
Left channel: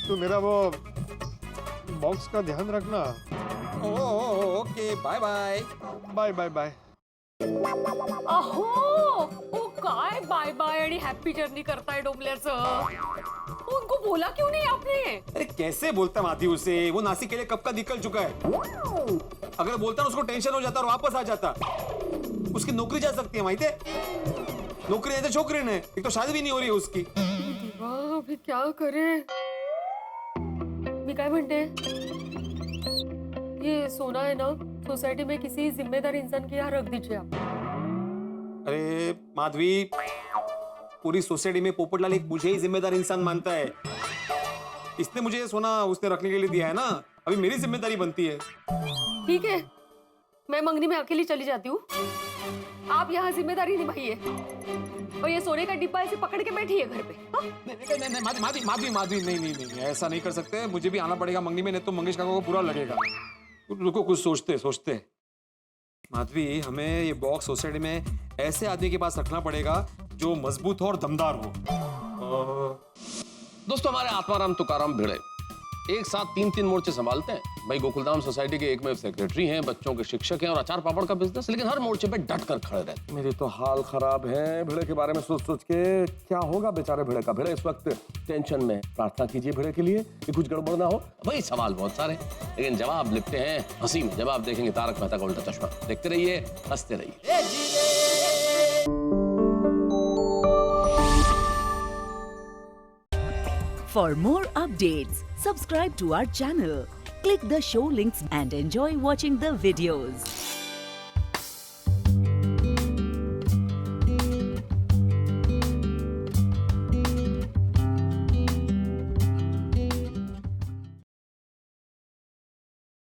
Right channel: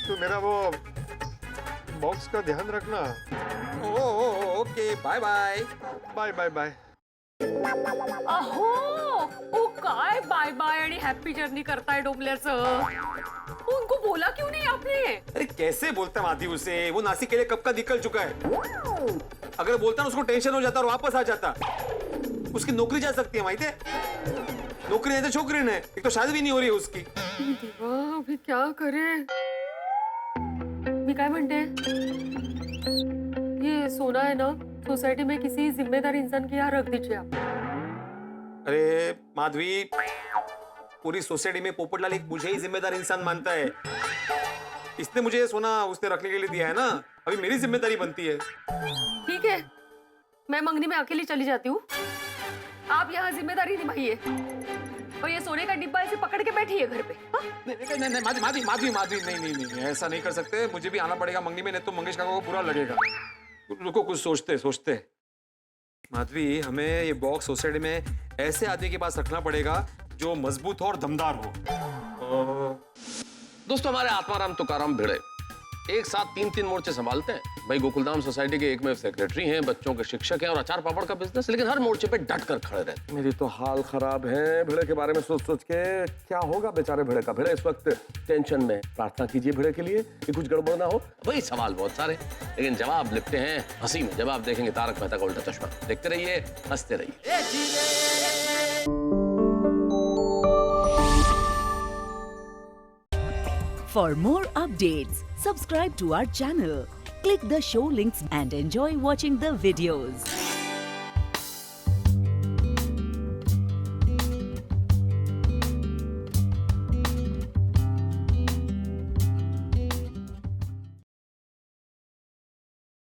तू मेरा वो बॉक्स का ध्यान रखना। Okay bye. अहो ओ काय बाय बाय आणि हॅपी जर्नी करताय डोंबल्याचं? उनको बोला क्यों नहीं आपने? अरे कैसे बोलता माधवी उसे? वो नासिक के लिए कब का निकल चुका है। अगर बोलता ना उसको टेंशन हो जाता और वापस आ जाता। उसकी नौकरी जा सकती है, माहिती है? नौकरी नहीं तो छोकरी ने, एक तो शादी भी नहीं हो रही है उसकी। अभी क्या करे? मी काय म्हणते, ये सोना है ना, सोसाइटी में किसी जिम्मेदार इंसान के यहाँ रख दीजिए आप। अरे माधवी, पूरी सोसाइटी में पोपटलाल एक मुझे ही जिम्मेदार इंसान मानता है। इसने मुझे ये सोना उसने रखने के लिए दिया है ना, अभी मेरी जिम्मेदारी बनती है। ठीक है, मैं मंगनी में अकेली चली जाती हूँ, आप यहाँ जिम्मेदारी निभाइए और ये सोने का डिब्बा ऐसे पकड़ के बैठिए घर पे। नहीं माधवी, ऐसा नहीं कर सकते। मुझे भी आना पड़ेगा मंगनी में, नहीं तो मंगेश काका को बुरा लगेगा। रुको, कुछ सोचते। माधवी, हमें ये बॉक्स सोसाइटी में ऐसे आदमी के पास रखना पड़ेगा जो मजबूत हो और दमदार हो। दोस्तों, हमारे आत्माराम तुकाराम भिड़े एक साथ 3 मोर्चे संभालते हैं। भाई गोकुलधाम सोसाइटी के एकमेव सेक्रेटरी हैं, बच्चों के शिक्षक हैं और अचार पापड़ का बिजनेस, लेकिन हर मोर्चे पे डट कर खड़े रहते हैं। मेरी तो हाल खराब है भिड़े के बारे में सोच के। क्या होगा बेचारे भिड़े का? भिड़े इस वक्त टेंशन में। प्रार्थना कीजिए भिड़े के लिए कि कुछ गड़बड़ ना हो। भाई सवाल बहुत सारे, लेकिन जवाब लिखते हैं हंसी में। जवाब देखेंगे तारक मेहता का उल्टा चश्मा। देखते रहिए, हंसते रहिए। For more updates, subscribe to our channel, click the show links and enjoy watching the videos.